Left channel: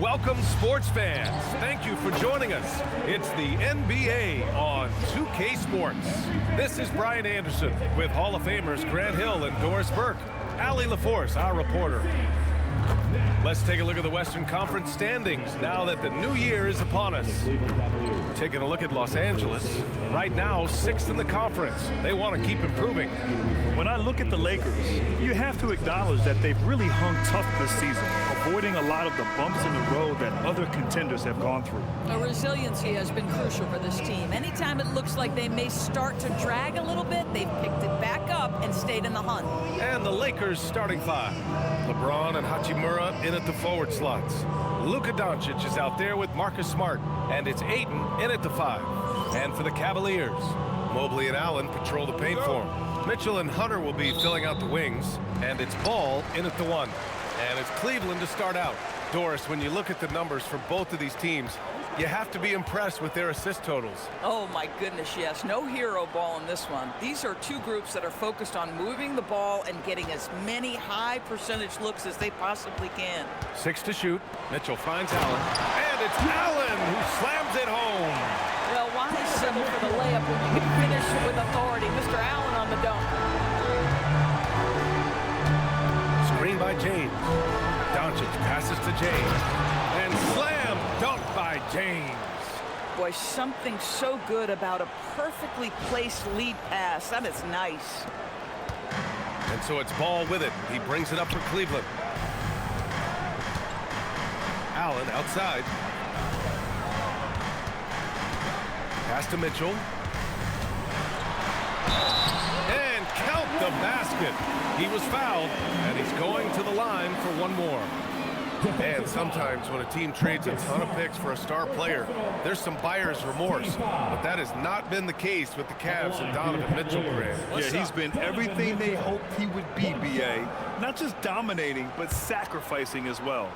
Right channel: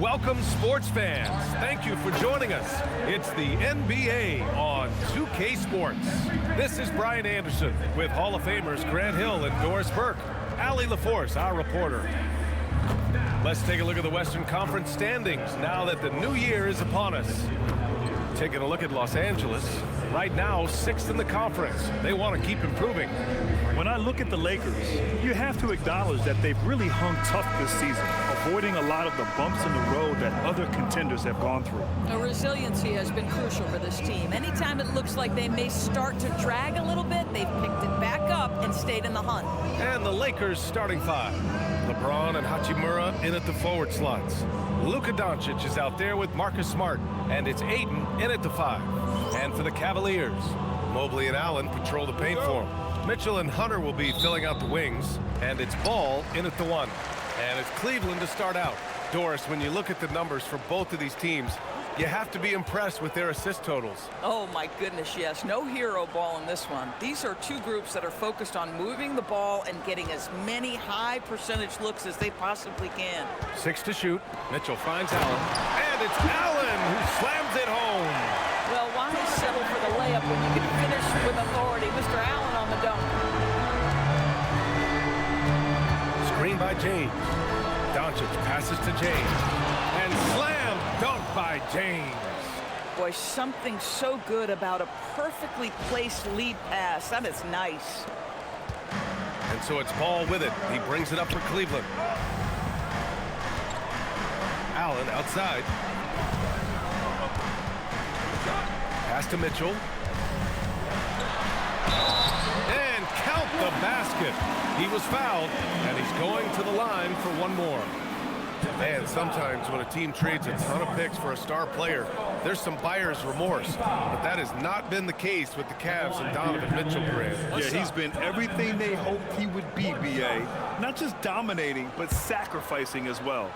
Welcome, sports fans. Thank you for joining us. It's the NBA on 2K Sports. This is Brian Anderson with Hall of Famers Grant Hill and Doris Burke. Allie LaForce, our reporter. Let's take a look at the Western Conference standings now that the new year is upon us. Taking a look at Los Angeles, right now 6th in the conference. They want to keep improving. When I look at the Lakers, you have to acknowledge that they've really hung tough this season, avoiding a lot of the bumps in the road that other contenders have gone through. Resiliency has been crucial for this team. Anytime it looks like they may start to drag a little bit, they've picked it back up and stayed in the hunt. And the Lakers starting five. LeBron and Hachimura in at the forward slots. Luka Dončić is out there with Marcus Smart, and it's Ayton in at the 5. And for the Cavaliers, Mobley and Allen patrol the paint for him. Mitchell and Hunter will be filling out the wings, and it's Ball in at the 1. And it's Cleveland to start out. Doris, when you look at the numbers for both of these teams, you have to be impressed with their assist totals. Oh my goodness, yes. No hero ball in this one. These are two groups that are focused on moving the ball and getting as many high percentage looks as they possibly can. 6 to shoot. Mitchell finds Allen, and it's Allen who slams it home. Well, why settle for the layup when you can finish with authority? Mr. Allen on the dunk. Screen by James. Dončić passes to James. And slam dunk by James. Boy, something so good about a perfectly placed lead pass. That is nice. And so it's Ball with it. He brings it up for Cleveland. Allen outside. Pass to Mitchell. And count the basket. He was fouled, and he's going to the line for one more. And sometimes when a team trades a ton of picks for a star player, there's some buyer's remorse. But that has not been the case with the Cavs and Donovan Mitchell, Grant. Yeah, he's been everything they hoped he would be, B.A. Not just dominating, but sacrificing as well.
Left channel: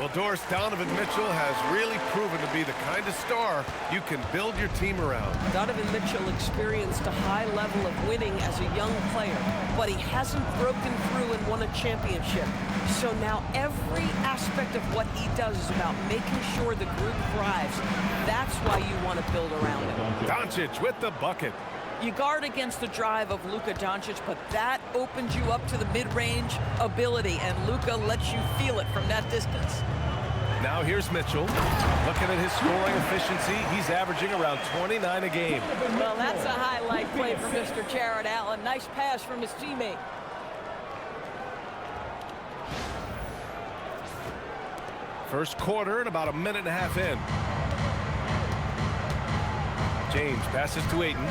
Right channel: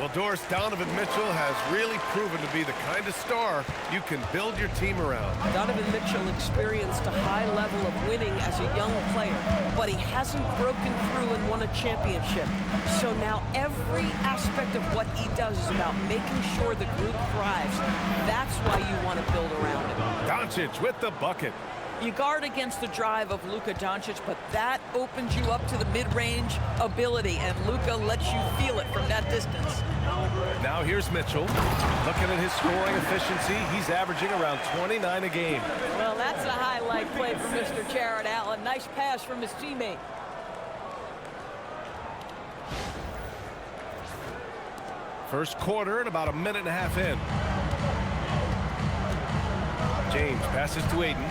Well, Doris, Donovan Mitchell has really proven to be the kind of star you can build your team around. Donovan Mitchell experienced a high level of winning as a young player, but he hasn't broken through and won a championship. So now every aspect of what he does is about making sure the group thrives. That's why you want to build around him. Dončić with the bucket. You guard against the drive of Luka Dončić, but that opens you up to the mid-range ability, and Luka lets you feel it from that distance. Now here's Mitchell. Looking at his scoring efficiency, he's averaging around 29 a game. Well, that's a highlight play for Mr. Jarrett Allen. Nice pass from his teammate. First quarter and about a minute and a half in. James passes to Ayton.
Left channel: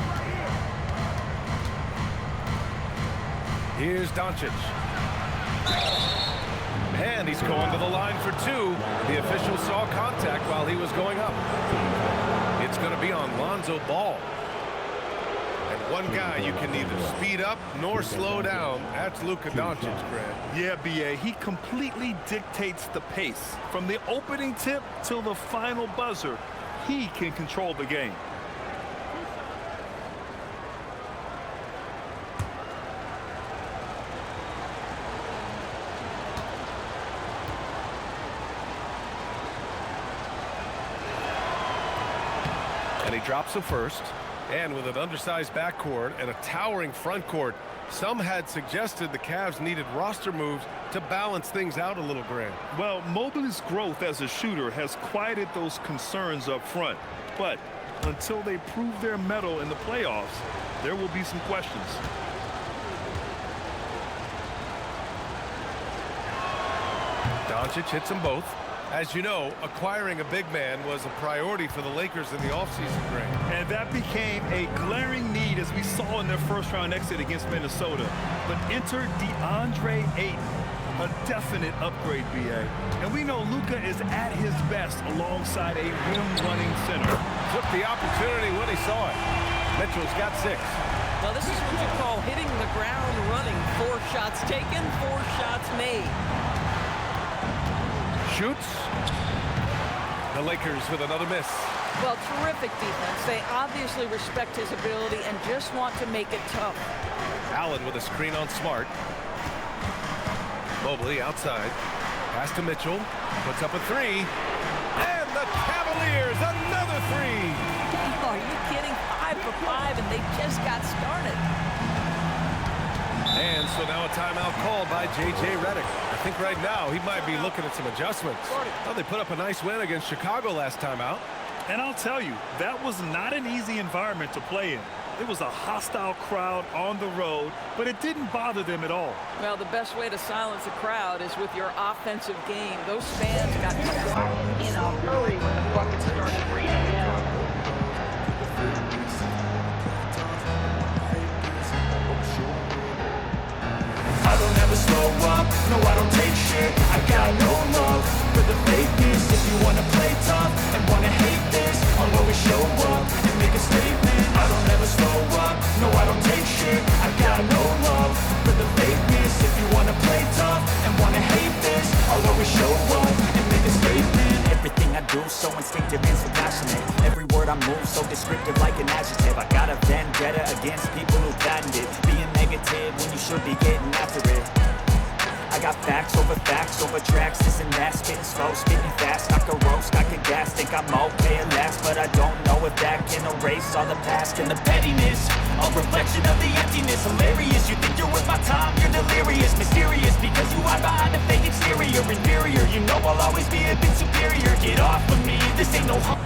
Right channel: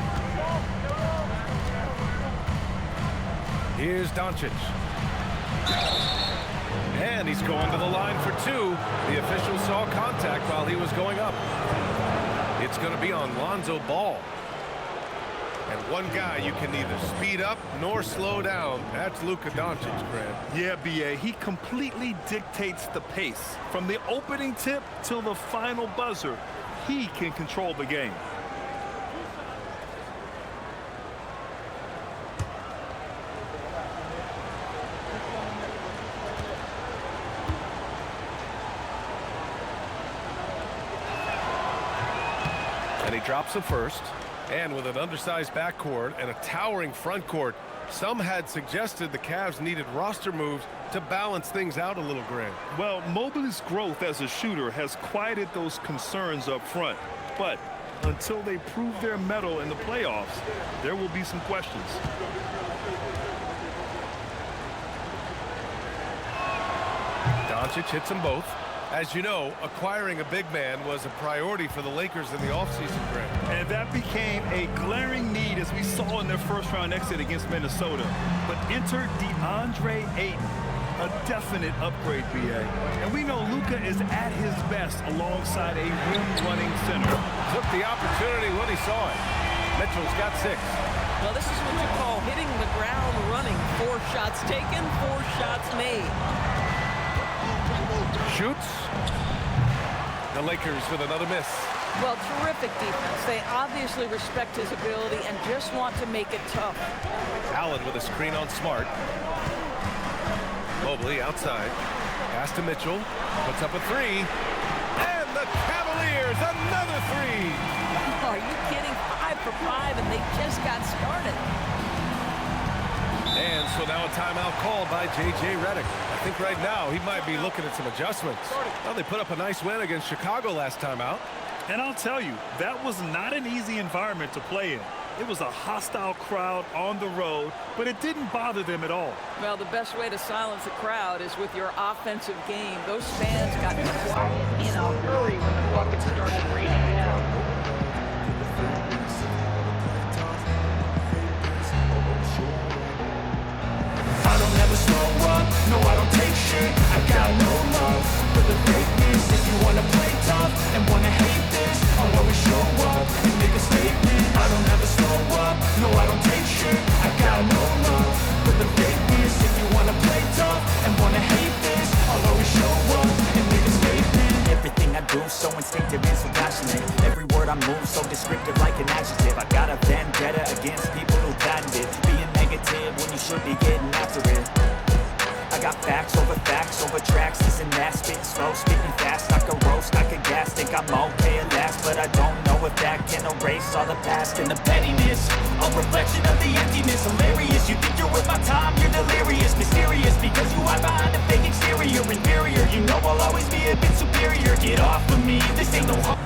Here's Dončić. And he's going to the line for 2. The official saw contact while he was going up. It's going to be on Lonzo Ball. And one guy you can neither speed up nor slow down. That's Luka Dončić, Grant. Yeah, B.A. He completely dictates the pace. From the opening tip till the final buzzer, he can control the game. And he drops the first. And with an undersized backcourt and a towering front court, some had suggested the Cavs needed roster moves to balance things out a little, Grant. Well, Mobley's growth as a shooter has quieted those concerns up front. But until they prove their mettle in the playoffs, there will be some questions. Dončić hits them both. As you know, acquiring a big man was a priority for the Lakers in the offseason, Grant. And that became a glaring need as we saw in their first-round exit against Minnesota. But enter Deandre Ayton, a definite upgrade, B.A. And we know Luka is at his best alongside a rim-running center. Took the opportunity when he saw it. Mitchell's got 6. Well, this is what you call hitting the ground running. 4 shots taken, 4 shots made. Shoots. The Lakers with another miss. Well, terrific defense. They obviously respect his ability and just want to make it tough. Allen with a screen on Smart. Mobley outside. Pass to Mitchell. Puts up a three. And the Cavaliers, another three. Are you kidding? 5 for 5, and they just got started. And so now a timeout called by J.J. Redick. I think right now he might be looking at some adjustments. Well, they put up a nice win against Chicago last time out. And I'll tell you, that was not an easy environment to play in. It was a hostile crowd on the road, but it didn't bother them at all. Well, the best way to silence a crowd is with your offensive game. Those fans got quiet in a hurry when the buckets started raining down. I don't ever slow up, no I don't take shit. I got no love for the fakeness. If you wanna play tough and wanna hate this, I'll always show up and make a statement. I don't ever slow up, no I don't take shit. I got no love for the fakeness. If you wanna play tough and wanna hate this, I'll always show up and make a statement. Everything I do so instinctive and so passionate. Every word I move so descriptive like an adjective. I got a vendetta against people who patented being negative when you should be getting after it. I got facts over tracks, this and that, spitting slow, spitting fast. I could roast, I could gas, think I'm okay at last, but I don't know if that can erase all the past and the pettiness. A reflection of the emptiness, hilarious. You think you're worth my time, you're delirious, mysterious, because you hide behind a fake exterior, inferior. You know I'll always be a bit superior. Get off of me, this ain't no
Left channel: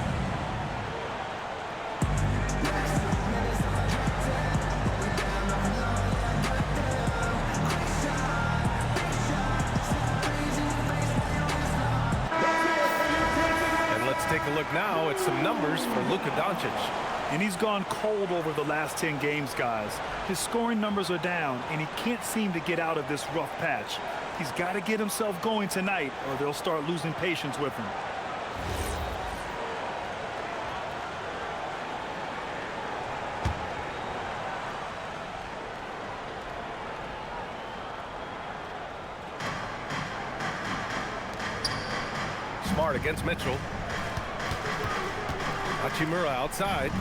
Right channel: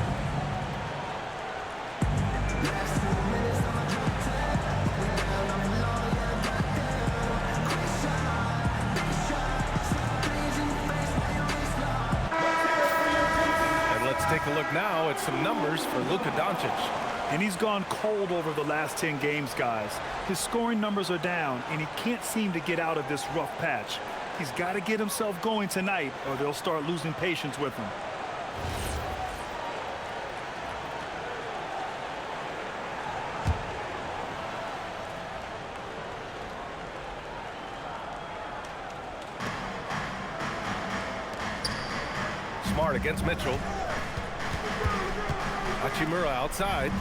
Take a look now at some numbers for Luka Dončić. And he's gone cold over the last 10 games, guys. His scoring numbers are down, and he can't seem to get out of this rough patch. He's got to get himself going tonight, or they'll start losing patience with him. Smart against Mitchell. Hachimura outside.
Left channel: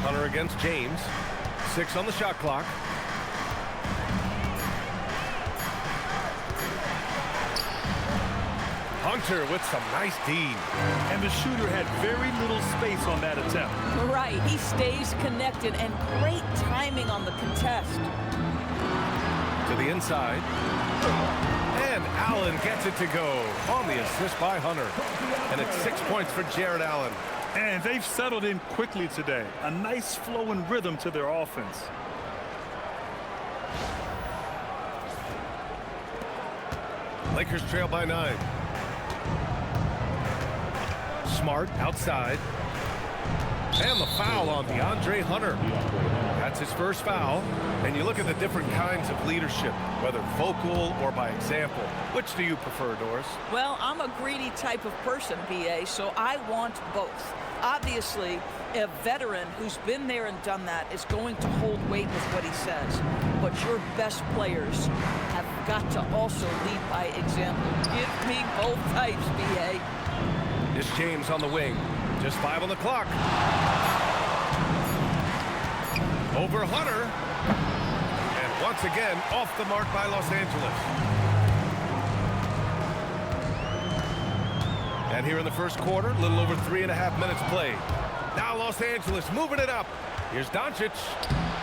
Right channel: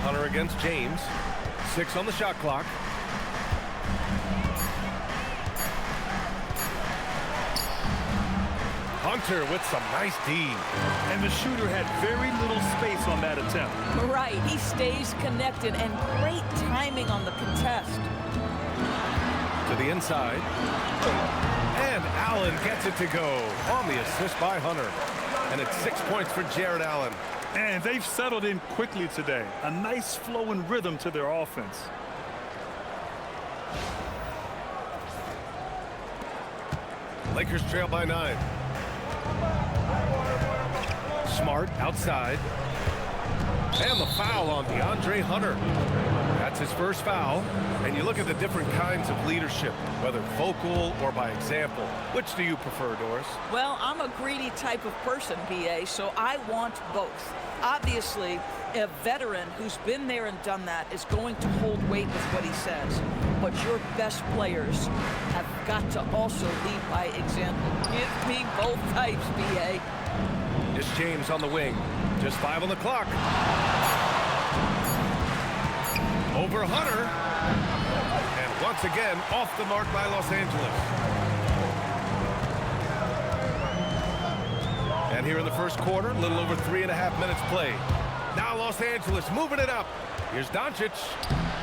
Hunter against James. 6 on the shot clock. Hunter with some nice D. And the shooter had very little space on that attempt. Right, he stays connected, and great timing on the contest. To the inside. And Allen gets it to go on the assist by Hunter. And it's 6 points for Jarrett Allen. And they've settled in quickly today. A nice flow and rhythm to their offense. Lakers trail by 9. Smart outside. And the foul on DeAndre Hunter. That's his first foul. And you look at the different kinds of leadership, whether vocal or by example. Which do you prefer, Doris? Well, I'm a greedy type of person, B.A., so I want both. Obviously, a veteran who's been there and done that is going to hold weight with what he says. But your best players have got to also lead by example. Give me both types, B.A. This James on the wing. Just 5 on the clock. Over Hunter. And once again, off the mark by Los Angeles. And here in the first quarter, a little over 3.5 minutes played. Now Los Angeles moving it up. Here's Dončić.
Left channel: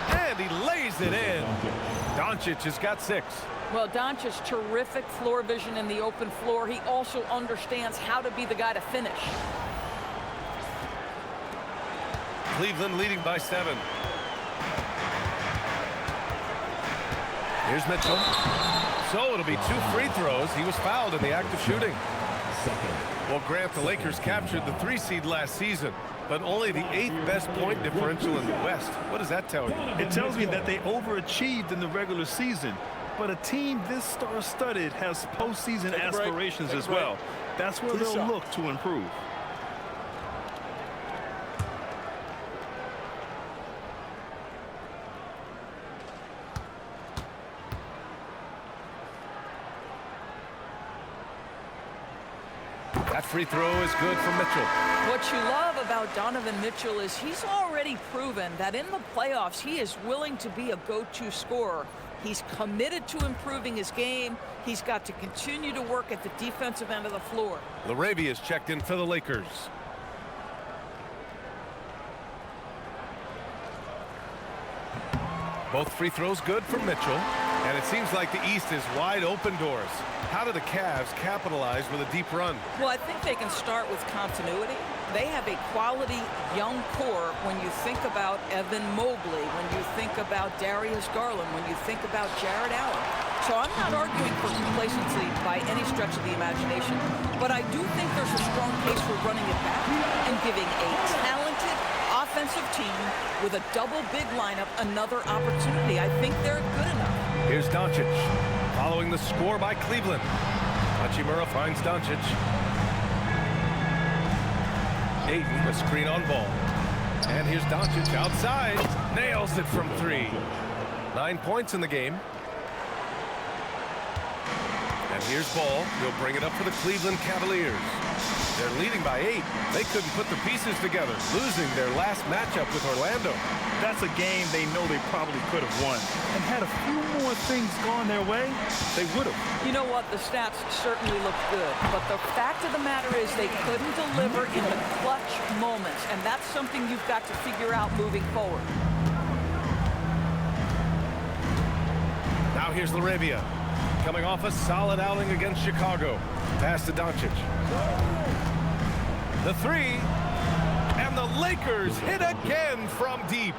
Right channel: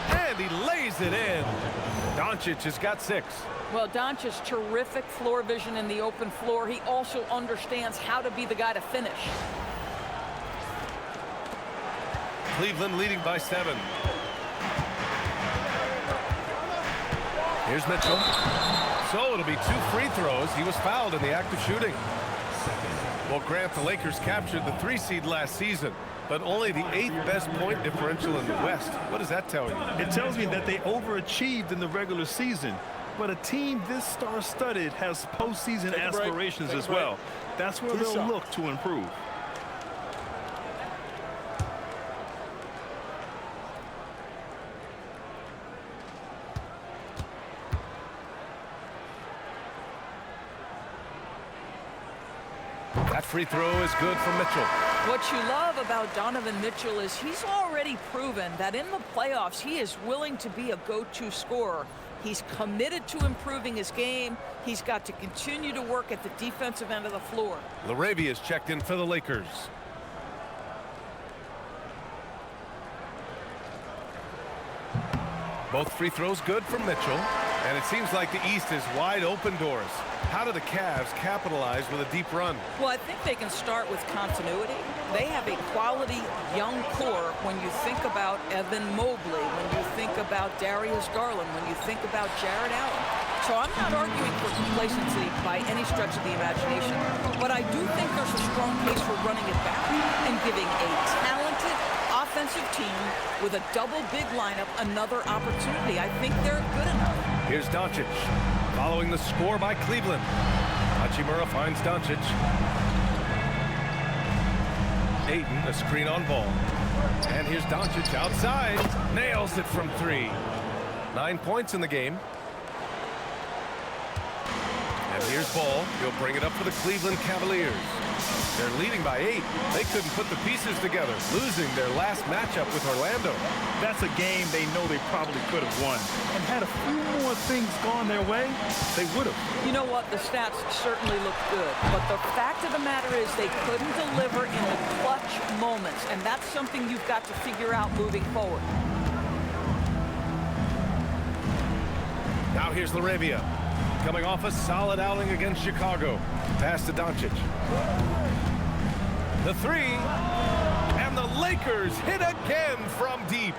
And he lays it in. Dončić has got 6. Well, Dončić, terrific floor vision in the open floor. He also understands how to be the guy to finish. Cleveland leading by 7. Here's Mitchell. So it'll be 2 free throws. He was fouled in the act of shooting. Well, Grant, the Lakers captured the 3 seed last season, but only the 8th best point differential in the West. What does that tell you? It tells me that they overachieved in the regular season. But a team this star-studded has postseason aspirations as well. That's where they'll look to improve. That free throw is good for Mitchell. What you love about Donovan Mitchell is he's already proven that in the playoffs he is willing to be a go-to scorer. He's committed to improving his game. He's got to continue to work at the defensive end of the floor. LaRavia is checked in for the Lakers. Both free throws good for Mitchell. And it seems like the East is wide open doors. How do the Cavs capitalize with a deep run? Well, I think they can start with continuity. They have a quality young core when you think about Evan Mobley, when you think about Darius Garland, when you think about Jarrett Allen. So I'm not arguing for complacency by any stretch of the imagination, but I do think there's a strong case for running it back and giving a talented offensive team with a double big lineup another opportunity. I think they're good enough. Here's Dončić, following the score by Cleveland. Hachimura finds Dončić. Ayton, a screen on ball. And here's Dončić outside. Nails it from 3. 9 points in the game. And here's Ball. He'll bring it up for the Cleveland Cavaliers. They're leading by 8. They couldn't put the pieces together, losing their last matchup with Orlando. That's a game they know they probably could have won. And had a few more things gone their way, they would have. You know what? The stats certainly looked good. But the fact of the matter is they couldn't deliver in the clutch moments. And that's something you've got to figure out moving forward. Now here's LaRavia, coming off a solid outing against Chicago. Pass to Dončić. The 3, and the Lakers hit again from deep.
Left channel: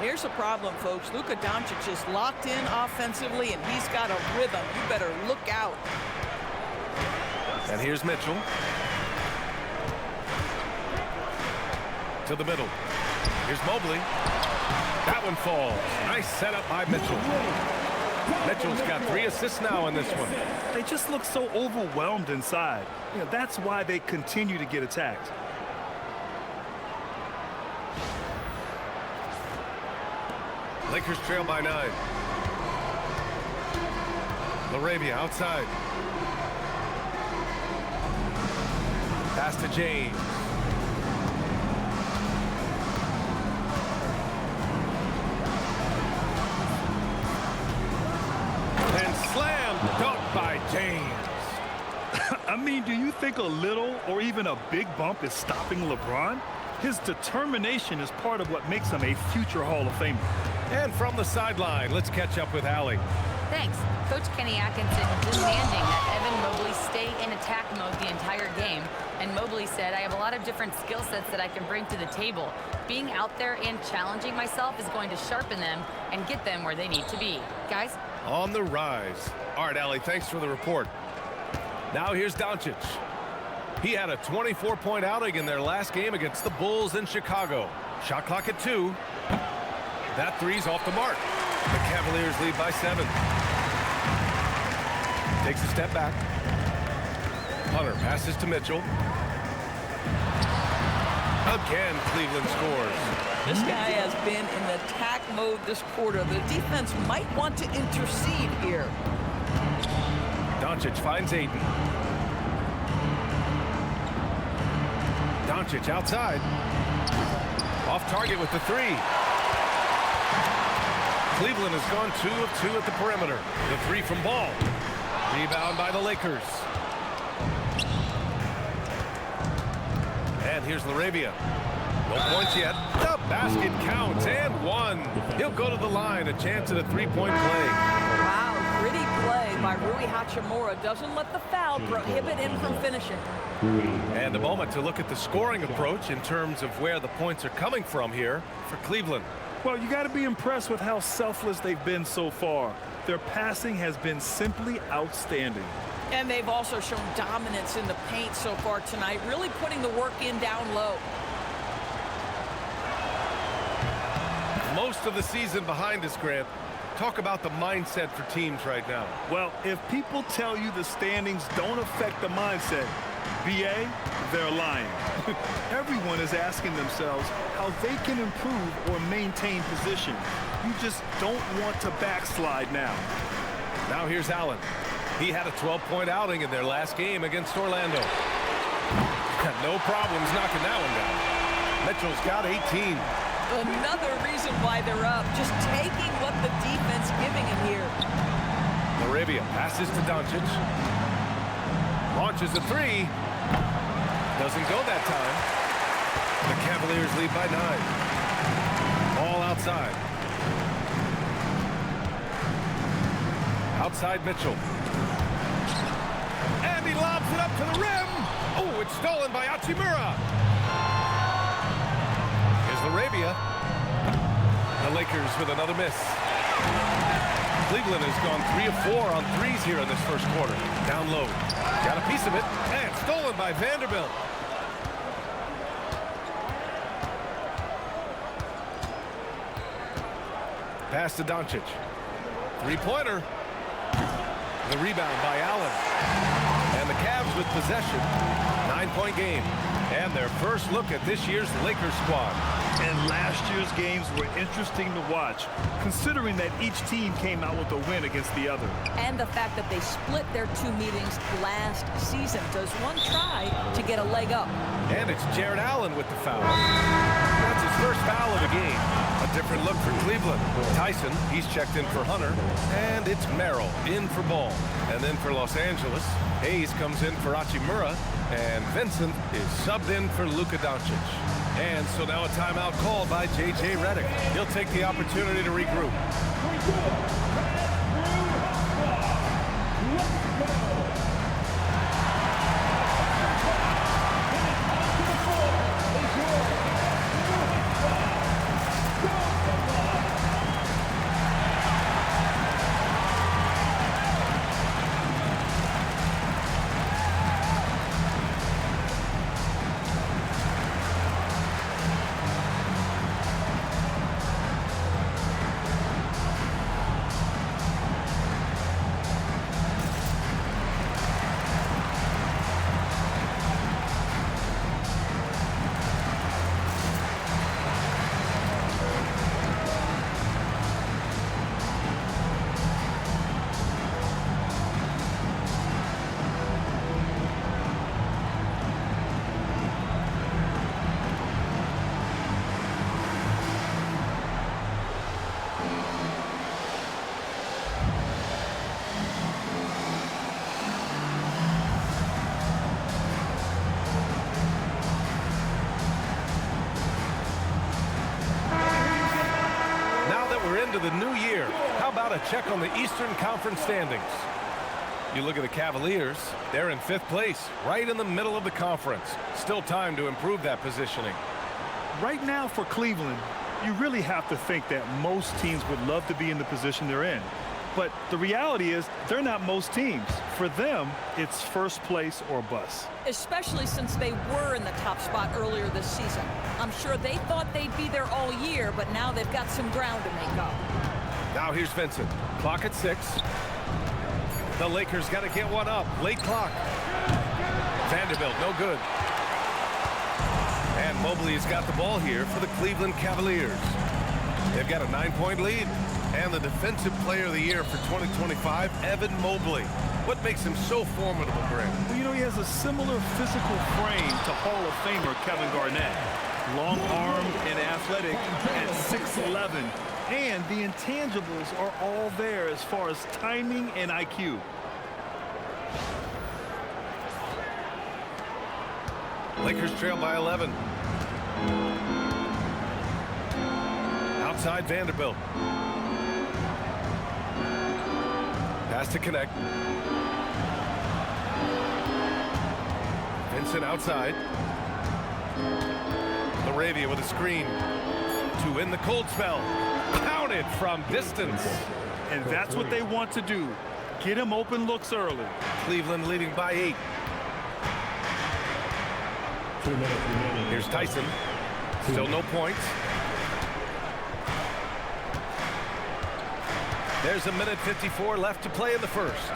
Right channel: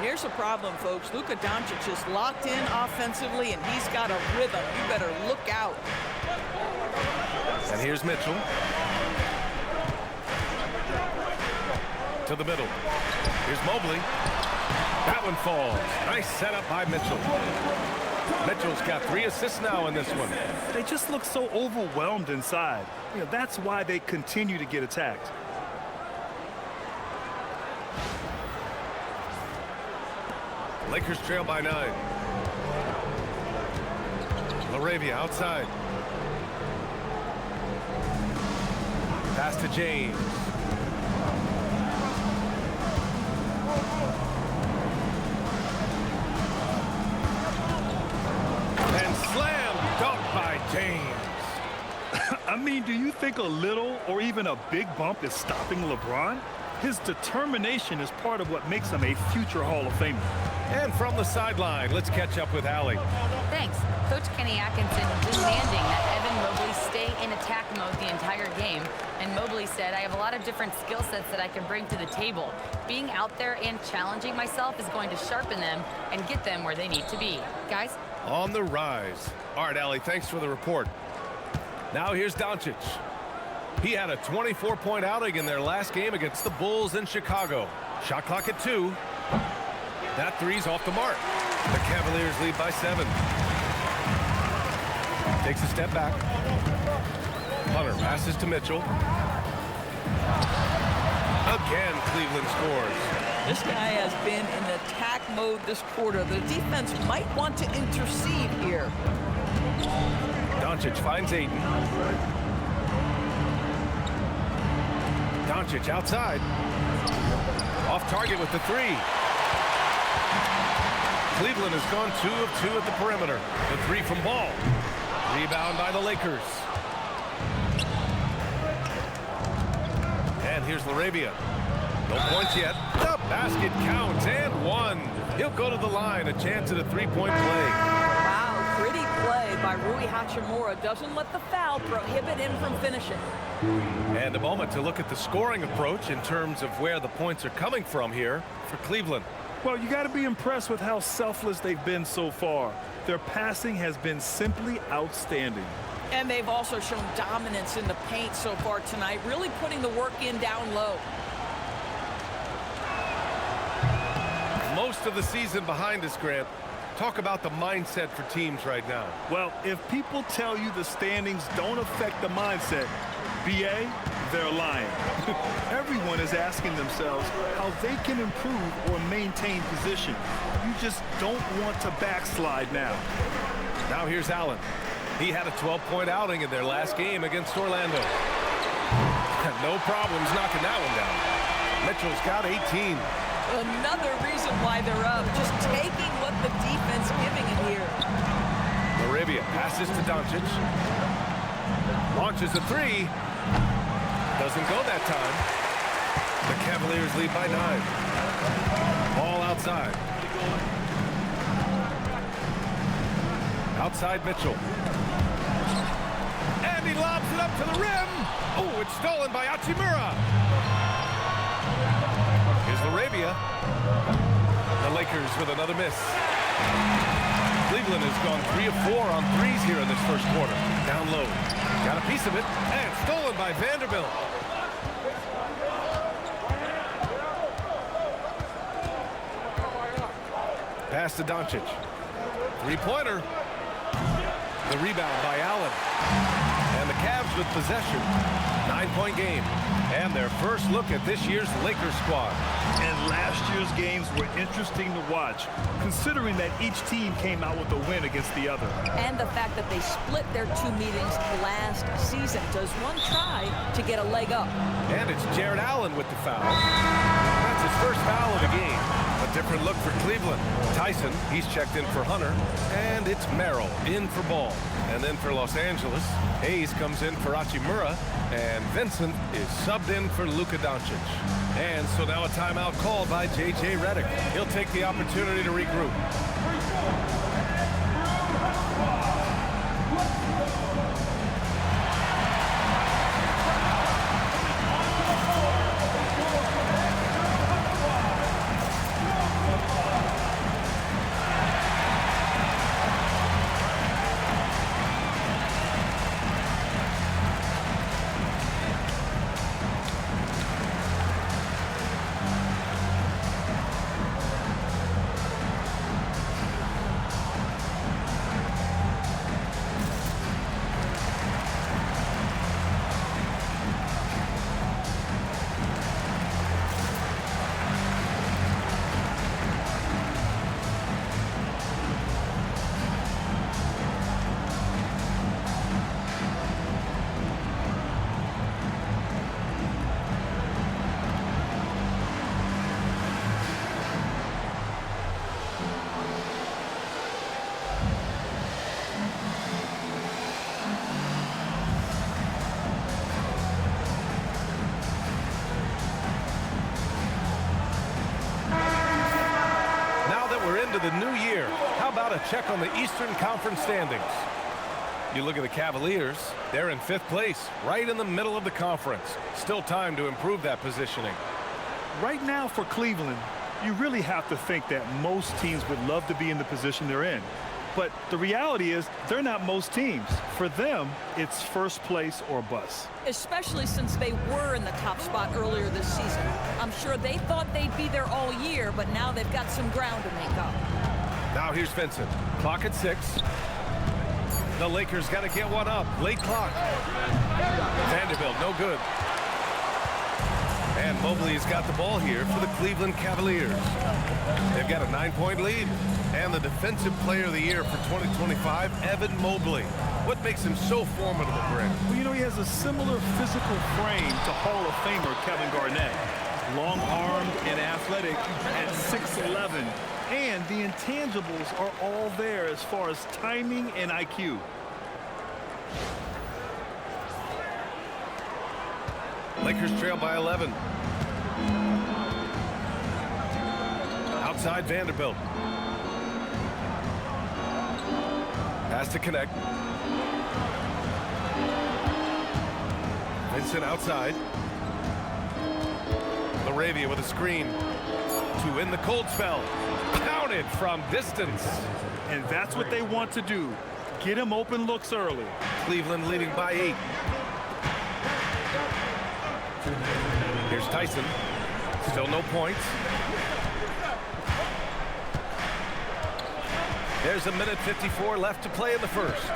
Here's the problem, folks. Luka Dončić is locked in offensively, and he's got a rhythm. You better look out. And here's Mitchell. To the middle. Here's Mobley. That one falls. Nice setup by Mitchell. Mitchell's got 3 assists now in this one. They just look so overwhelmed inside. You know, that's why they continue to get attacked. Lakers trail by 9. LaRavia outside. Pass to James. And slam dunk by James. I mean, do you think a little or even a big bump is stopping LeBron? His determination is part of what makes him a future Hall of Famer. And from the sideline, let's catch up with Allie. Thanks. Coach Kenny Atkinson demanding that Evan Mobley stay in attack mode the entire game. And Mobley said, I have a lot of different skill sets that I can bring to the table. Being out there and challenging myself is going to sharpen them and get them where they need to be. Guys? On the rise. All right, Allie, thanks for the report. Now here's Dončić. He had a 24-point outing in their last game against the Bulls in Chicago. Shot clock at 2. That 3's off the mark. The Cavaliers lead by 7. Takes a step back. Hunter passes to Mitchell. Again, Cleveland scores. This guy has been in attack mode this quarter. The defense might want to intercede here. Dončić finds Ayton. Dončić outside. Off target with the 3. Cleveland has gone 2 of 2 at the perimeter. The 3 from Ball. Rebound by the Lakers. And here's LaRavia. No points yet. The basket counts and 1. He'll go to the line. A chance at a 3-point play. Wow, pretty play by Rui Hachimura. Doesn't let the foul prohibit him from finishing. And a moment to look at the scoring approach in terms of where the points are coming from here for Cleveland. Well, you got to be impressed with how selfless they've been so far. Their passing has been simply outstanding. And they've also shown dominance in the paint so far tonight, really putting the work in down low. Most of the season behind us, Grant. Talk about the mindset for teams right now. Well, if people tell you the standings don't affect the mindset, BA, they're lying. Everyone is asking themselves how they can improve or maintain position. You just don't want to backslide now. Now here's Allen. He had a 12-point outing in their last game against Orlando. No problems knocking that one down. Mitchell's got 18. Another reason why they're up, just taking what the defense giving him here. LaRavia passes to Dončić. Launches a three. Doesn't go that time. The Cavaliers lead by 9. Ball outside. Outside Mitchell. And he lobs it up to the rim. Oh, it's stolen by Hachimura. Here's LaRavia. The Lakers with another miss. Cleveland has gone 3 of 4 on threes here in this first quarter. Down low. Got a piece of it. And stolen by Vanderbilt. Pass to Dončić. Three-pointer. The rebound by Allen. And the Cavs with possession. 9-point game. And their first look at this year's Lakers squad. And last year's games were interesting to watch, considering that each team came out with a win against the other. And the fact that they split their 2 meetings last season. Does one try to get a leg up? And it's Jarrett Allen with the foul. That's his first foul of the game. A different look for Cleveland. Tyson, he's checked in for Hunter. And it's Merrill in for Ball. And then for Los Angeles, Hayes comes in for Hachimura. And Vincent is subbed in for Luka Dončić. And so now a timeout called by J.J. Redick. He'll take the opportunity to regroup. We're into the new year. How about a check on the Eastern Conference standings? You look at the Cavaliers, they're in 5th place, right in the middle of the conference. Still time to improve that positioning. Right now for Cleveland, you really have to think that most teams would love to be in the position they're in. But the reality is they're not most teams. For them, it's first place or bust. Especially since they were in the top spot earlier this season. I'm sure they thought they'd be there all year, but now they've got some ground to make up. Now here's Vincent. Clock at 6. The Lakers got to get one up. Late clock. Vanderbilt, no good. And Mobley's got the ball here for the Cleveland Cavaliers. They've got a 9-point lead. And the Defensive Player of the Year for 2025, Evan Mobley. What makes him so formidable, Greg? Well, you know, he has a similar physical frame to Hall of Famer Kevin Garnett. Long-armed and athletic at 6'11". And the intangibles are all there as far as timing and IQ. Lakers trail by 11. Outside Vanderbilt. Pass to connect. Vincent outside. LaRavia with a screen to win the cold spell. Counted from distance. And that's what they want to do. Get him open looks early. Cleveland leading by 8. Here's Tyson. Still no points. There's a minute 54 left to play in the first.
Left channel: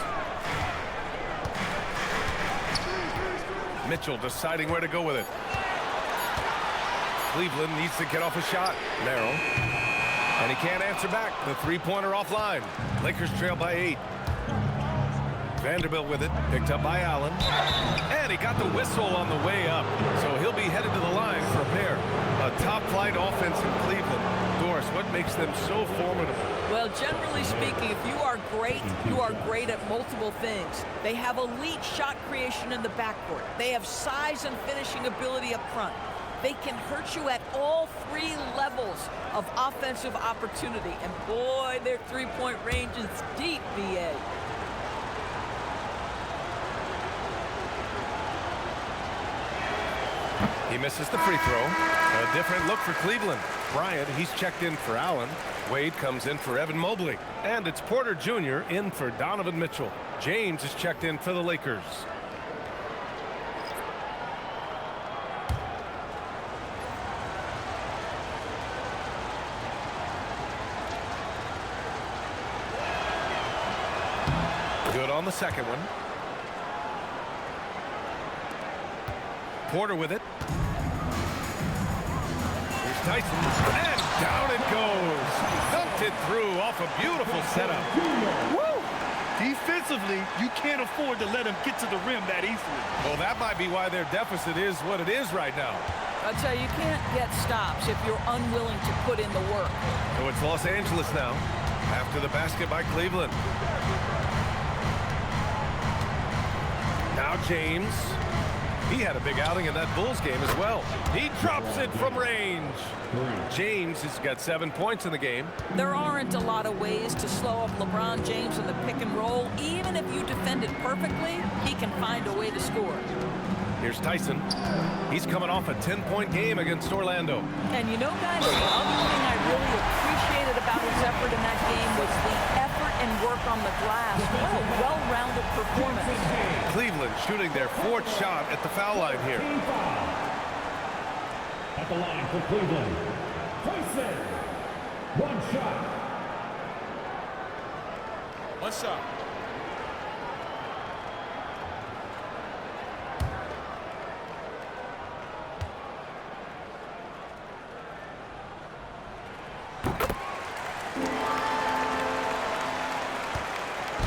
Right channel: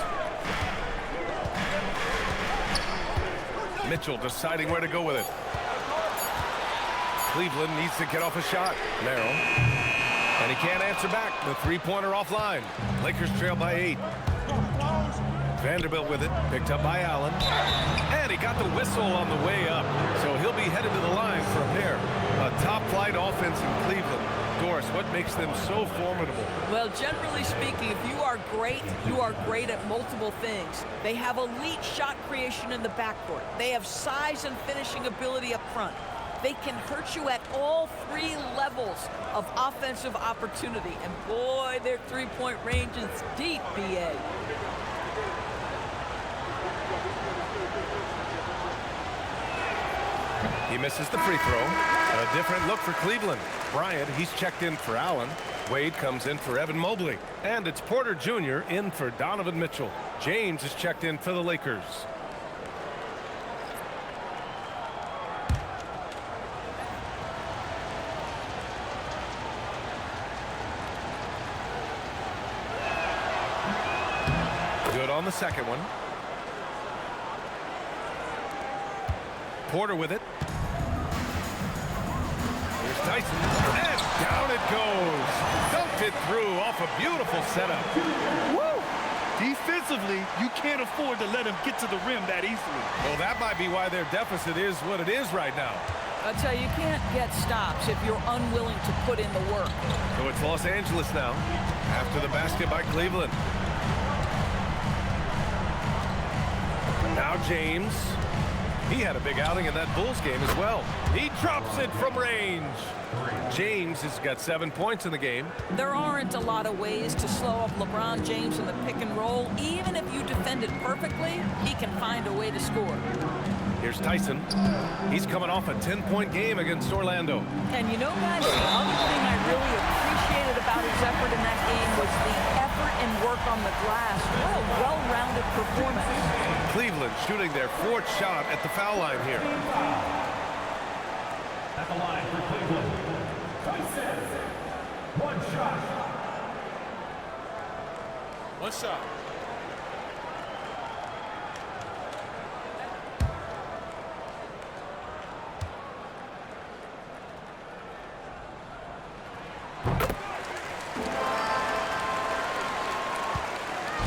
Mitchell deciding where to go with it. Cleveland needs to get off a shot. Merrill. And he can't answer back. The three-pointer offline. Lakers trail by 8. Vanderbilt with it, picked up by Allen. And he got the whistle on the way up, so he'll be headed to the line for a pair. A top-flight offense in Cleveland. Doris, what makes them so formidable? Well, generally speaking, if you are great at multiple things. They have elite shot creation in the backcourt. They have size and finishing ability up front. They can hurt you at all three levels of offensive opportunity. And boy, their three-point range is deep, BA. He misses the free throw. A different look for Cleveland. Bryant, he's checked in for Allen. Wade comes in for Evan Mobley. And it's Porter Jr. in for Donovan Mitchell. James is checked in for the Lakers. Good on the second one. Porter with it. Here's Tyson, and down it goes. Dunked it through off a beautiful setup. Woo! Defensively, you can't afford to let him get to the rim that easily. Well, that might be why their deficit is what it is right now. I'll tell you, you can't get stops if you're unwilling to put in the work. So it's Los Angeles now, after the basket by Cleveland. Now James. He had a big outing in that Bulls game as well. He drops it from range. James has got 7 points in the game. There aren't a lot of ways to slow up LeBron James in the pick and roll. Even if you defend it perfectly, he can find a way to score. Here's Tyson. He's coming off a 10-point game against Orlando. And you know, guys, the other thing I really appreciated about his effort in that game was the effort and work on the glass. What a well-rounded performance. Cleveland shooting their 4th shot at the foul line here. At the line for Cleveland, Tyson. 1 shot. 1 shot.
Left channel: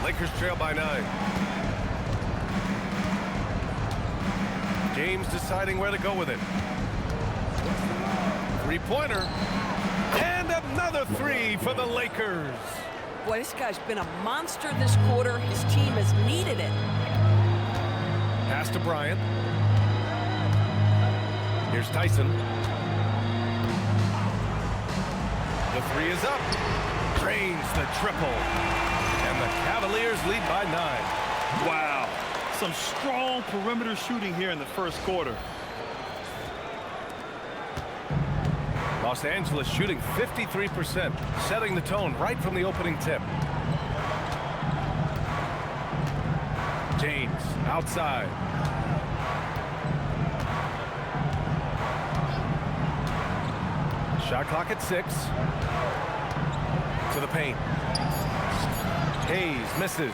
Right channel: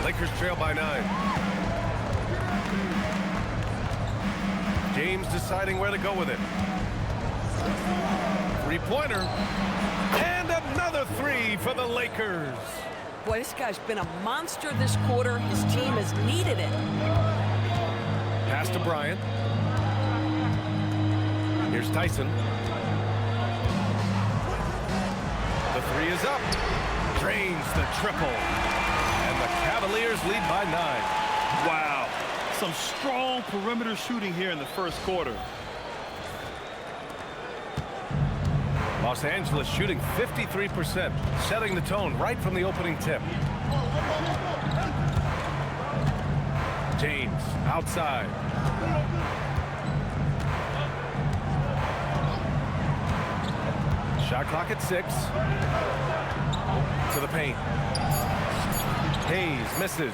Lakers trail by 9. James deciding where to go with it. Three-pointer. And another 3 for the Lakers. Boy, this guy's been a monster this quarter. His team has needed it. Pass to Bryant. Here's Tyson. The 3 is up. Drains the triple. And the Cavaliers lead by 9. Wow. Some strong perimeter shooting here in the first quarter. Los Angeles shooting 53%, setting the tone right from the opening tip. James outside. Shot clock at 6. To the paint. Hayes misses.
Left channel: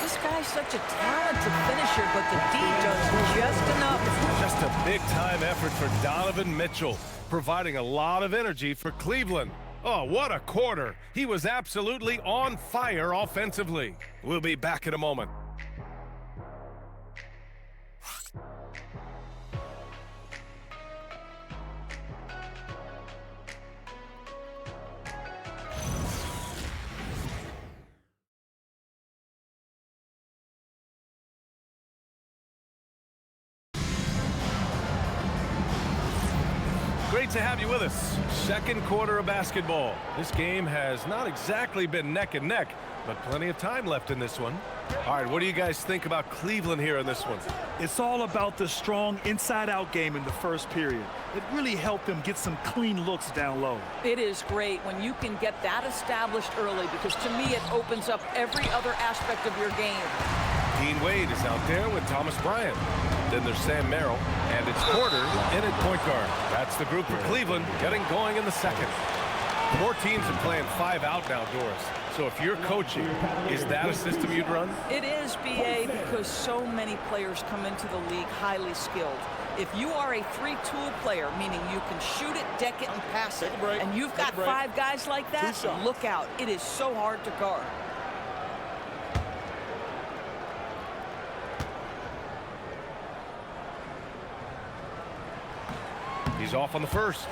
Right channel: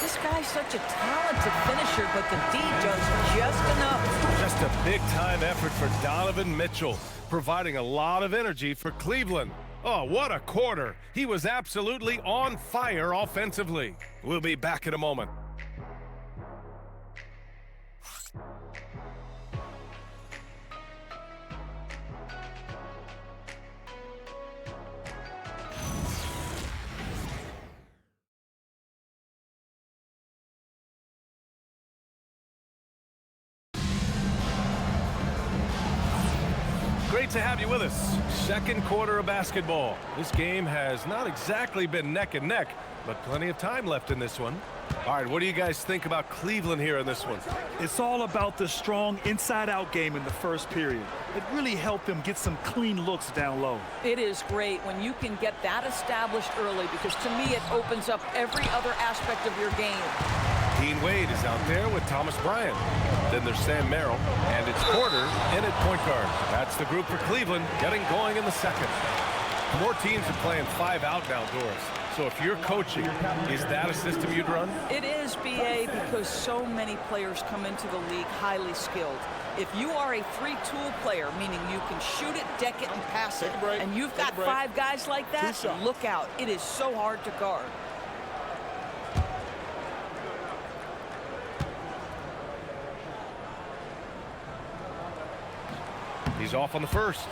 This guy's such a talented finisher, but the D does just enough. Just a big-time effort for Donovan Mitchell, providing a lot of energy for Cleveland. Oh, what a quarter. He was absolutely on fire offensively. We'll be back in a moment. Great to have you with us. Second quarter of basketball. This game has not exactly been neck and neck, but plenty of time left in this one. All right, what do you guys think about Cleveland here in this one? It's all about the strong inside-out game in the first period. It really helped them get some clean looks down low. It is great when you can get that established early, because to me it opens up every other aspect of your game. Dean Wade is out there with Thomas Bryant. Then there's Sam Merrill, and it's Porter in at point guard. That's the group for Cleveland getting going in the second. More teams are playing 5 out now, Doris. So if you're coaching, is that a system you'd run? It is, BA, because so many players come into the league highly skilled. If you are a 3-tool player, meaning you can shoot it, deck it, and pass it, and you've got 5 guys like that, look out. It is so hard to guard. He's off on the first.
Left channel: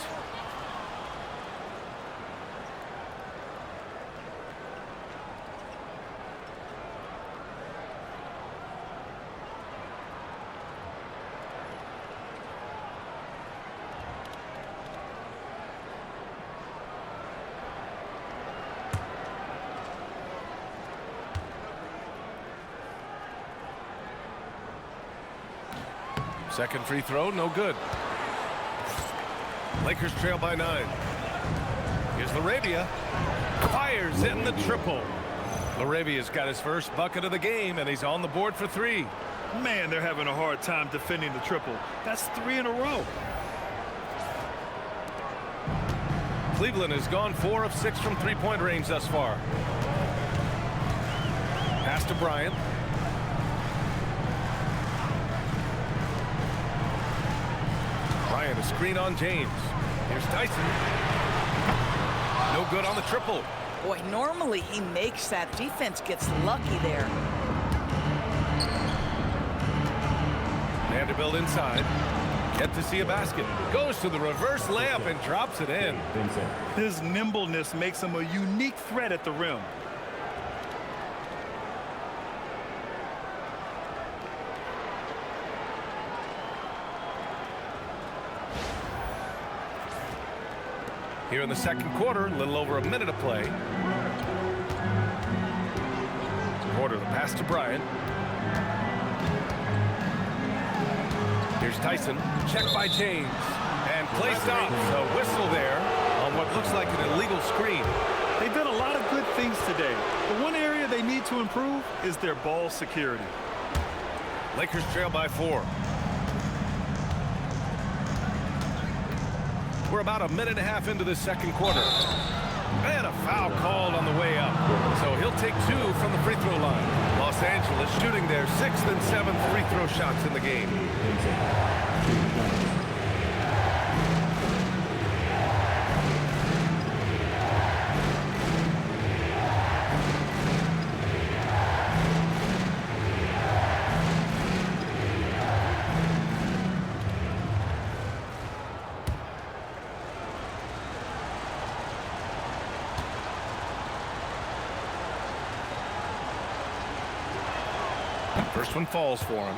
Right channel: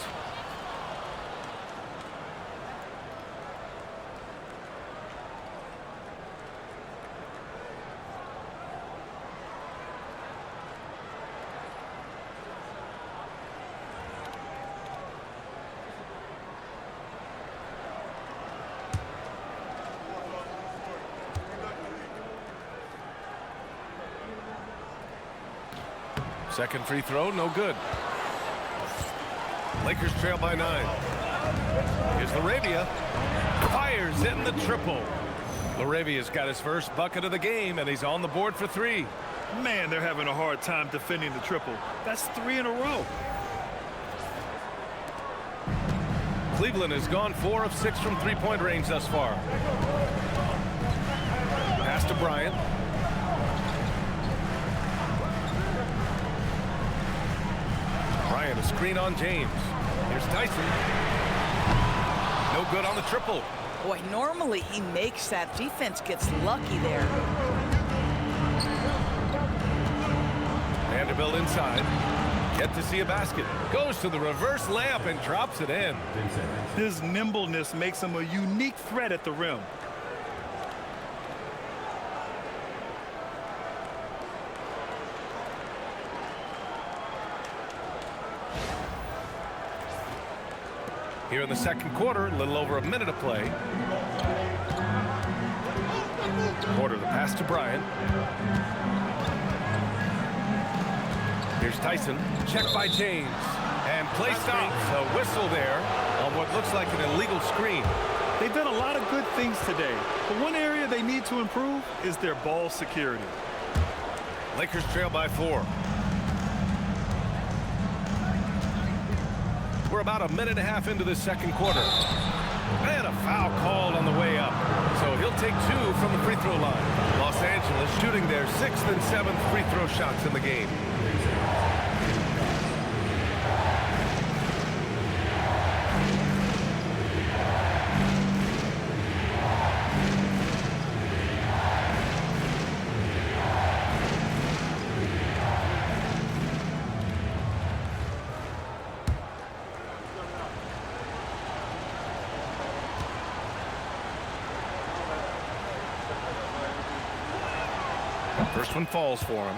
Second free throw, no good. Lakers trail by 9. Here's Laravia. Fires in the triple. Laravia's got his first bucket of the game, and he's on the board for 3. Man, they're having a hard time defending the triple. That's 3 in a row. Cleveland has gone 4 of 6 from three-point range thus far. Pass to Bryant. Bryant, a screen on James. Here's Tyson. No good on the triple. Boy, normally he makes that. Defense gets lucky there. Vanderbilt inside. Yet to see a basket. Goes to the reverse layup and drops it in. His nimbleness makes him a unique threat at the rim. Here in the second quarter, a little over a minute of play. Porter, the pass to Bryant. Here's Tyson. Check by James. And play stops. A whistle there on what looks like an illegal screen. They've done a lot of good things today, but one area they need to improve is their ball security. Lakers trail by 4. We're about a minute and a half into the second quarter. And a foul called on the way up. So he'll take 2 from the free throw line. Los Angeles shooting their 6th and 7th free throw shots in the game. First one falls for him.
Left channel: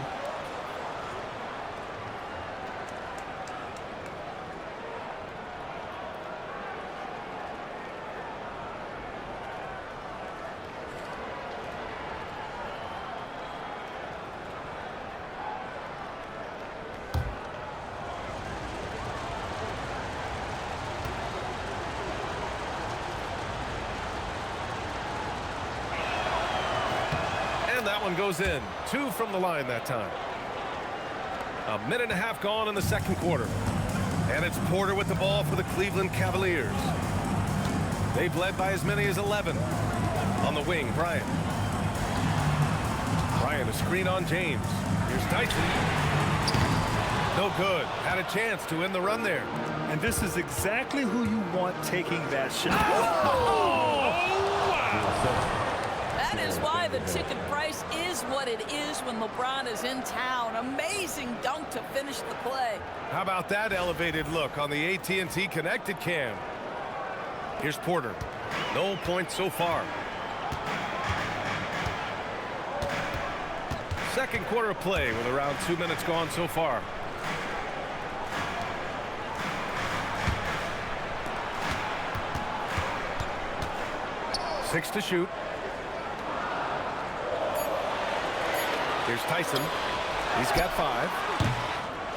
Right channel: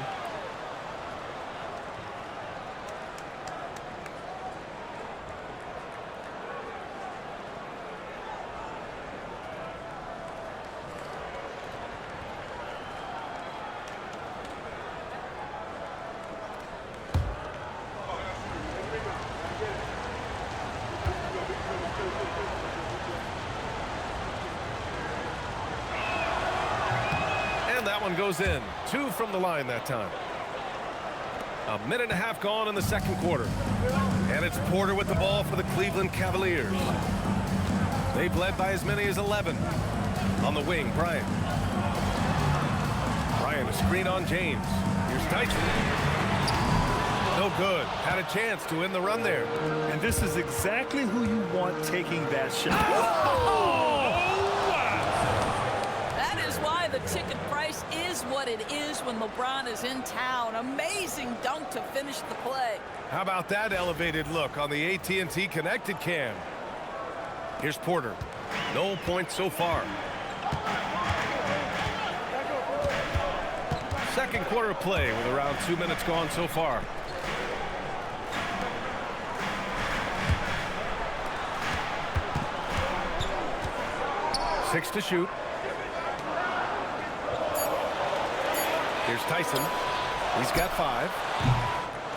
And that one goes in. 2 from the line that time. A minute and a half gone in the second quarter. And it's Porter with the ball for the Cleveland Cavaliers. They've led by as many as 11. On the wing, Bryant. Bryant, a screen on James. Here's Tyson. No good. Had a chance to end the run there. And this is exactly who you want taking that shot. Oh, wow. That is why the ticket price is what it is when LeBron is in town. Amazing dunk to finish the play. How about that elevated look on the AT&T connected cam? Here's Porter. No points so far. Second quarter of play with around 2 minutes gone so far. Six to shoot. Here's Tyson. He's got 5.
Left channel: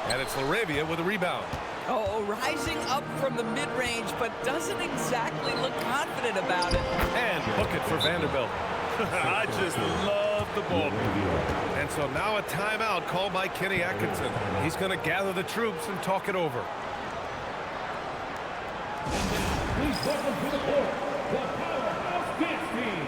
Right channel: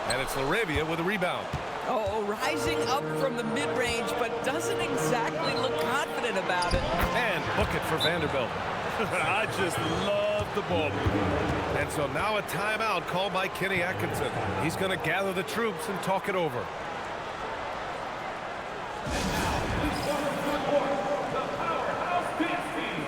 And it's Laravia with a rebound. Oh, rising up from the mid-range, but doesn't exactly look confident about it. And book it for Vanderbilt. I just love the ball movement. And so now a timeout called by Kenny Atkinson. He's going to gather the troops and talk it over. Please welcome to the court, the Powerhouse Dance Team.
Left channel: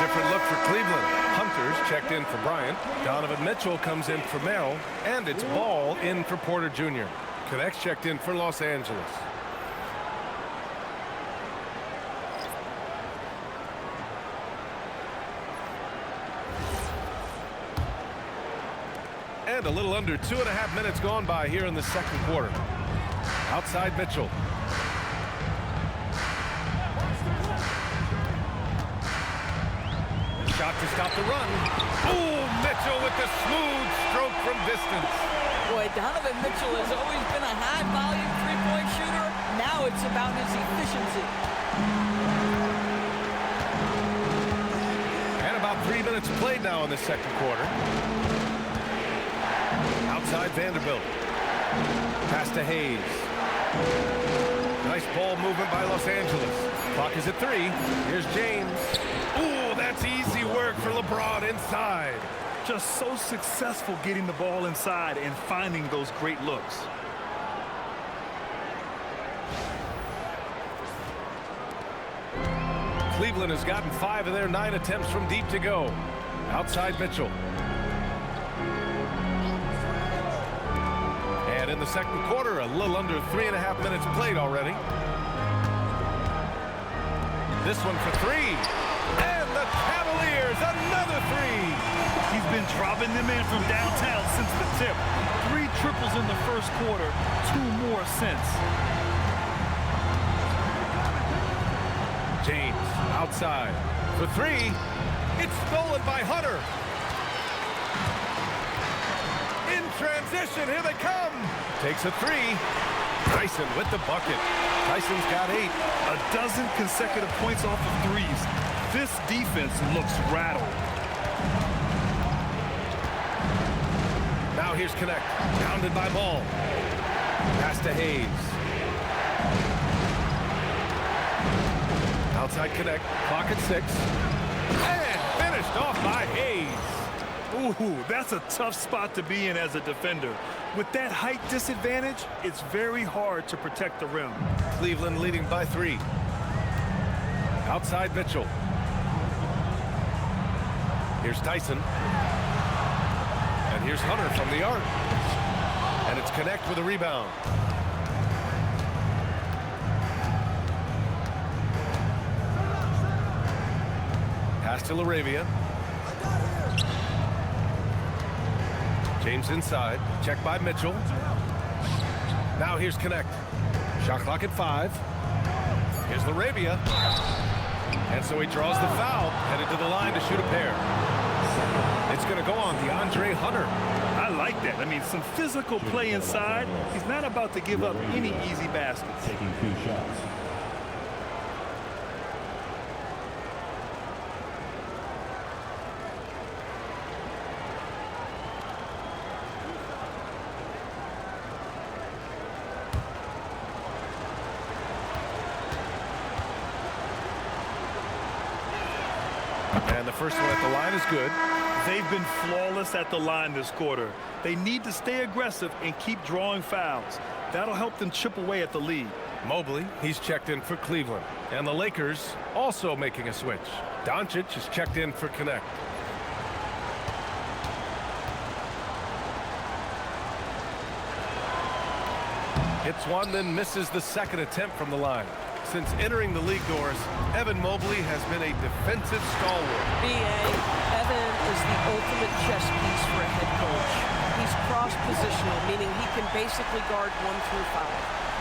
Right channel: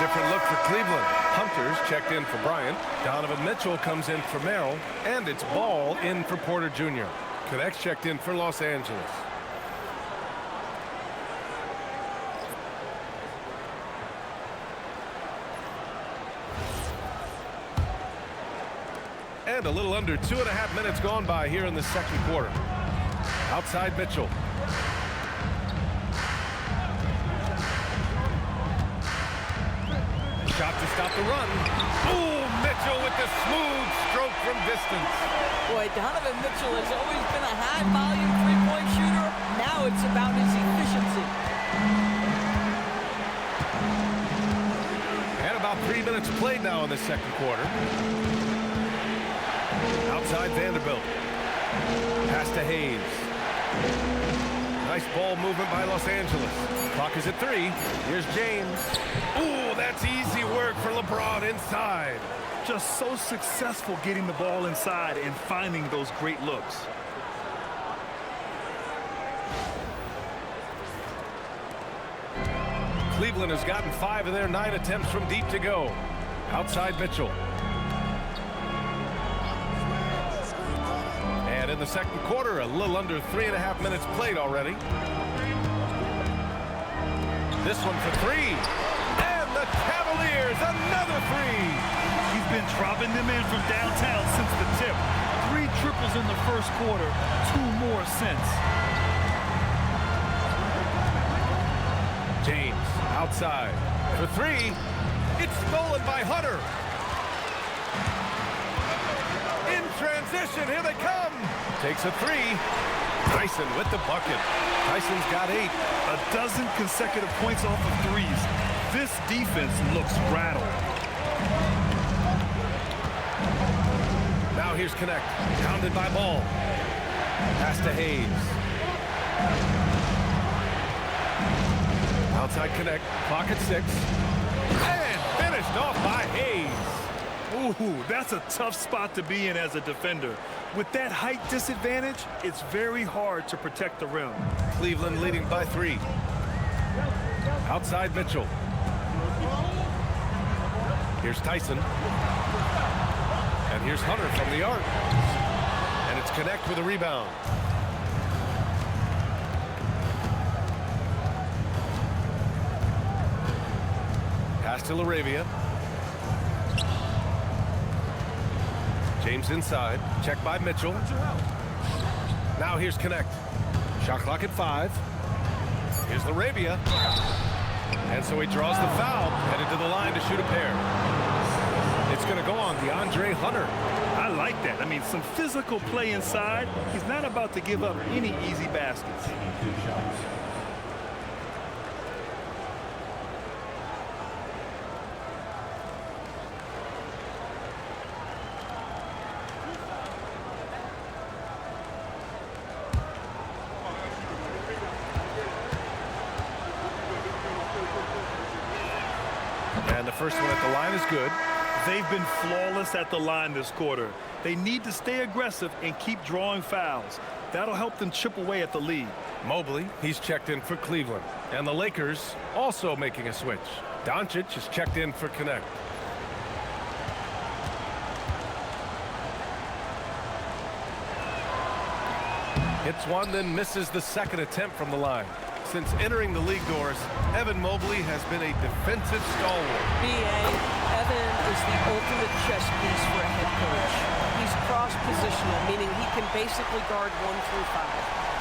different look for Cleveland. Hunter's checked in for Bryant. Donovan Mitchell comes in for Merrill. And it's Ball in for Porter Jr. Connects checked in for Los Angeles. And a little under 2.5 minutes gone by here in the second quarter. Outside Mitchell. Shot to stop the run. Oh, Mitchell with the smooth stroke from distance. Boy, Donovan Mitchell has always been a high-volume three-point shooter. Now it's about his efficiency. And about 3 minutes played now in the second quarter. Outside Vanderbilt. Pass to Hayes. Nice ball movement by Los Angeles. Clock is at 3. Here's James. Ooh, that's easy work for LeBron inside. Just so successful getting the ball inside and finding those great looks. Cleveland has gotten 5 of their 9 attempts from deep to go. Outside Mitchell. And in the second quarter, a little under 3.5 minutes played already. This one for 3. And the Cavaliers, another 3. He's been dropping them in from downtown since the tip. 3 triples in the first quarter, 2 more since. James outside for 3. It's stolen by Hunter. In transition, here they come. Takes a 3. Tyson with the bucket. Tyson's got 8. A dozen consecutive points off of threes. This defense looks rattled. Now here's Connect. Pounded by Ball. Pass to Hayes. Outside Connect. Clock at 6. And finished off by Hayes. Ooh, that's a tough spot to be in as a defender. With that height disadvantage, it's very hard to protect the rim. Cleveland leading by 3. Outside Mitchell. Here's Tyson. And here's Hunter from the arc. And it's Connect with a rebound. Pass to LaRavia. James inside. Checked by Mitchell. Now here's Connect. Shot clock at 5. Here's LaRavia. And so he draws the foul. Headed to the line to shoot a pair. It's going to go on Deandre Hunter. I like that. I mean, some physical play inside. He's not about to give up any easy baskets. Taking 2 shots. And the first one at the line is good. They've been flawless at the line this quarter. They need to stay aggressive and keep drawing fouls. That'll help them chip away at the lead. Mobley, he's checked in for Cleveland. And the Lakers also making a switch. Dončić is checked in for Connect. Hits one, then misses the second attempt from the line. Since entering the league doors, Evan Mobley has been a defensive stalwart. B.A., Evan is the ultimate chess piece for a head coach. He's cross-positional, meaning he can basically guard 1 through 5.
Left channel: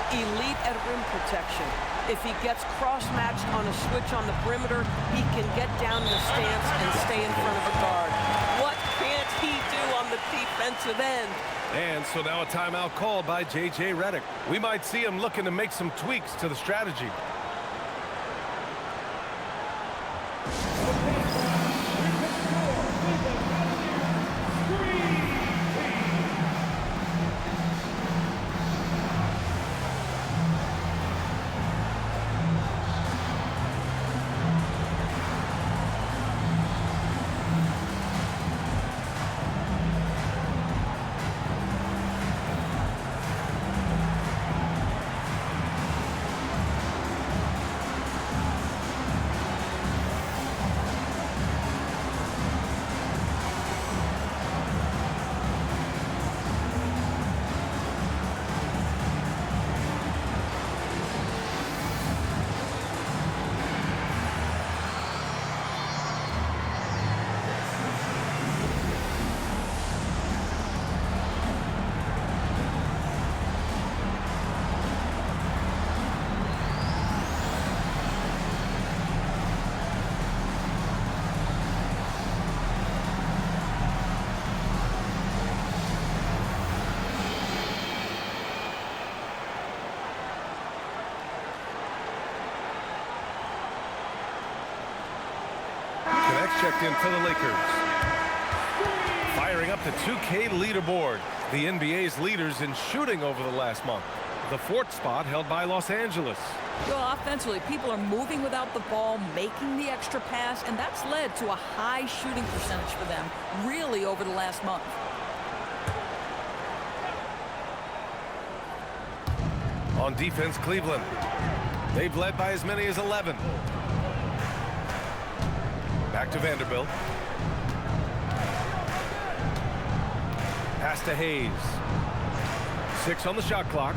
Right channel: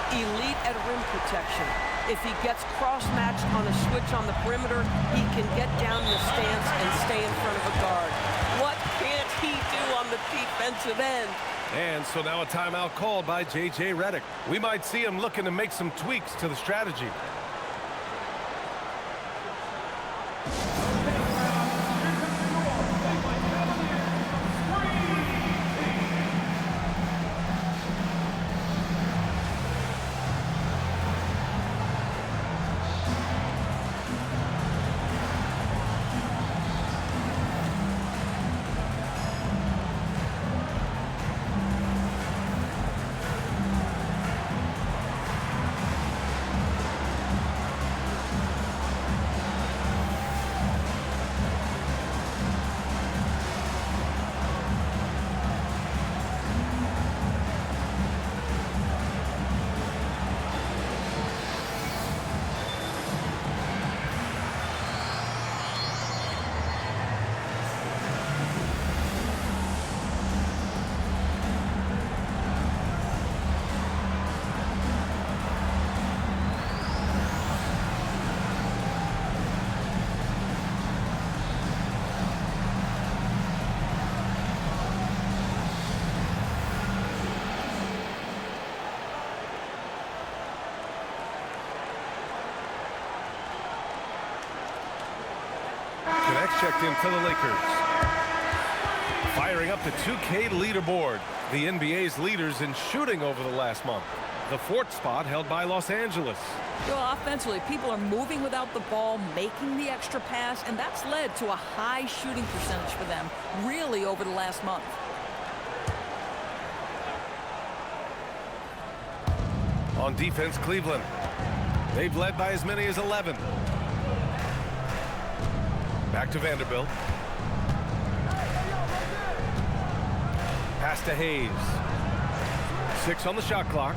Elite at rim protection. If he gets cross-matched on a switch on the perimeter, he can get down in the stance and stay in front of a guard. What can't he do on the defensive end? And so now a timeout called by J.J. Redick. We might see him looking to make some tweaks to the strategy. Connects checked in for the Lakers. Firing up the 2K leaderboard. The NBA's leaders in shooting over the last month. The 4th spot held by Los Angeles. You know, offensively, people are moving without the ball, making the extra pass, and that's led to a high shooting percentage for them, really, over the last month. On defense, Cleveland. They've led by as many as 11. Back to Vanderbilt. Pass to Hayes. 6 on the shot clock.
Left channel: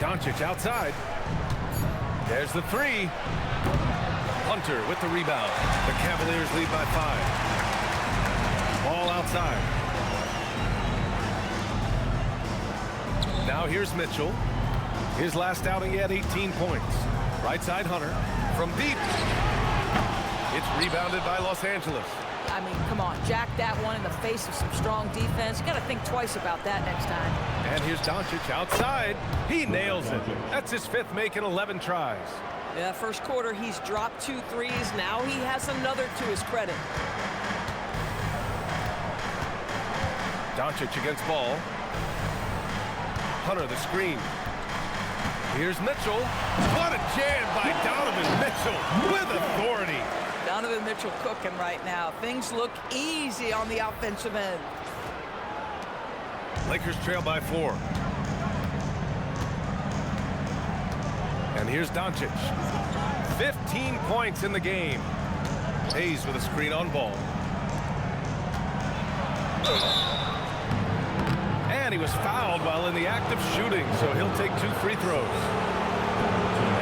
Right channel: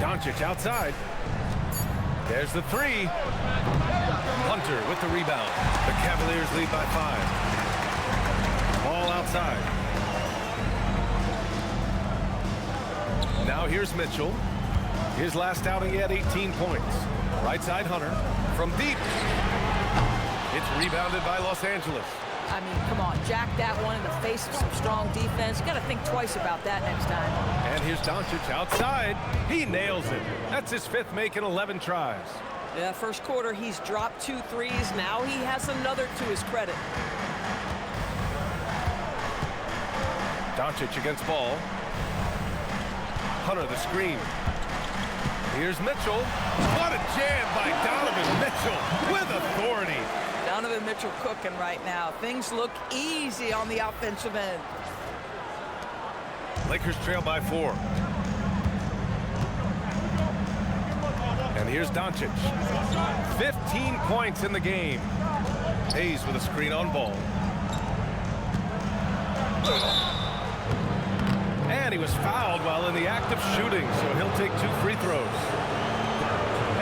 Dončić outside. There's the 3. Hunter with the rebound. The Cavaliers lead by 5. Ball outside. Now here's Mitchell. His last outing, he had 18 points. Right side, Hunter. From deep. It's rebounded by Los Angeles. I mean, come on, jack that one in the face of some strong defense. You got to think twice about that next time. And here's Dončić outside. He nails it. That's his 5th make in 11 tries. Yeah, first quarter, he's dropped 2 threes. Now he has another to his credit. Dončić against ball. Hunter the screen. Here's Mitchell. What a jam by Donovan Mitchell with authority. Donovan Mitchell cooking right now. Things look easy on the offensive end. Lakers trail by 4. And here's Dončić. 15 points in the game. Hayes with a screen on ball. And he was fouled while in the act of shooting, so he'll take 2 free throws.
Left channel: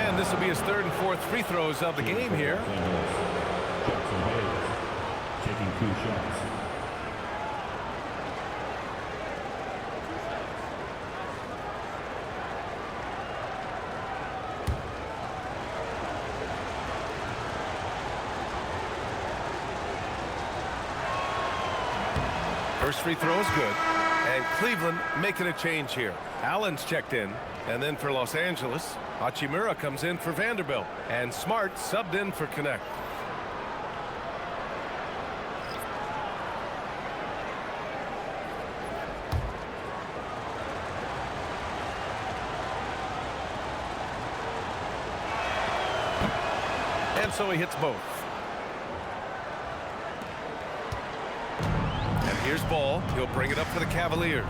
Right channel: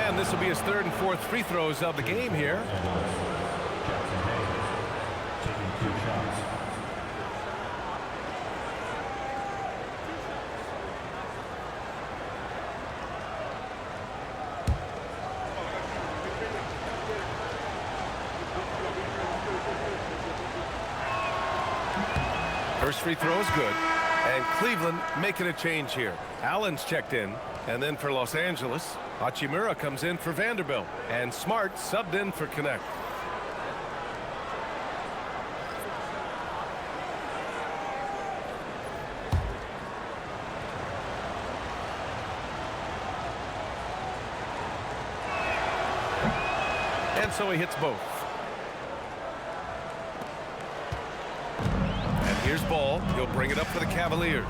And this will be his 3rd and 4th free throws of the game here. Taking 2 shots. First free throw is good. And Cleveland making a change here. Allen's checked in. And then for Los Angeles, Hachimura comes in for Vanderbilt. And Smart subbed in for Connect. And so he hits both. And here's Ball. He'll bring it up for the Cavaliers.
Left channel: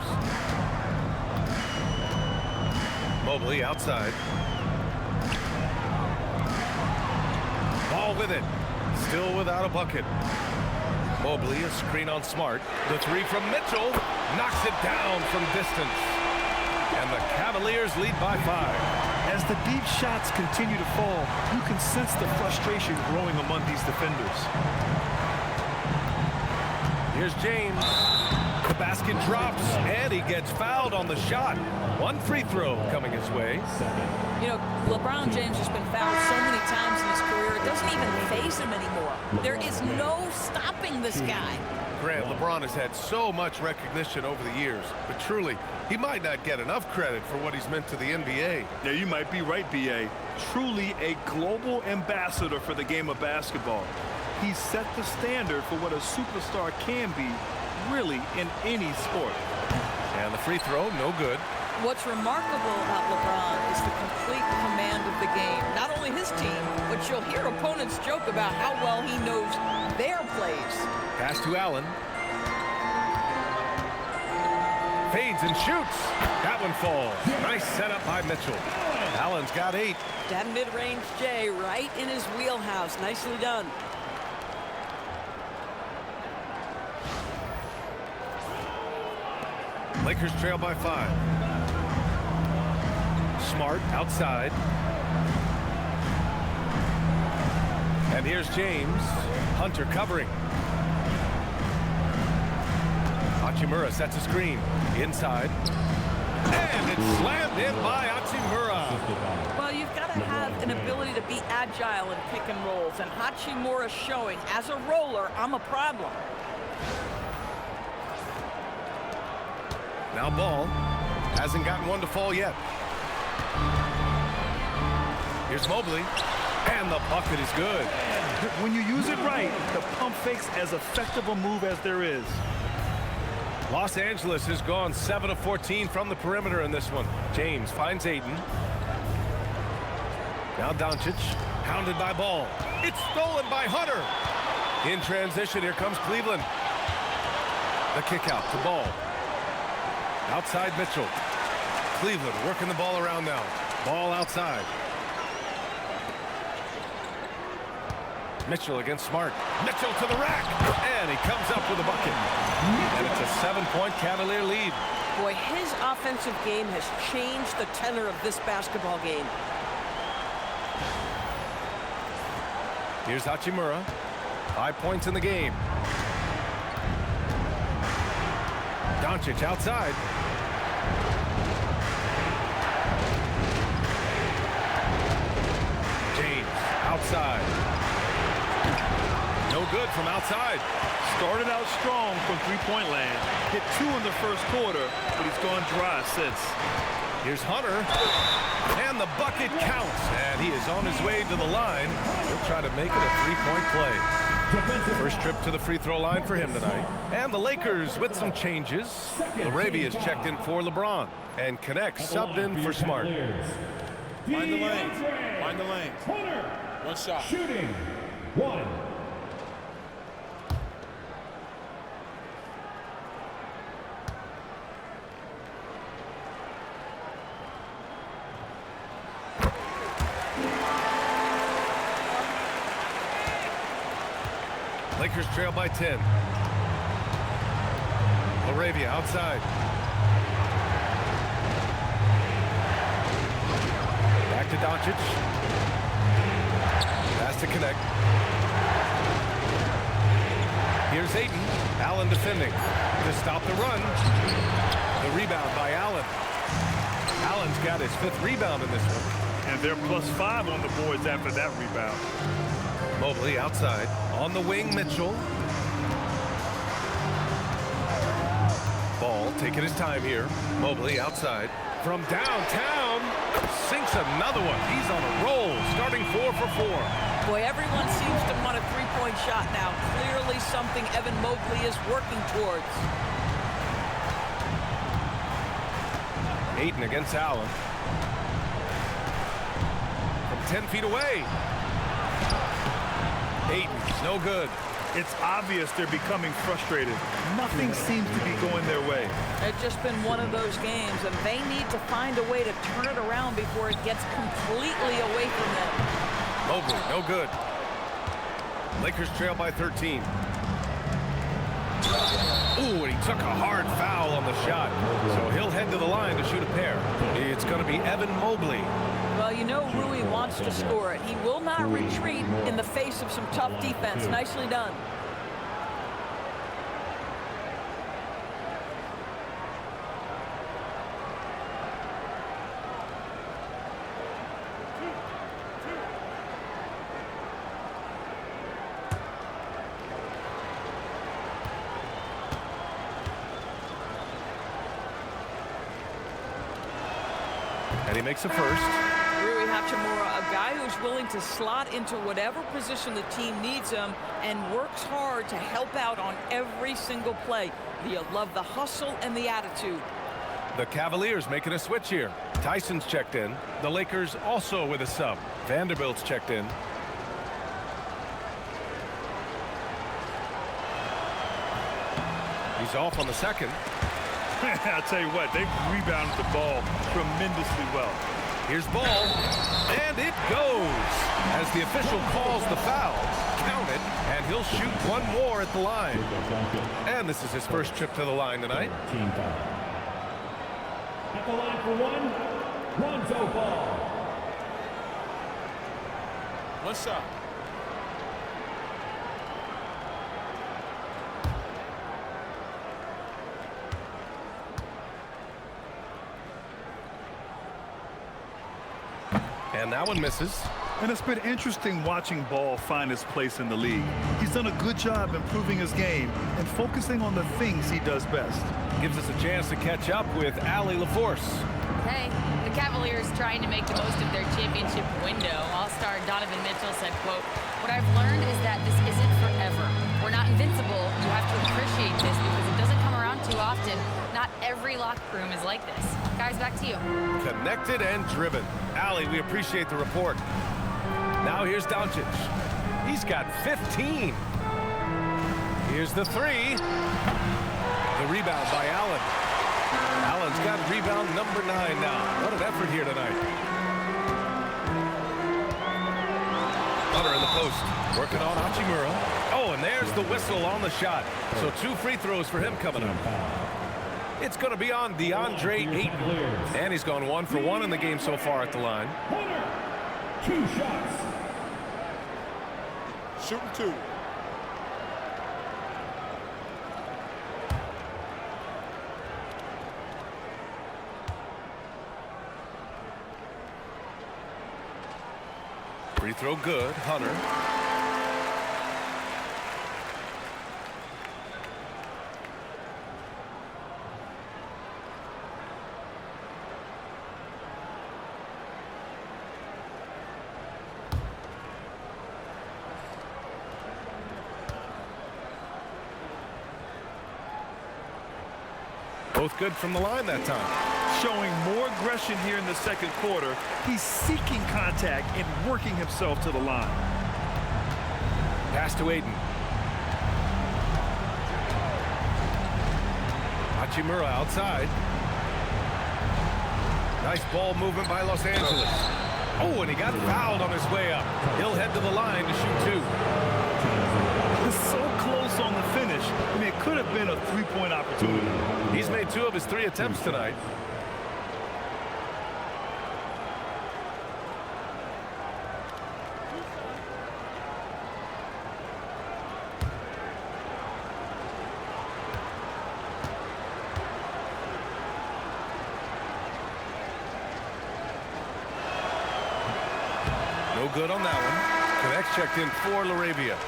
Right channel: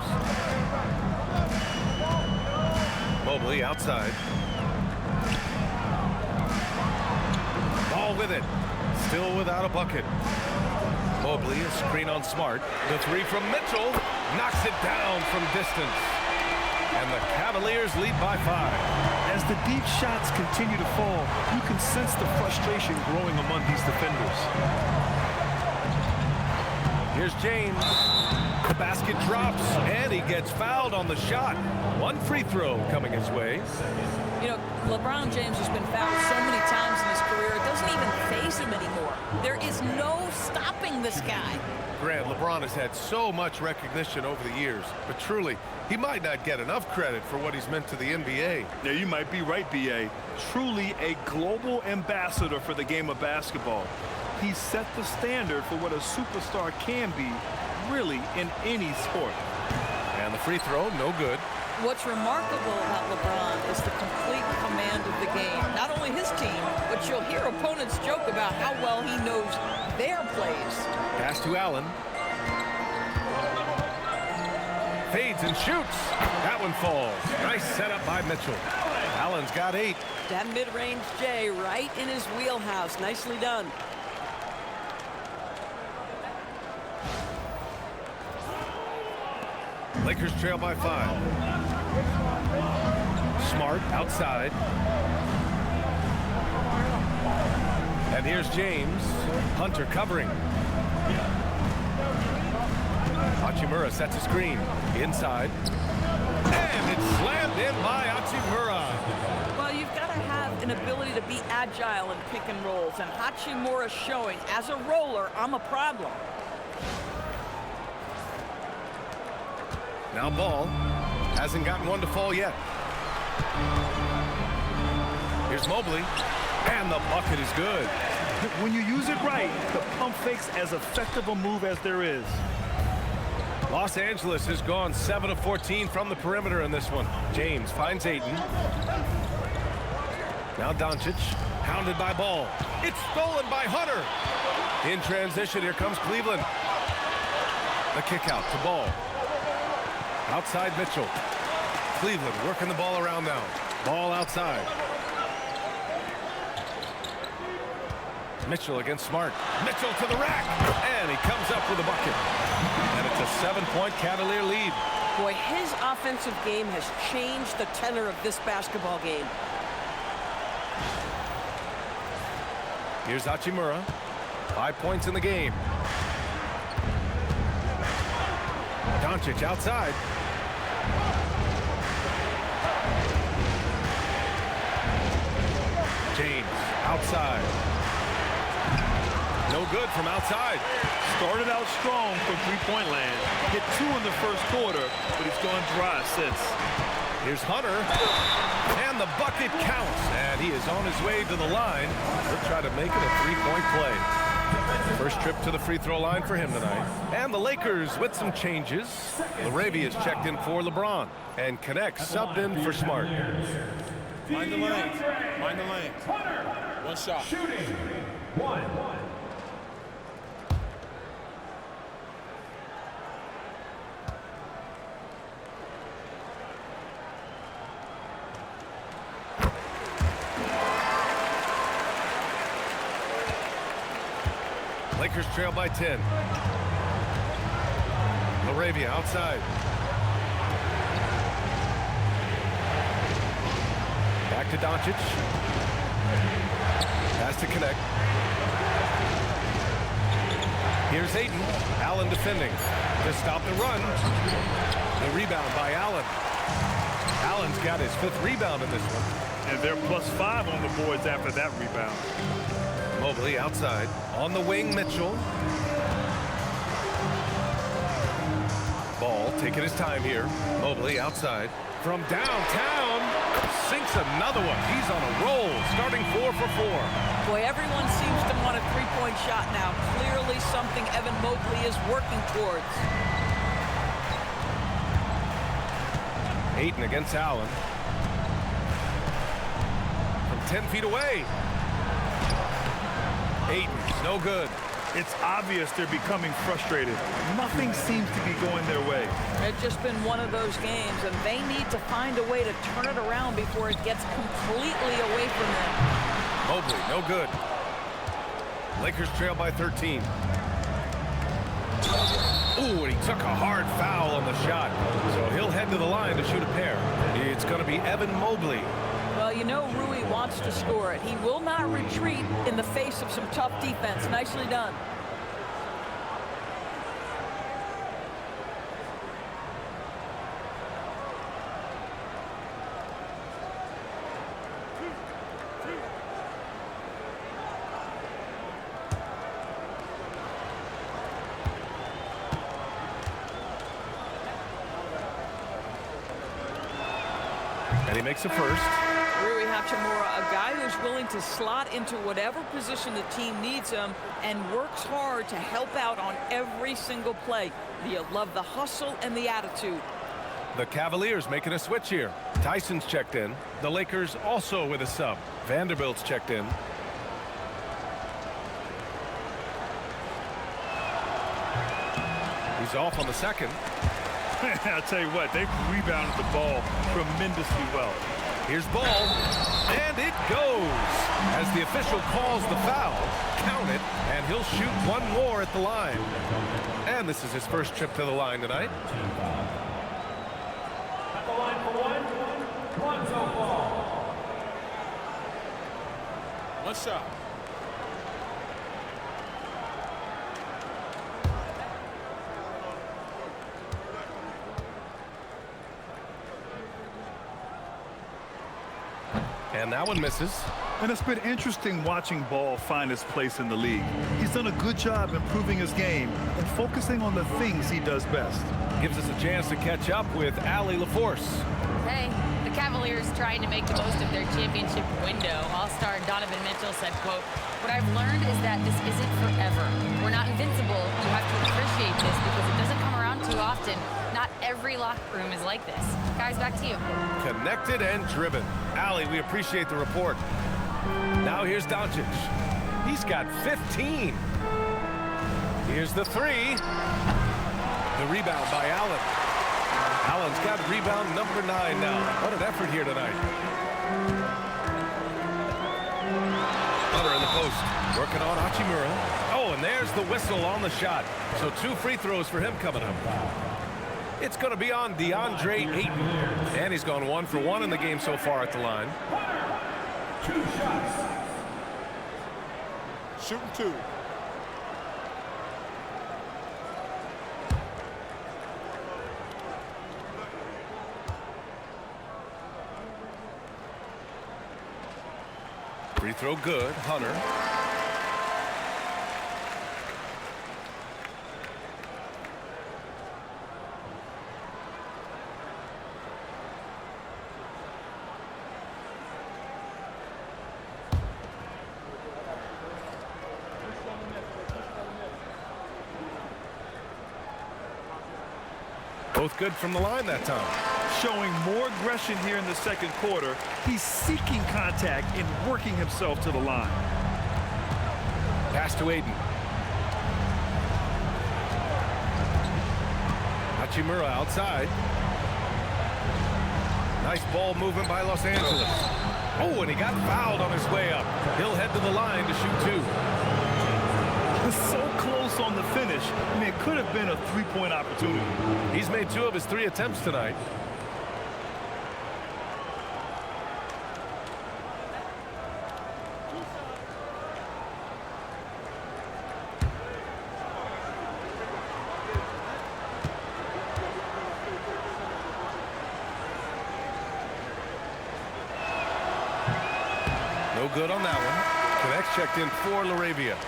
Mobley outside. Ball with it. Still without a bucket. Mobley, a screen on Smart. The 3 from Mitchell. Knocks it down from distance. And the Cavaliers lead by 5. As the deep shots continue to fall, you can sense the frustration growing among these defenders. Here's James. The basket drops, and he gets fouled on the shot. 1 free throw coming his way. You know, LeBron James has been fouled so many times in his career, it doesn't even faze him anymore. There is no stopping this guy. Grant, LeBron has had so much recognition over the years, but truly, he might not get enough credit for what he's meant to the NBA. Yeah, you might be right, B.A. Truly a global ambassador for the game of basketball. He set the standard for what a superstar can be, really, in any sport. And the free throw, no good. What's remarkable about LeBron is the complete command of the game. Not only his team, but you'll hear opponents joke about how well he knows their plays. Pass to Allen. Fades and shoots. That one falls. Nice setup by Mitchell. Allen's got 8. That mid-range J right in his wheelhouse. Nicely done. Lakers trail by 5. Smart outside. And here's James. Hunter covering. Hachimura sets a screen. Inside. And it's slammed in by Hachimura. Well, you've got to have an ability to be agile in pick and rolls, and Hachimura showing, as a roller, I'm a problem. Now Ball hasn't gotten one to fall yet. Here's Mobley, and the bucket is good. When you use it right, the pump fake's as effective a move as there is. Los Angeles has gone 7 of 14 from the perimeter in this one. James finds Ayton. Now Dončić, hounded by Ball. It's stolen by Hunter. In transition, here comes Cleveland. The kick out to Ball. Outside Mitchell. Cleveland working the ball around now. Ball outside. Mitchell against Smart. Mitchell to the rack. And he comes up with a bucket. And it's a 7-point Cavalier lead. Boy, his offensive game has changed the tenor of this basketball game. Here's Hachimura. 5 points in the game. Dončić outside. James outside. No good from outside. Started out strong from three-point land. Hit 2 in the first quarter, but he's gone dry since. Here's Hunter. And the bucket counts. And he is on his way to the line. He'll try to make it a 3-point play. First trip to the free throw line for him tonight. And the Lakers with some changes. Laravia's checked in for LeBron. And Connect subbed in for Smart. Mind the lanes. Mind the lanes. One shot. Shooting. 1. Lakers trail by 10. Laravia outside. Back to Dončić. Pass to Connect. Here's Ayton. Allen defending to stop the run. The rebound by Allen. Allen's got his 5th rebound in this one. And they're +5 on the boards after that rebound. Mobley outside. On the wing, Mitchell. Ball taking his time here. Mobley outside. From downtown, sinks another one. He's on a roll, starting 4 for 4. Boy, everyone seems to want a three-point shot now. Clearly something Evan Mobley is working towards. Ayton against Allen. From 10 feet away. Ayton, no good. It's obvious they're becoming frustrated. Nothing seems to be going their way. It's just been one of those games, and they need to find a way to turn it around before it gets completely away from them. Mobley, no good. Lakers trail by 13. Ooh, and he took a hard foul on the shot. So he'll head to the line to shoot a pair. It's going to be Evan Mobley. Well, you know Rui wants to score it. He will not retreat in the face of some tough defense. Nicely done. And he makes a first. Rui Hachimura, a guy who's willing to slot into whatever position the team needs him and works hard to help out on every single play. You love the hustle and the attitude. The Cavaliers making a switch here. Tyson's checked in. The Lakers also with a sub. Vanderbilt's checked in. He's off on the second. I'll tell you what, they've rebounded the ball tremendously well. Here's Ball, and it goes. As the official calls the foul, count it, and he'll shoot one more at the line. And this is his first trip to the line tonight. Team foul. At the line for one, Lonzo Ball. One shot. And that one misses. And it's been interesting watching Ball find his place in the league. He's done a good job improving his game and focusing on the things he does best. Gives us a chance to catch up with Allie LaForce. Hey, the Cavaliers trying to make the most of their championship window. All-star Donovan Mitchell said, quote, "What I've learned is that this isn't forever. We're not invincible. You have to appreciate this because it doesn't come around too often. Not every locker room is like this." Guys, back to you. Connected and driven. Allie, we appreciate the report. Now here's Dončić. He's got 15. Here's the three. The rebound by Allen. Allen's got rebound number 9 now. What an effort here tonight. Hunter in the post, working on Hachimura. Oh, and there's the whistle on the shot. So 2 free throws for him coming up. It's going to be on Deandre Ayton. And he's gone 1 for 1 in the game so far at the line. Hunter, 2 shots. Shooting 2. Free throw good, Hunter. Both good from the line that time. Showing more aggression here in the second quarter. He's seeking contact and working himself to the line. Pass to Ayton. Hachimura outside. Nice ball movement by Los Angeles. Oh, and he got fouled on his way up. He'll head to the line to shoot 2. So close on the finish. I mean, it could have been a 3-point opportunity. He's made 2 of his 3 attempts tonight. No good on that one. Connects checked in for Laravia.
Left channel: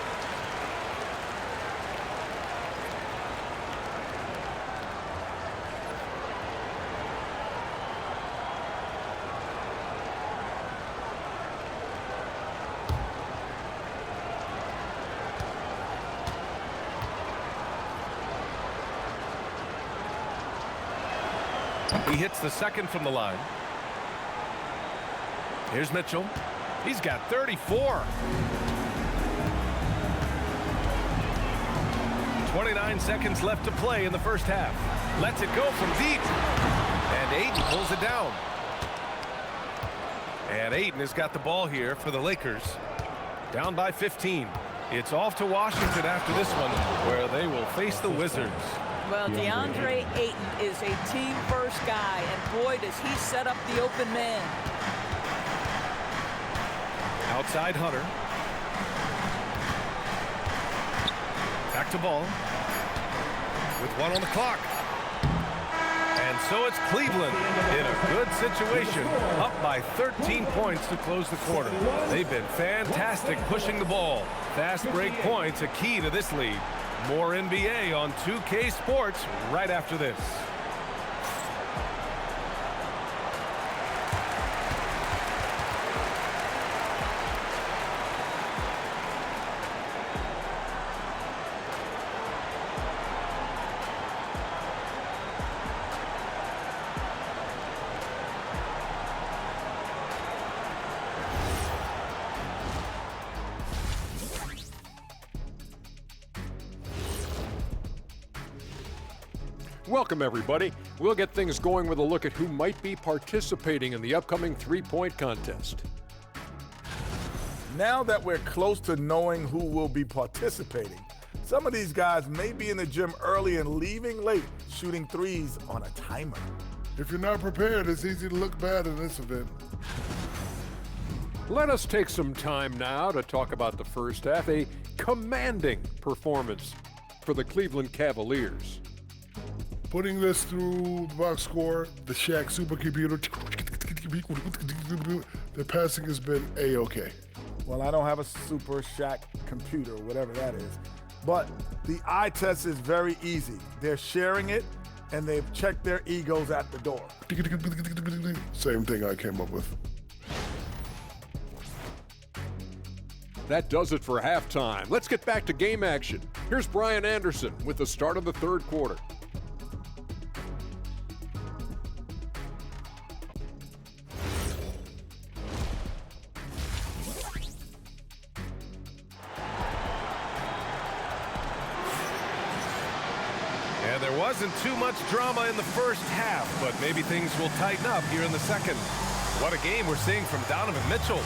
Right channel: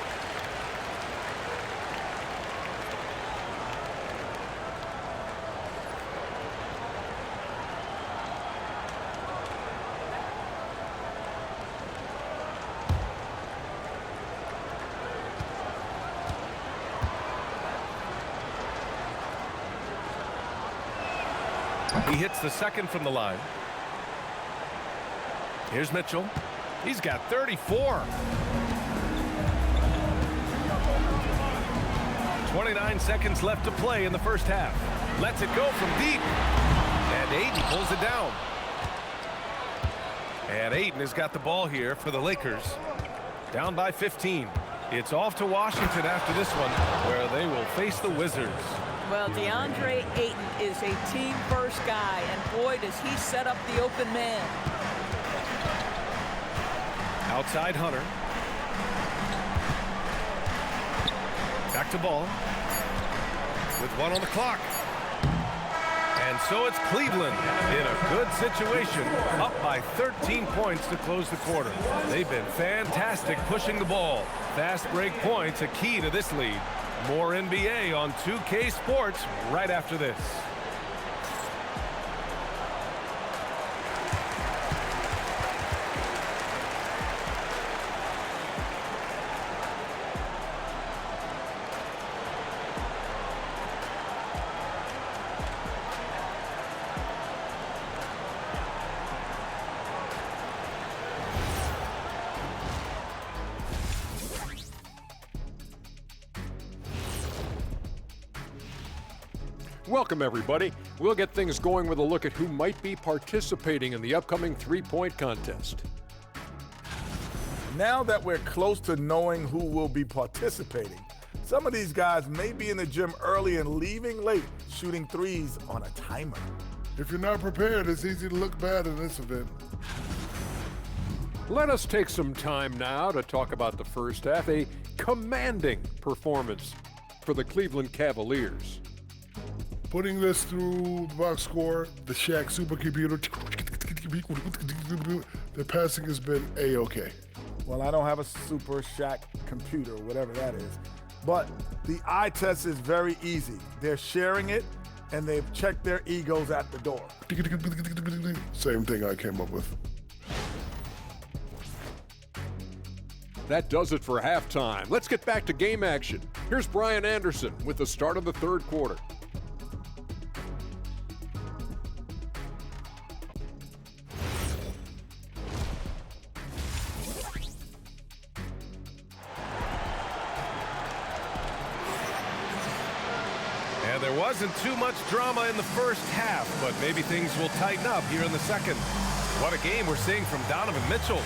He hits the second from the line. Here's Mitchell. He's got 34. 29 seconds left to play in the first half. Lets it go from deep. And Ayton pulls it down. And Ayton has got the ball here for the Lakers. Down by 15. It's off to Washington after this one, where they will face the Wizards. Well, Deandre Ayton is a team-first guy, and boy, does he set up the open man. Outside Hunter. Back to ball. With 1 on the clock. And so it's Cleveland in a good situation, up by 13 points to close the quarter. They've been fantastic pushing the ball. Fast break points a key to this lead. More NBA on 2K Sports right after this. Welcome, everybody. We'll get things going with a look at who might be participating in the upcoming three-point contest. Now that we're close to knowing who will be participating, some of these guys may be in the gym early and leaving late, shooting threes on a timer. If you're not prepared, it's easy to look bad in this event. Let us take some time now to talk about the first half, a commanding performance for the Cleveland Cavaliers. Putting this through the box score, the Shaq supercomputer, the passing has been A-okay. Well, I don't have a super Shaq computer, whatever that is, but the eye test is very easy. They're sharing it, and they've checked their egos at the door. Same thing I came up with. That does it for halftime. Let's get back to game action. Here's Brian Anderson with the start of the third quarter. And there wasn't too much drama in the first half, but maybe things will tighten up here in the second. What a game we're seeing from Donovan Mitchell.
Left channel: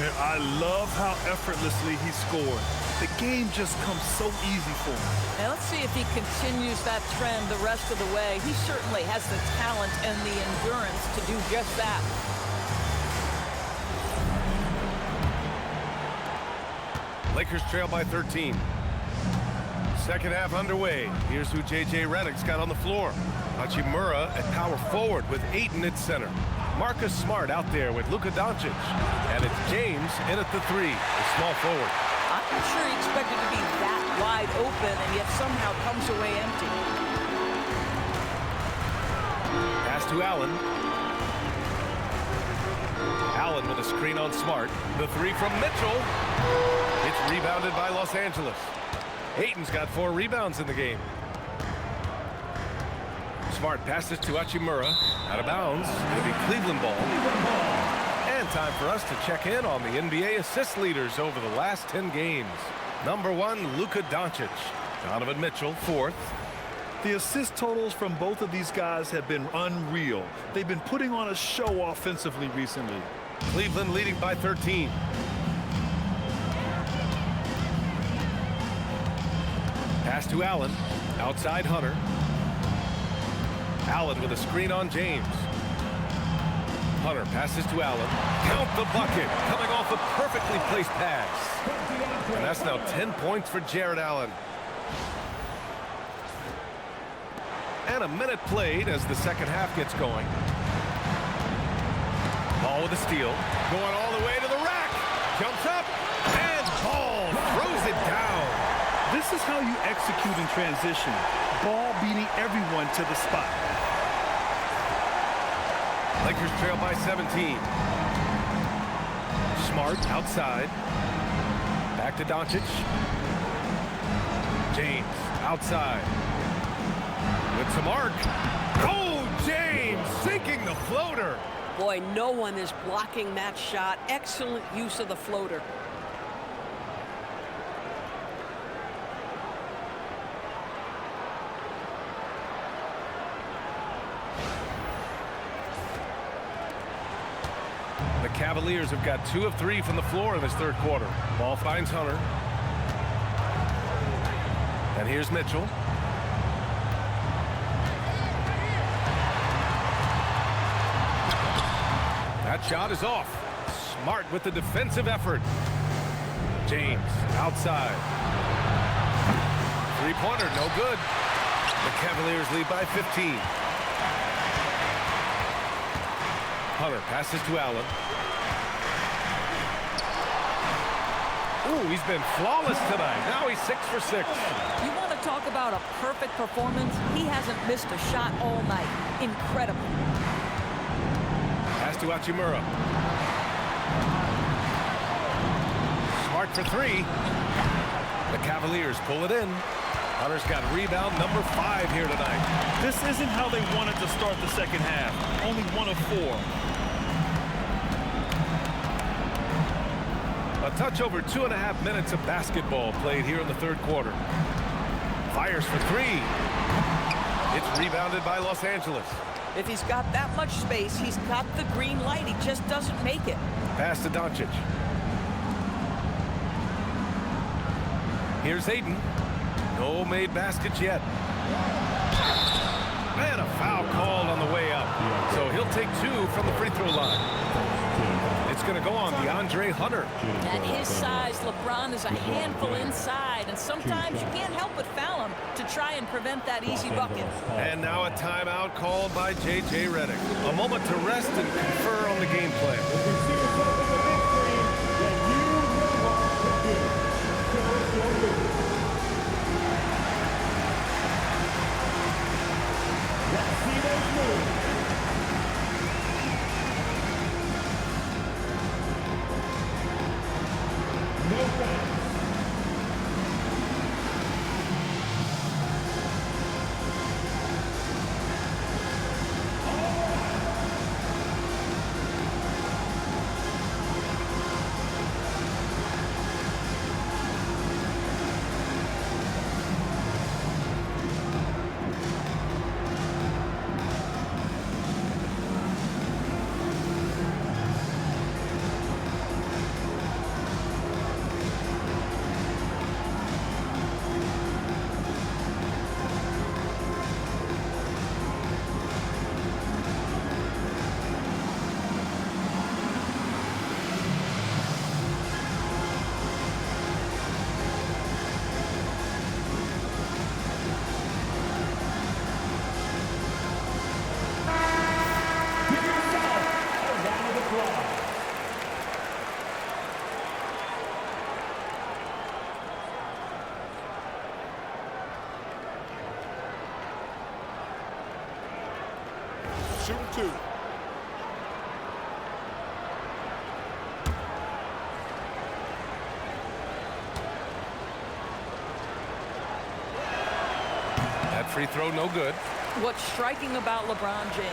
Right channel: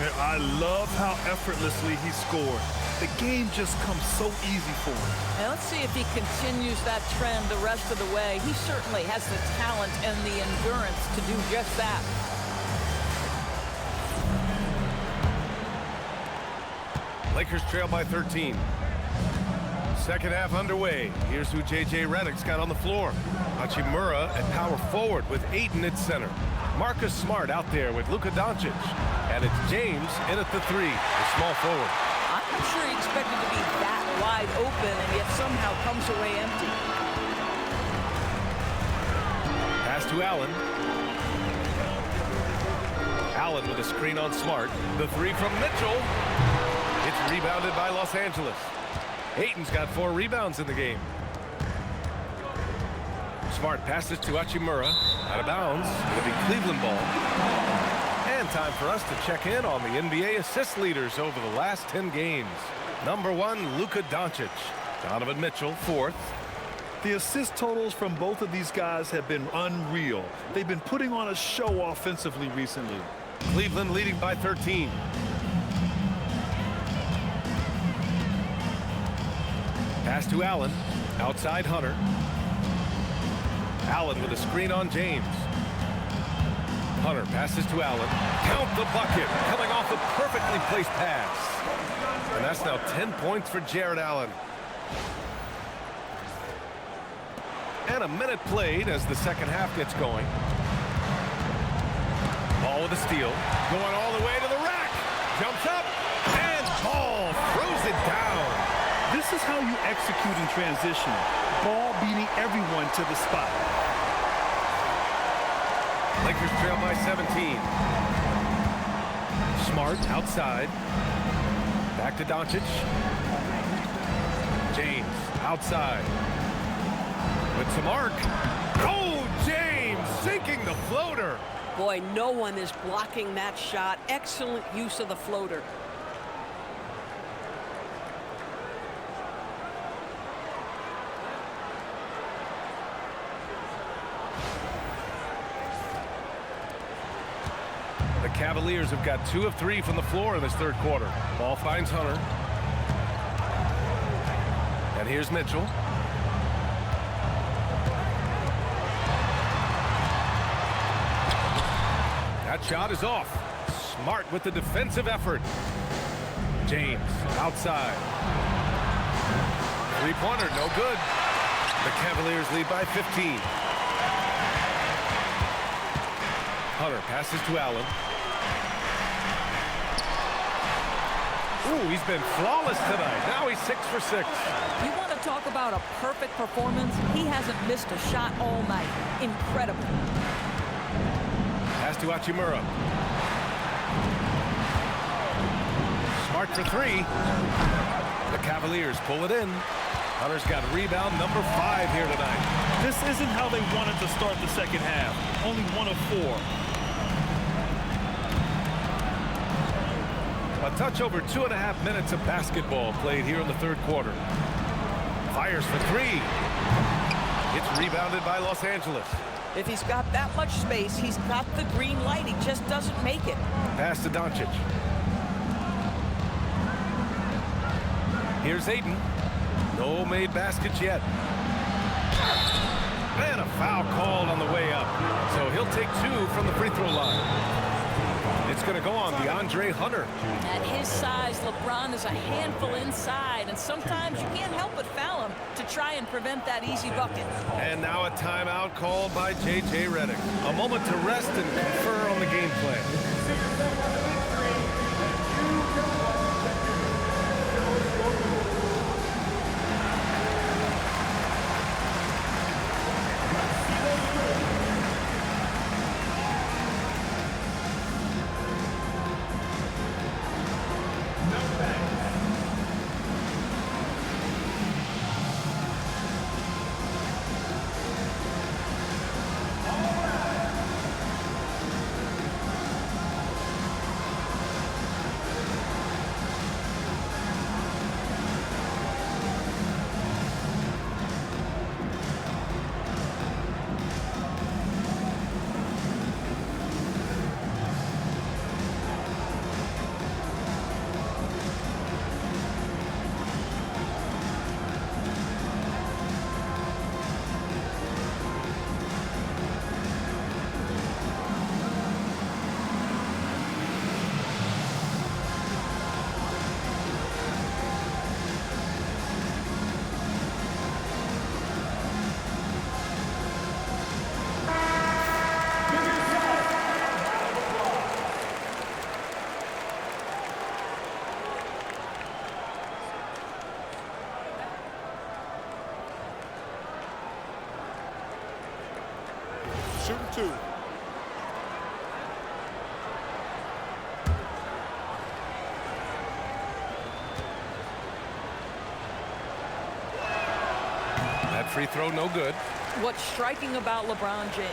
Yeah, I love how effortlessly he scored. The game just comes so easy for him. Now let's see if he continues that trend the rest of the way. He certainly has the talent and the endurance to do just that. Lakers trail by 13. Second half underway. Here's who J.J. Redick's got on the floor. Hachimura at power forward with Ayton at center. Marcus Smart out there with Luka Dončić. And it's James in at the three, the small forward. I'm not sure he expected to be that wide open and yet somehow comes away empty. Pass to Allen. Allen with a screen on Smart. The three from Mitchell. It's rebounded by Los Angeles. Ayton's got 4 rebounds in the game. Smart passes to Hachimura. Out of bounds. It'll be Cleveland ball. And time for us to check in on the NBA assist leaders over the last 10 games. Number 1, Luka Dončić. Donovan Mitchell, 4th. The assist totals from both of these guys have been unreal. They've been putting on a show offensively recently. Cleveland leading by 13. Pass to Allen. Outside Hunter. Allen with a screen on James. Hunter passes to Allen. Count the bucket. Coming off a perfectly placed pass. And that's now 10 points for Jarrett Allen. And a minute played as the second half gets going. Ball with a steal. Going all the way to the rack. Jumps up. And Ball throws it down. This is how you execute in transition. Ball beating everyone to the spot. Lakers trail by 17. Smart outside. Back to Dončić. James outside. With some arc. Oh, James sinking the floater. Boy, no one is blocking that shot. Excellent use of the floater. The Cavaliers have got 2 of 3 from the floor in this third quarter. Ball finds Hunter. And here's Mitchell. That shot is off. Smart with the defensive effort. James outside. Three-pointer, no good. The Cavaliers lead by 15. Hunter passes to Allen. Ooh, he's been flawless tonight. Now he's 6 for 6. You want to talk about a perfect performance? He hasn't missed a shot all night. Incredible. Pass to Hachimura. Smart for 3. The Cavaliers pull it in. Hunter's got rebound number 5 here tonight. This isn't how they wanted to start the second half. Only 1 of 4. A touch over 2.5 minutes of basketball played here in the third quarter. Fires for 3. It's rebounded by Los Angeles. If he's got that much space, he's got the green light. He just doesn't make it. Pass to Dončić. Here's Ayton. No made baskets yet. And a foul called on the way up. So he'll take 2 from the free throw line. It's going to go on Deandre Hunter. At his size, LeBron is a handful inside, and sometimes you can't help but foul him to try and prevent that easy bucket. And now a timeout called by J.J. Redick. A moment to rest and confer on the game plan. shooting 2. That free throw, no good. What's striking about LeBron James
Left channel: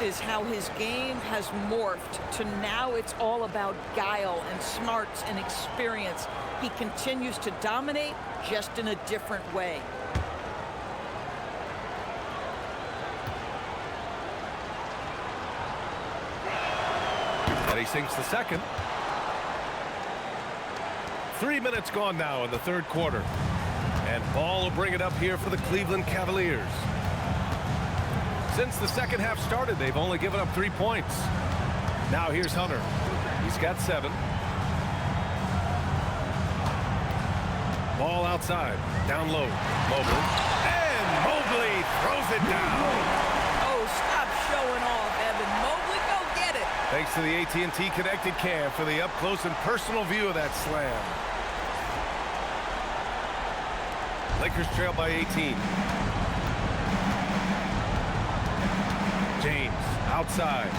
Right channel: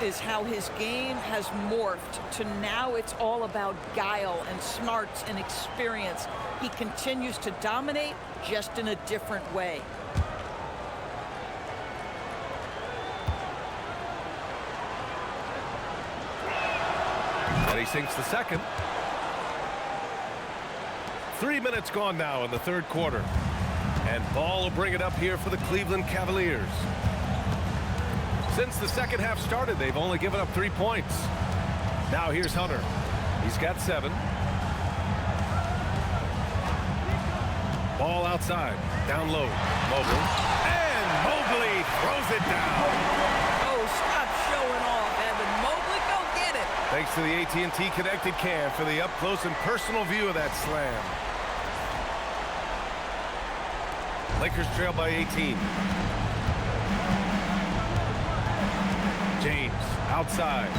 is how his game has morphed to now it's all about guile and smarts and experience. He continues to dominate, just in a different way. And he sinks the second. 3 minutes gone now in the third quarter. And Ball will bring it up here for the Cleveland Cavaliers. Since the second half started, they've only given up 3 points. Now here's Hunter. He's got 7. Ball outside, down low, Mobley. And Mobley throws it down. Oh, stop showing off, Evan. Mobley, go get it. Thanks to the AT&T Connected Cam for the up-close and personal view of that slam. Lakers trail by 18. James outside.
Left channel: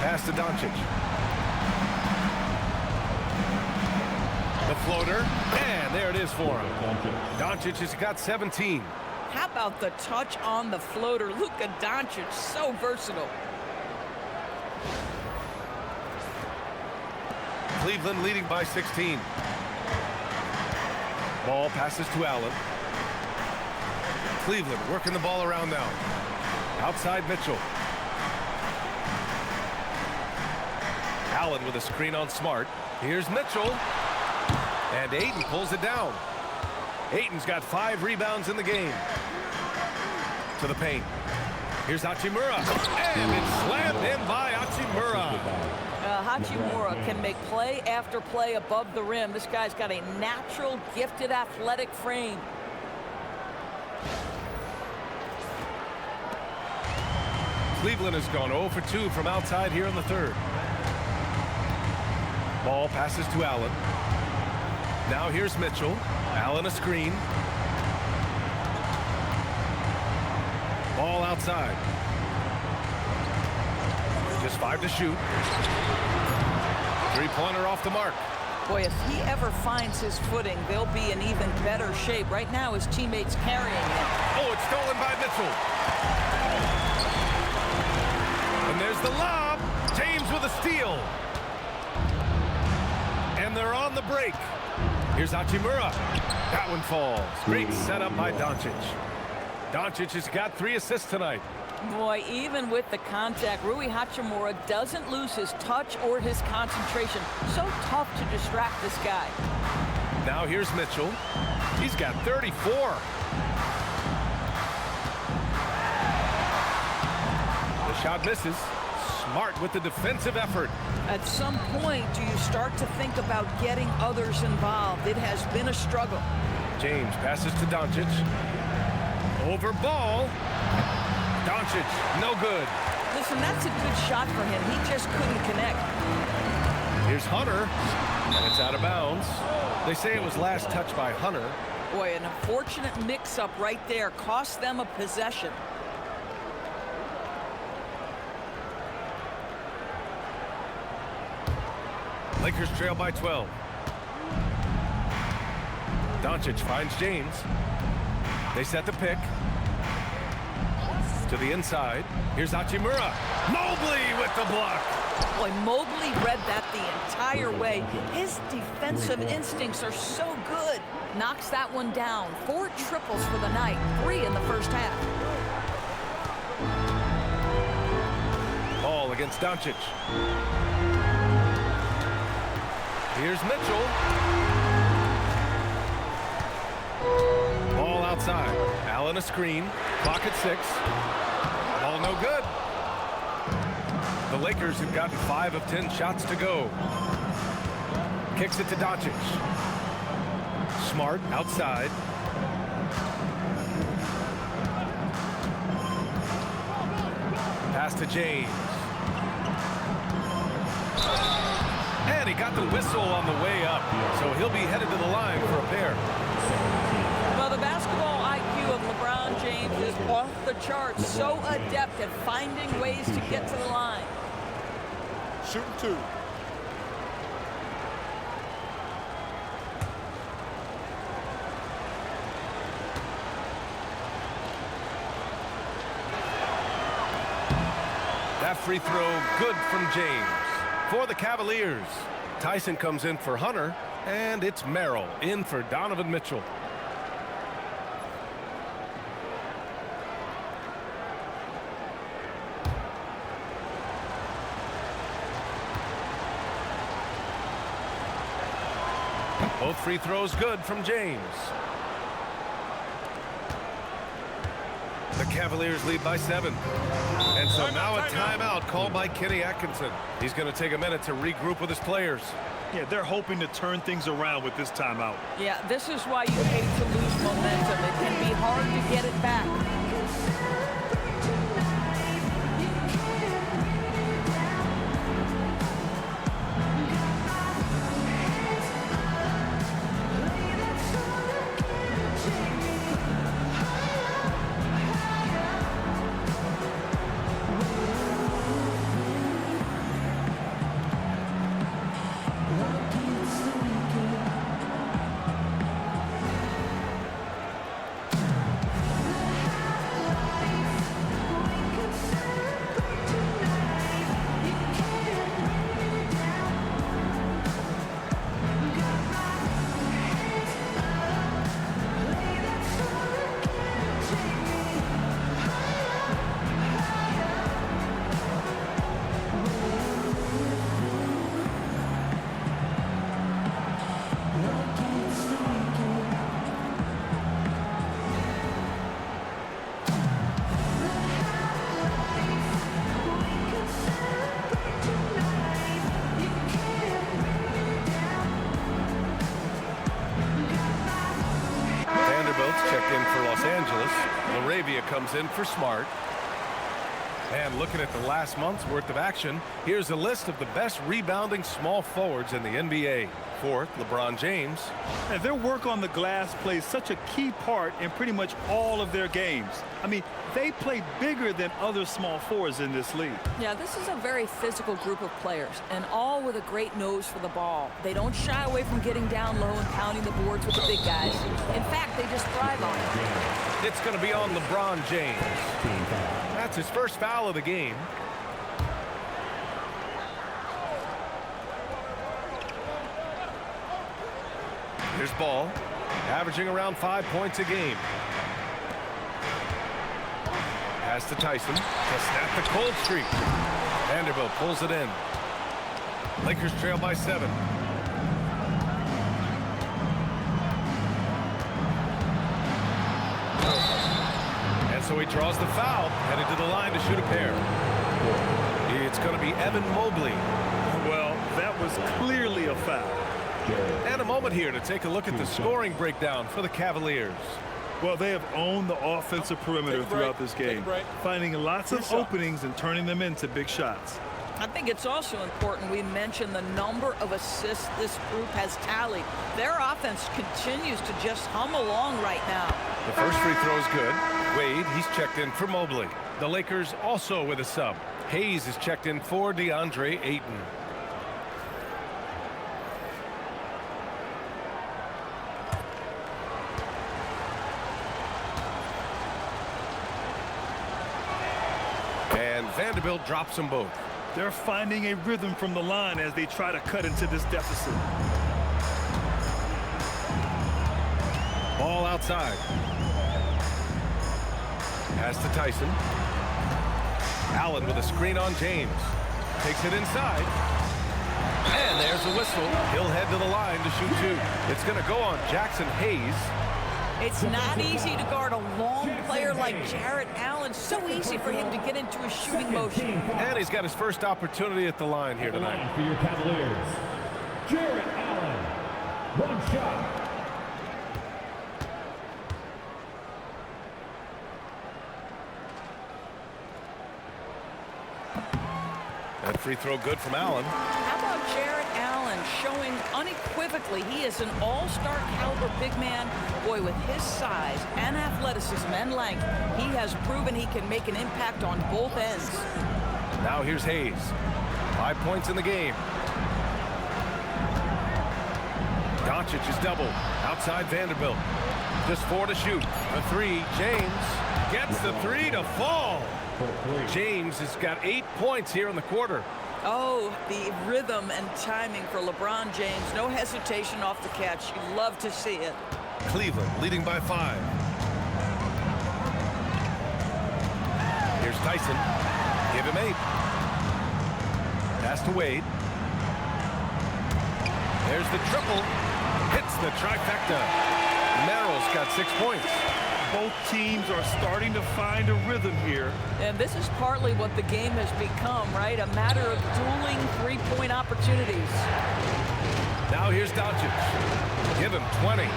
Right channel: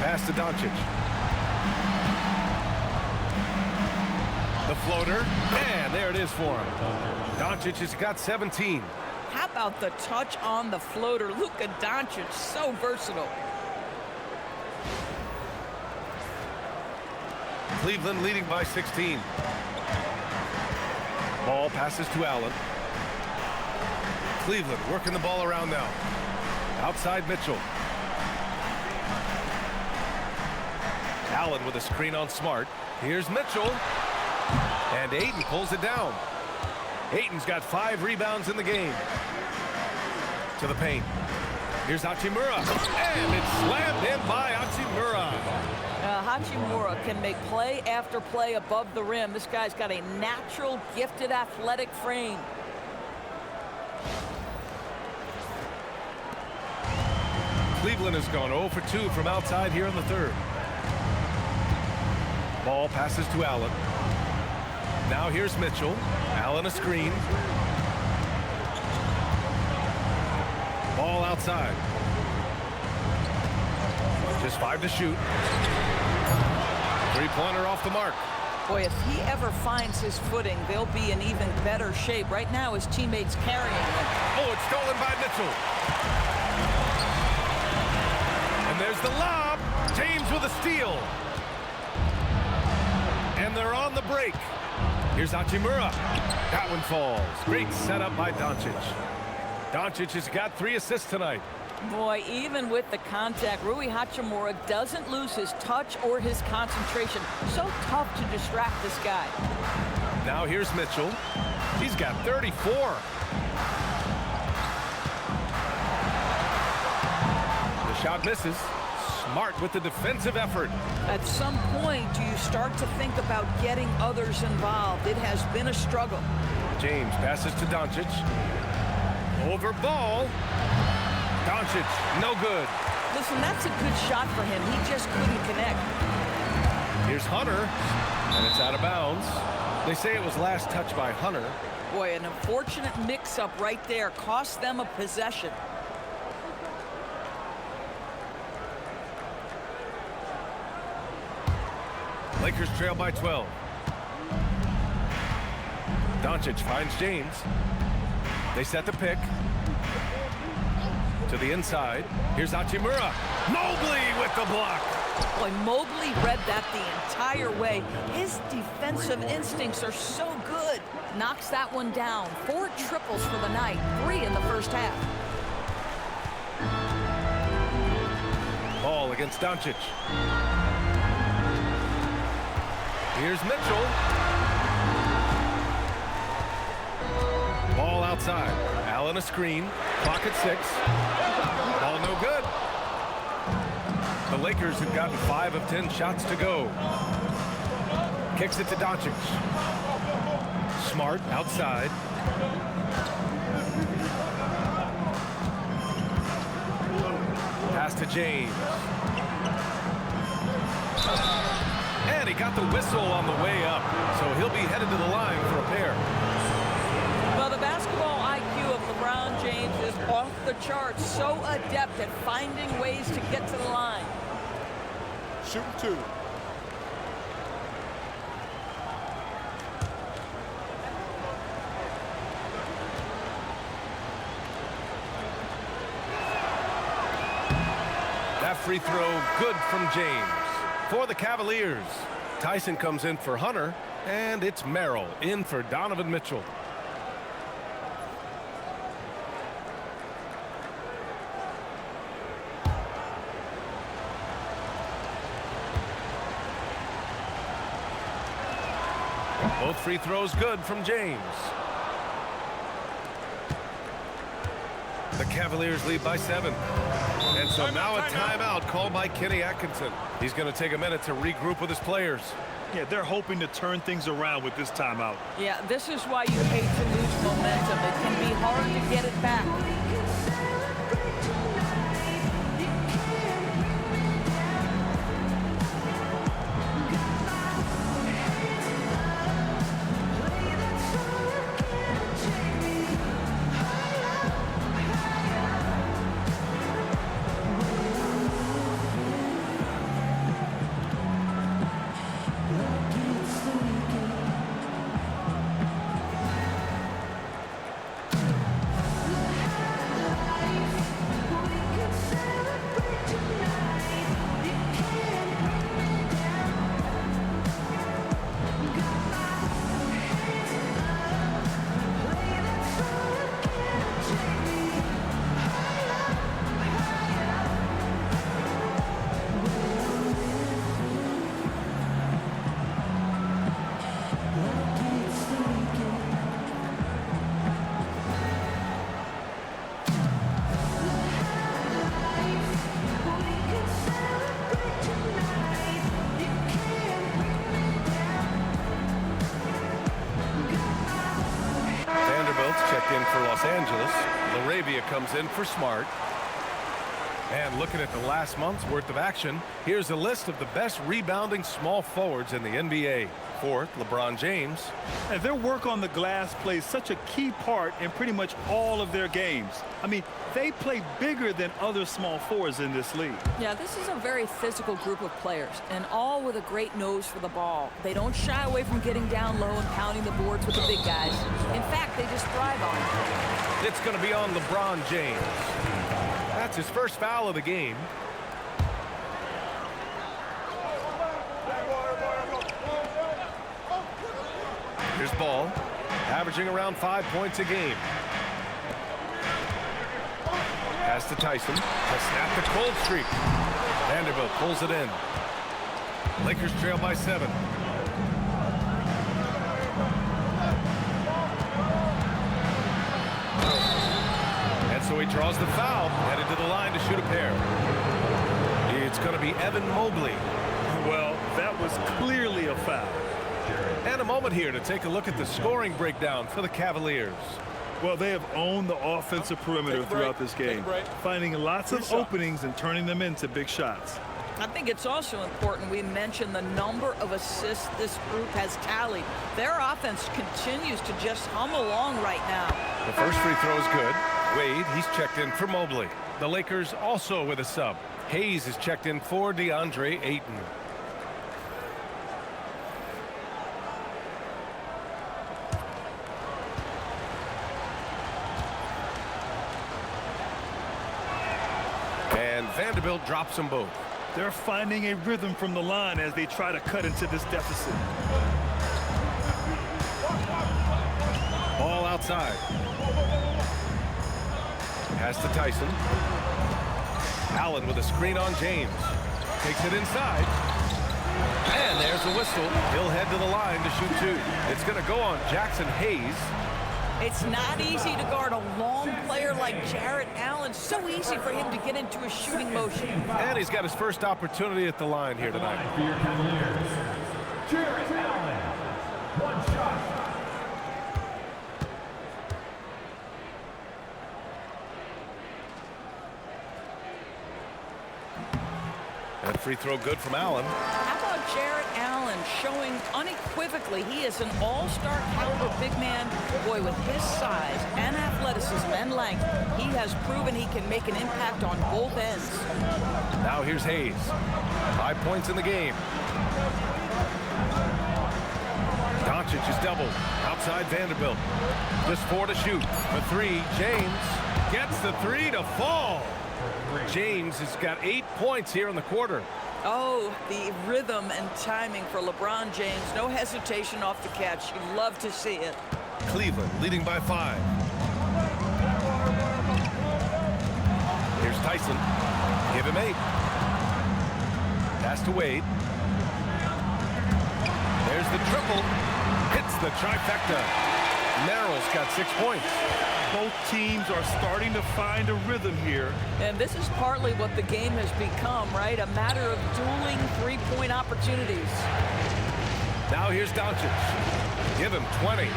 Pass to Dončić. The floater, and there it is for him. Dončić has got 17. How about the touch on the floater? Luka Dončić, so versatile. Cleveland leading by 16. Ball passes to Allen. Cleveland working the ball around now. Outside Mitchell. Allen with a screen on Smart. Here's Mitchell. And Ayton pulls it down. Ayton's got 5 rebounds in the game. To the paint. Here's Hachimura. And it's slammed in by Hachimura. Hachimura can make play after play above the rim. This guy's got a natural, gifted, athletic frame. Cleveland has gone 0 for 2 from outside here in the third. Ball passes to Allen. Now here's Mitchell. Allen a screen. Ball outside. Just 5 to shoot. 3-pointer off the mark. Boy, if he ever finds his footing, they'll be in even better shape. Right now, his teammates carrying him. Oh, it's stolen by Mitchell. And there's the lob. James with a steal. And they're on the break. Here's Hachimura. That one falls. Great setup by Dončić. Dončić has got 3 assists tonight. Boy, even with the contact, Rui Hachimura doesn't lose his touch or his concentration. So tough to distract this guy. Now here's Mitchell. He's got 34. The shot misses. Smart with the defensive effort. At some point, do you start to think about getting others involved? It has been a struggle. James passes to Dončić. Over Ball. Dončić, no good. Listen, that's a good shot for him. He just couldn't connect. Here's Hunter, and it's out of bounds. They say it was last touched by Hunter. Boy, an unfortunate mix-up right there. Cost them a possession. Lakers trail by 12. Dončić finds James. They set the pick. To the inside. Here's Hachimura. Mobley with the block. Boy, Mobley read that the entire way. His defensive instincts are so good. Knocks that one down. 4 triples for the night. 3 in the first half. Ball against Dončić. Here's Mitchell. Ball outside. Allen a screen. Clock at 6. Ball no good. The Lakers have gotten 5 of 10 shots to go. Kicks it to Dončić. Smart outside. Pass to James. And he got the whistle on the way up, so he'll be headed to the line for a pair. Well, the basketball basketball IQ of LeBron James is off the charts. So adept at finding ways to get to the line. Shooting 2. That free throw good from James. For the Cavaliers, Tyson comes in for Hunter, and it's Merrill in for Donovan Mitchell. Both free throws good from James. The Cavaliers lead by 7. And so now a timeout called by Kenny Atkinson. He's going to take a minute to regroup with his players. Yeah, they're hoping to turn things around with this timeout. Yeah, this is why you hate to lose momentum. It can be hard to get it back. Checked in for Los Angeles. Laravia comes in for Smart. And looking at the last month's worth of action, here's a list of the best rebounding small forwards in the NBA. 4th, LeBron James. And their work on the glass plays such a key part in pretty much all of their games. I mean, they play bigger than other small forwards in this league. Yeah, this is a very physical group of players, and all with a great nose for the ball. They don't shy away from getting down low and pounding the boards with the big guys. In fact, they just thrive on it. It's going to be on LeBron James. That's his first foul of the game. Here's Ball, averaging around 5 points a game. Pass to Tyson to snap the cold streak. Vanderbilt pulls it in. Lakers trail by 7. And so he draws the foul, headed to the line to shoot a pair. It's going to be Evan Mobley. Well, that was clearly a foul. And a moment here to take a look at the scoring breakdown for the Cavaliers. Well, they have owned the offensive perimeter throughout this game, finding lots of openings and turning them into big shots. I think it's also important we mention the number of assists this group has tallied. Their offense continues to just hum along right now. The first free throw is good. Wade, he's checked in for Mobley. The Lakers also with a sub. Hayes is checked in for Deandre Ayton. And Vanderbilt drops them both. They're finding a rhythm from the line as they try to cut into this deficit. Ball outside. Pass to Tyson. Allen with a screen on James. Takes it inside. And there's a whistle. He'll head to the line to shoot 2. It's going to go on Jackson Hayes. It's not easy to guard a long player like Jarrett Allen. So easy for him to get into a shooting motion. And he's got his first opportunity at the line here tonight. For your Cavaliers, Jarrett Allen. 1 shot. That free throw good from Allen. How about about Jarrett Allen showing unequivocally he is an all-star caliber big man? Boy, with his size and athleticism and length, he has proven he can make an impact on both ends. Now here's Hayes. 5 points in the game. Dončić is doubled. Outside Vanderbilt. Just 4 to shoot. For 3, James gets the 3 to fall. James has got 8 points here in the quarter. Oh, the rhythm and timing for LeBron James. No hesitation off the catch. You love to see it. Cleveland leading by 5. Here's Tyson. Give him 8. Pass to Wade. There's the triple. Hits the trifecta. Merrill's got 6 points. Both teams are starting to find a rhythm here. And this is partly what the game has become, right? A matter of dueling three-point opportunities. Now here's Dončić. Give him 20.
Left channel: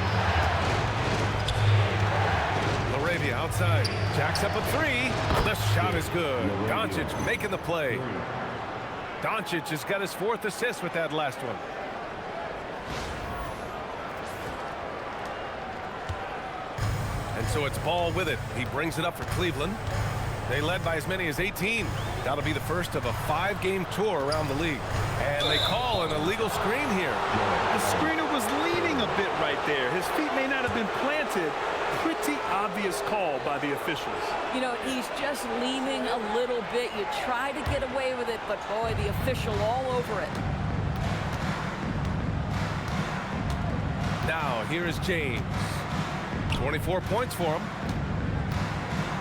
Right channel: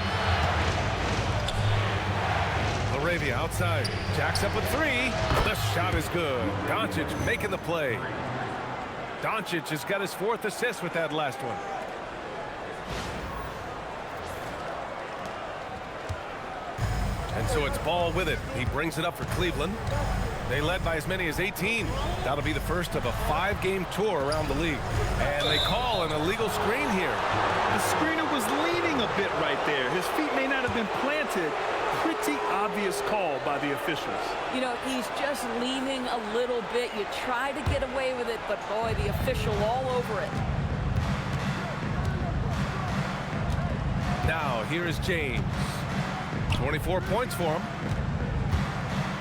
LaRavia outside. Jacks up a 3. The shot is good. Dončić making the play. Dončić has got his 4th assist with that last one. And so it's Ball with it. He brings it up for Cleveland. They led by as many as 18. That'll be the first of a 5-game tour around the league. And they call an illegal screen here. The screener was leaning a bit right there. His feet may not have been planted. Pretty obvious call by the officials. You know, he's just leaning a little bit. You try to get away with it, but boy, the official all over it. Now, here is James. 24 points for him.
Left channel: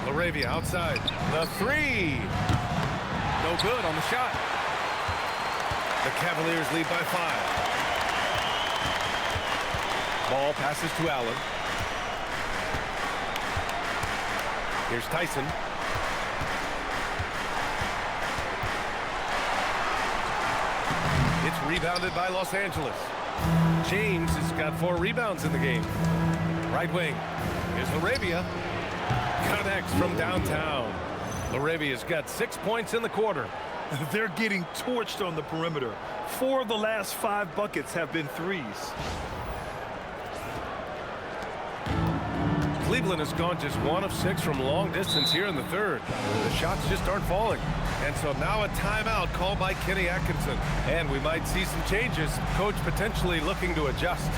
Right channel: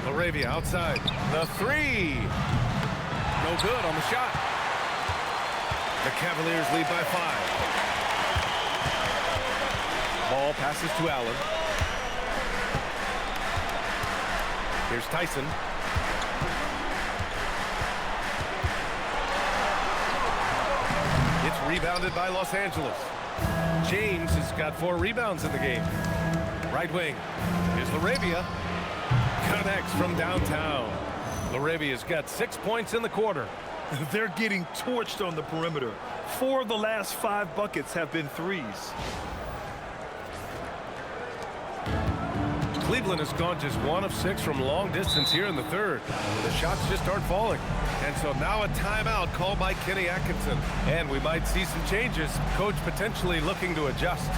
LaRavia outside. The 3. No good on the shot. The Cavaliers lead by 5. Ball passes to Allen. Here's Tyson. It's rebounded by Los Angeles. James has got 4 rebounds in the game. Right wing. Here's LaRavia. Connects from downtown. LaRavia's got 6 points in the quarter. They're getting torched on the perimeter. 4 of the last 5 buckets have been threes. Cleveland has gone just 1 of 6 from long distance here in the 3rd. The shots just aren't falling. And so now a timeout called by Kenny Atkinson. And we might see some changes. Coach potentially looking to adjust.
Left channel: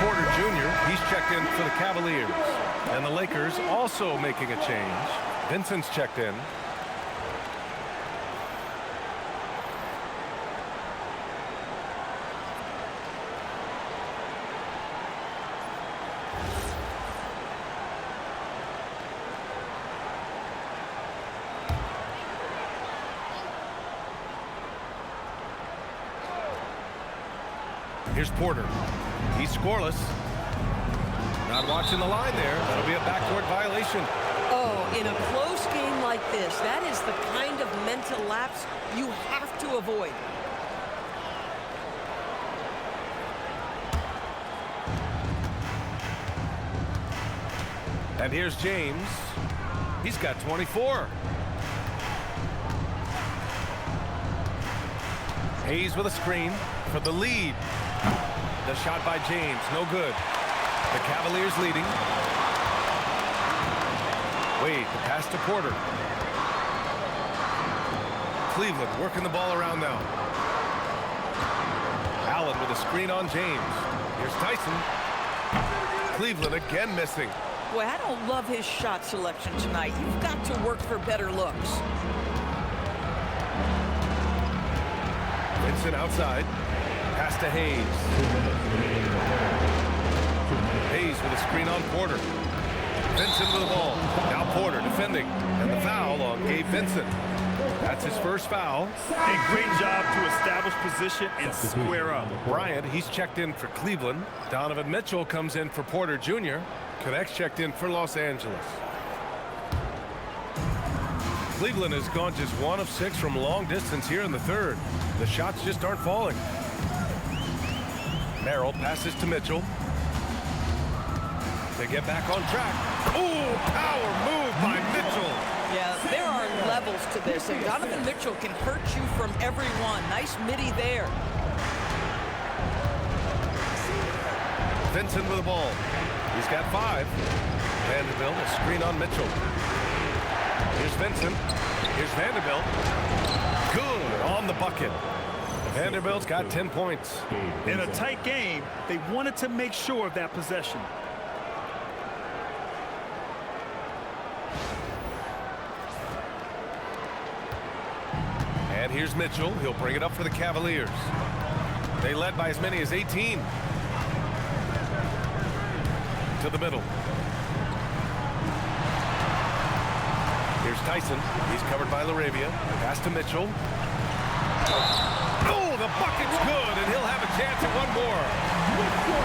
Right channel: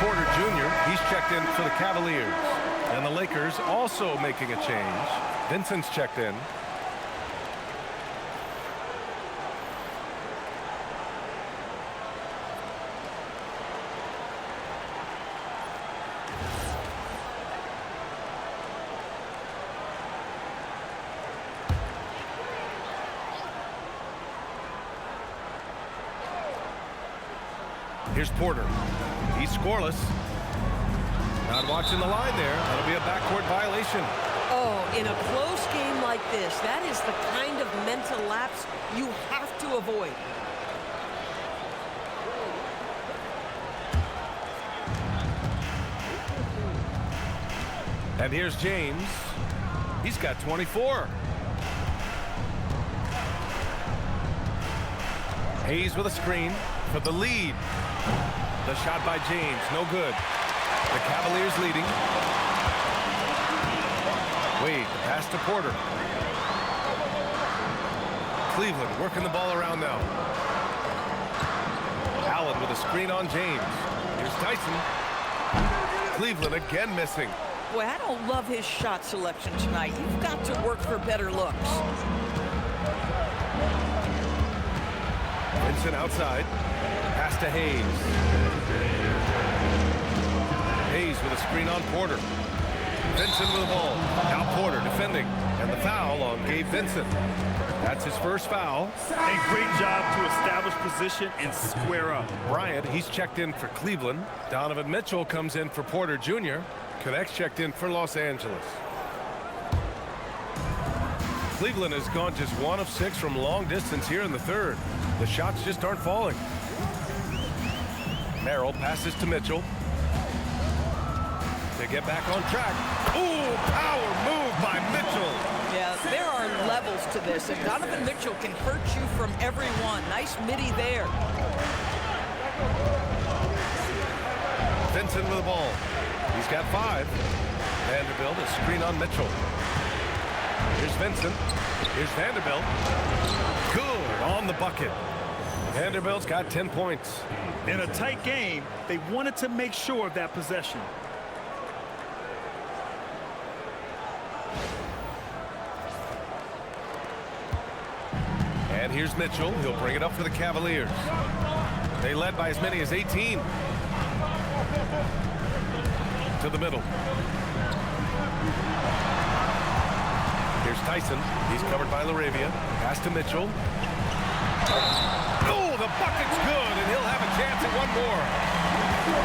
Porter Jr., he's checked in for the Cavaliers. And the Lakers also making a change. Vincent's checked in. Here's Porter. He's scoreless. Not watching the line there. That'll be a backcourt violation. Oh, in a close game like this, that is the kind of mental lapse you have to avoid. And here's James. He's got 24. Hayes with a screen for the lead. The shot by James, no good. The Cavaliers leading. Wade, the pass to Porter. Cleveland working the ball around now. Allen with a screen on James. Here's Tyson. Cleveland again missing. Boy, I don't love his shot selection tonight. You've got to work for better looks. Vincent outside. Pass to Hayes. Hayes with a screen on Porter. Vincent with the ball. Now Porter defending. And the foul on Gabe Vincent. That's his first foul. A great job to establish position and square up. Bryant, he's checked in for Cleveland. Donovan Mitchell comes in for Porter Jr. Connects checked in for Los Angeles. Cleveland has gone just 1 of 6 from long distance here in the third. The shots just aren't falling. Merrill passes to Mitchell. They get back on track. Ooh, power move by Mitchell. Yeah, there are levels to this, and Donovan Mitchell can hurt you from everyone. Nice midi there. Vincent with the ball. He's got 5. Vanderbilt, a screen on Mitchell. Here's Vincent. Here's Vanderbilt. Good on the bucket. Vanderbilt's got 10 points. In a tight game, they wanted to make sure of that possession. And here's Mitchell. He'll bring it up for the Cavaliers. They led by as many as 18. To the middle. Here's Tyson. He's covered by LaRavia. Pass to Mitchell. Oh, the bucket's good, and he'll have a chance at one more.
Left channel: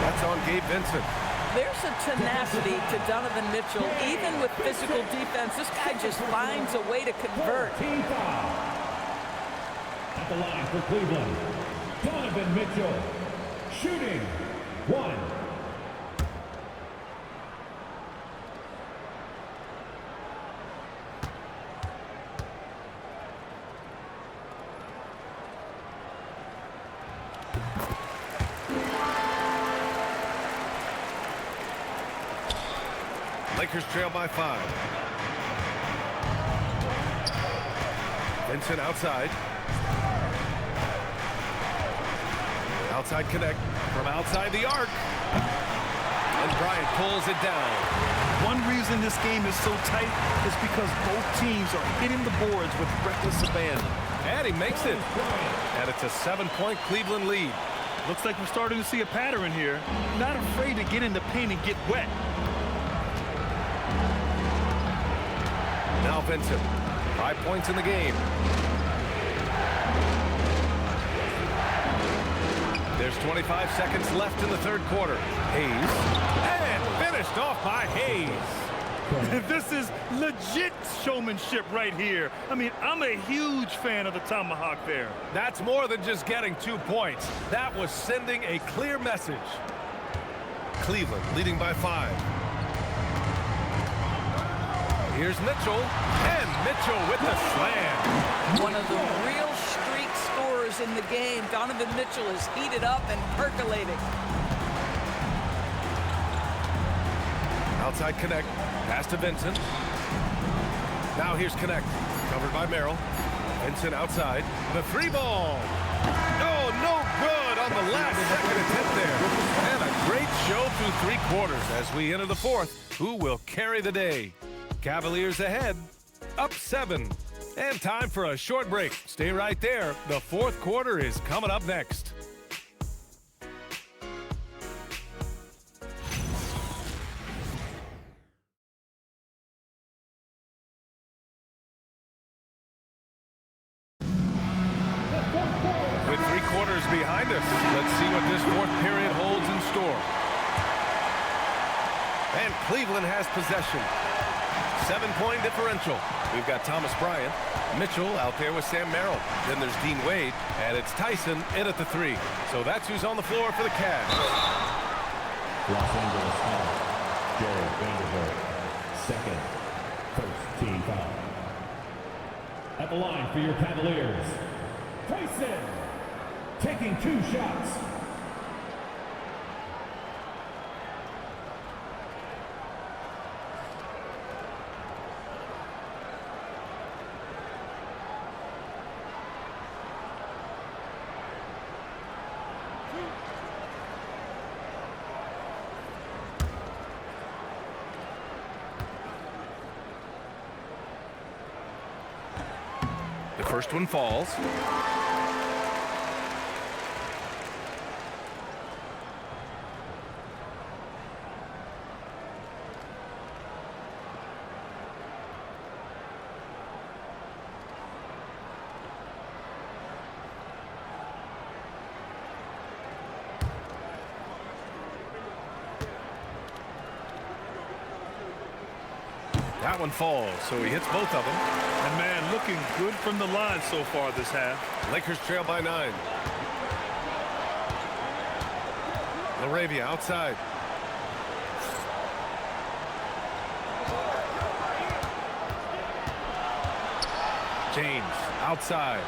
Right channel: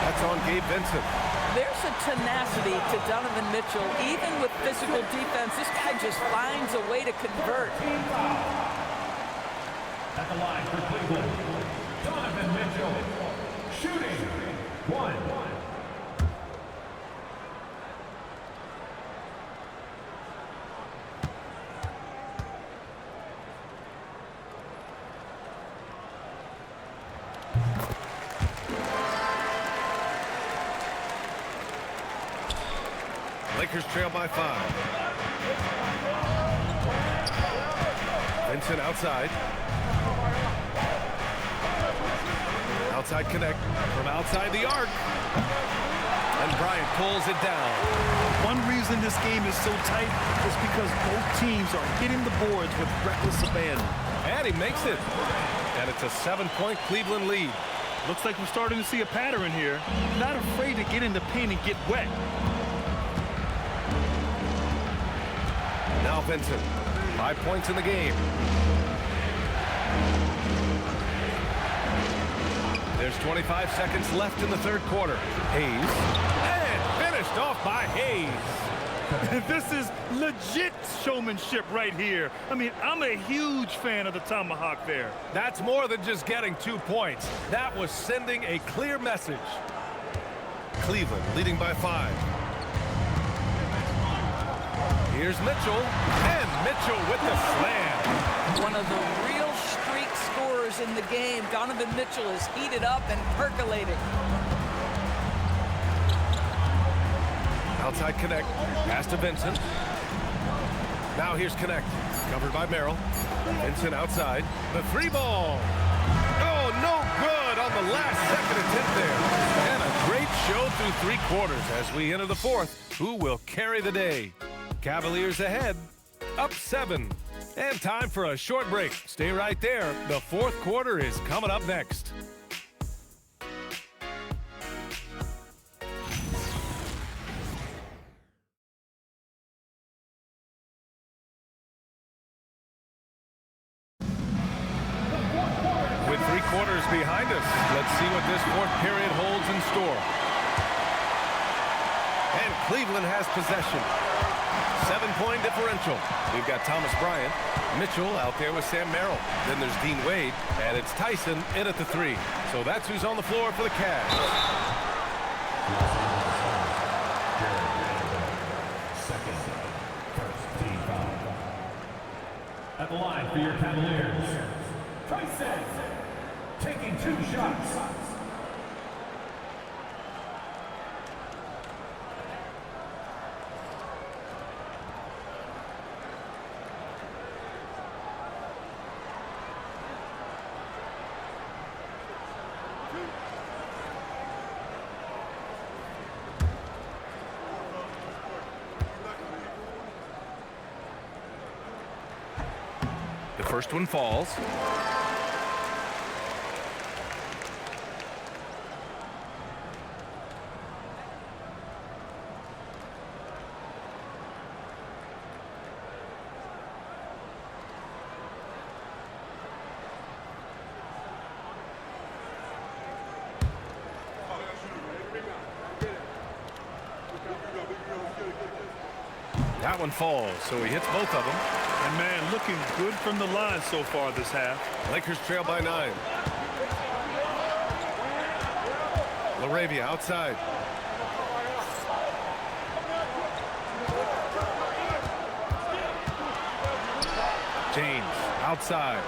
That's on Gabe Vincent. There's a tenacity to Donovan Mitchell. Even with physical defense, this guy just finds a way to convert. Team foul. At the line for Cleveland, Donovan Mitchell, shooting 1. Lakers trail by 5. Vincent outside. Outside connect from outside the arc. And Bryant pulls it down. One reason this game is so tight is because both teams are hitting the boards with reckless abandon. And he makes it. And it's a 7-point Cleveland lead. Looks like we're starting to see a pattern here. Not afraid to get in the paint and get wet. Now Vincent. 5 points in the game. There's 25 seconds left in the third quarter. Hayes. And finished off by Hayes. This is legit showmanship right here. I mean, I'm a huge fan of the tomahawk there. That's more than just getting 2 points. That was sending a clear message. Cleveland leading by 5. Here's Mitchell, and Mitchell with the slam. One of the real streak scorers in the game. Donovan Mitchell is heated up and percolating. Outside connect, pass to Vincent. Now here's connect, covered by Merrill. Vincent outside, the 3 ball. Oh, no good on the last second attempt there. And a great show through 3 quarters as we enter the 4th. Who will carry the day? Cavaliers ahead, up 7. And time for a short break. Stay right there. The 4th quarter is coming up next. With 3 quarters behind us, let's see what this 4th period holds in store. And Cleveland has possession. 7-point differential. We've got Thomas Bryant, Mitchell out there with Sam Merrill. Then there's Dean Wade, and it's Tyson in at the 3. So that's who's on the floor for the Cavs. Los Angeles foul. Jarrett Vanderbilt, second, first team foul. At the line for your Cavaliers, Tyson. taking 2 shots. The first one falls. That one falls, so he hits both of them. And man, looking good from the line so far this half. Lakers trail by 9. LaRavia outside. James outside.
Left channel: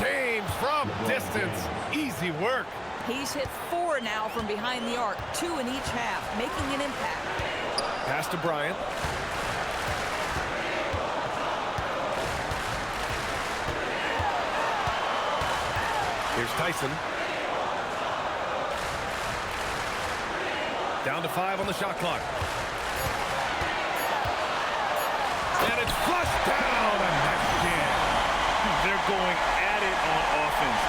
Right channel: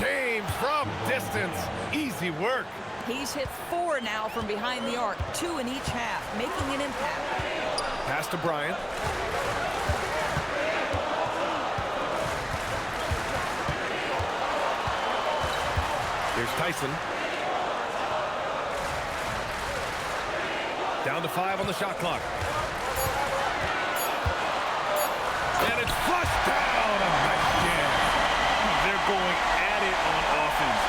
James from distance. Easy work. He's hit 4 now from behind the arc, 2 in each half, making an impact. Pass to Bryant. Here's Tyson. Down to 5 on the shot clock. And it's flushed down. A nice jam. They're going at it on offense.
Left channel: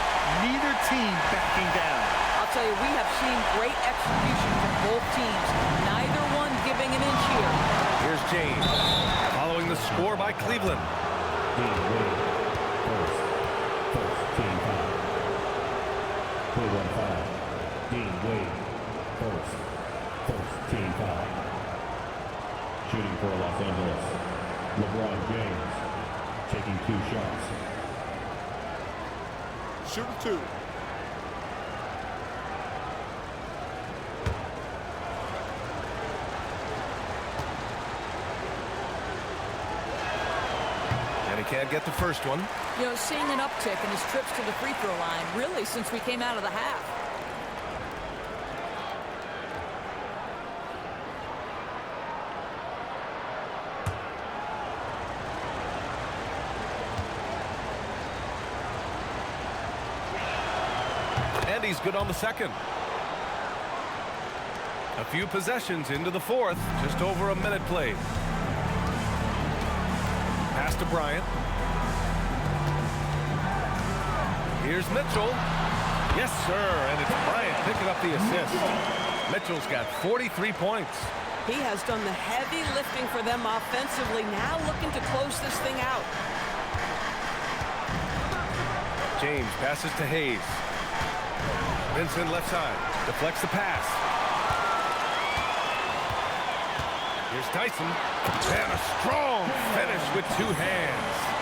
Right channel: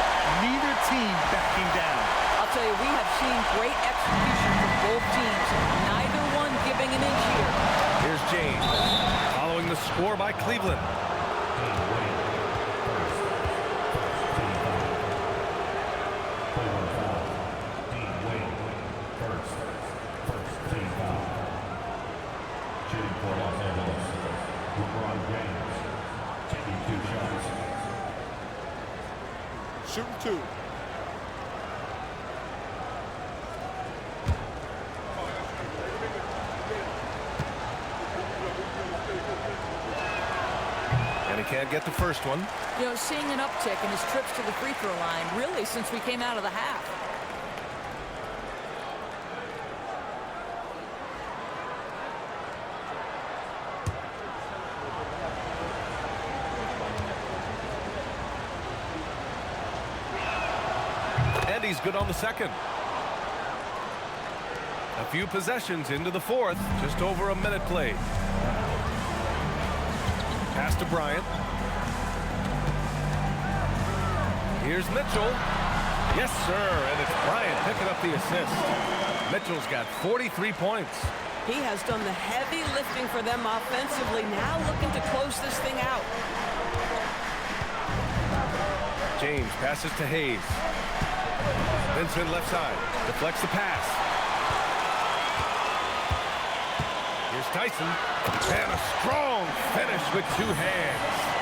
Neither team backing down. I'll tell you, we have seen great execution from both teams. Neither one giving an inch here. Here's James. Following the score by Cleveland. Cleveland foul. Dean Wade, first team foul. Shooting for Los Angeles, LeBron James, taking 2 shots. Shooting 2. And he can't get the first one. You know, seeing an uptick in his trips to the free throw line, really, since we came out of the half. And he's good on the second. A few possessions into the fourth, just over a minute played. Pass to Bryant. Here's Mitchell. Yes, sir, and it's Bryant picking up the assist. Mitchell's got 43 points. He has done the heavy lifting for them offensively, now looking to close this thing out. James passes to Hayes. Vincent left side, deflects the pass. Here's Tyson, and a strong finish with 2 hands.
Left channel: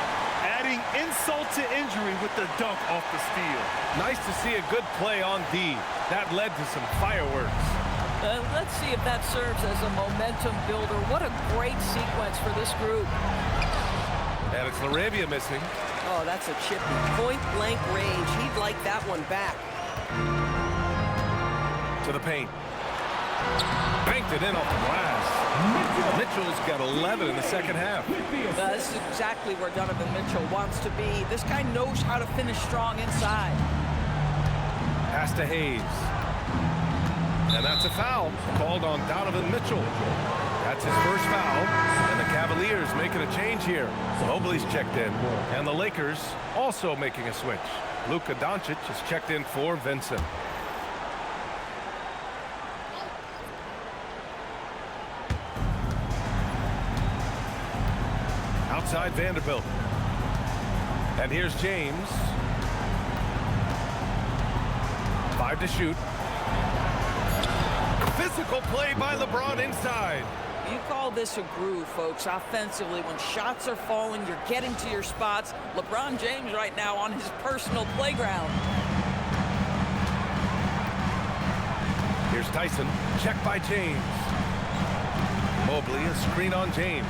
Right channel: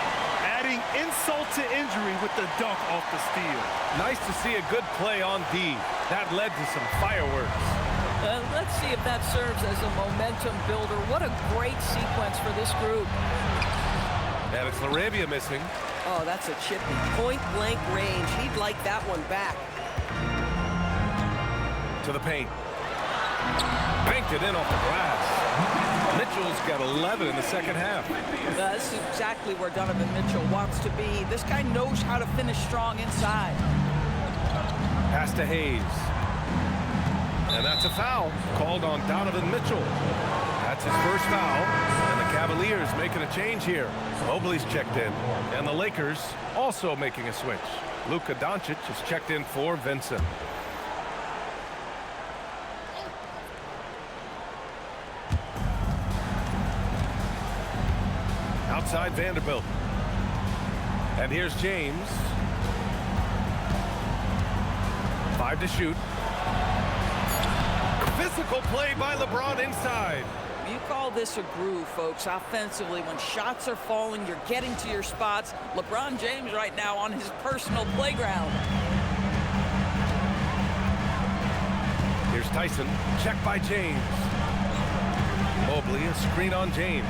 Adding insult to injury with the dunk off the steal. Nice to see a good play on D. That led to some fireworks. Let's see if that serves as a momentum builder. What a great sequence for this group. And it's LaRavia missing. Oh, that's a chippy. Point-blank range. He'd like that one back. To the paint. Banked it in off the glass. Mitchell's got 11 in the second half. This is exactly where Donovan Mitchell wants to be. This guy knows how to finish strong inside. Pass to Hayes. And that's a foul called on Donovan Mitchell. That's his first foul. And the Cavaliers making a change here. Mobley's checked in. And the Lakers also making a switch. Luka Dončić is checked in for Vincent. Outside Vanderbilt. And here's James. 5 to shoot. Physical play by LeBron inside. You call this a groove, folks. Offensively, when shots are falling, you're getting to your spots. LeBron James right now on his personal playground. Here's Tyson. Check by James. Mobley, a screen on James.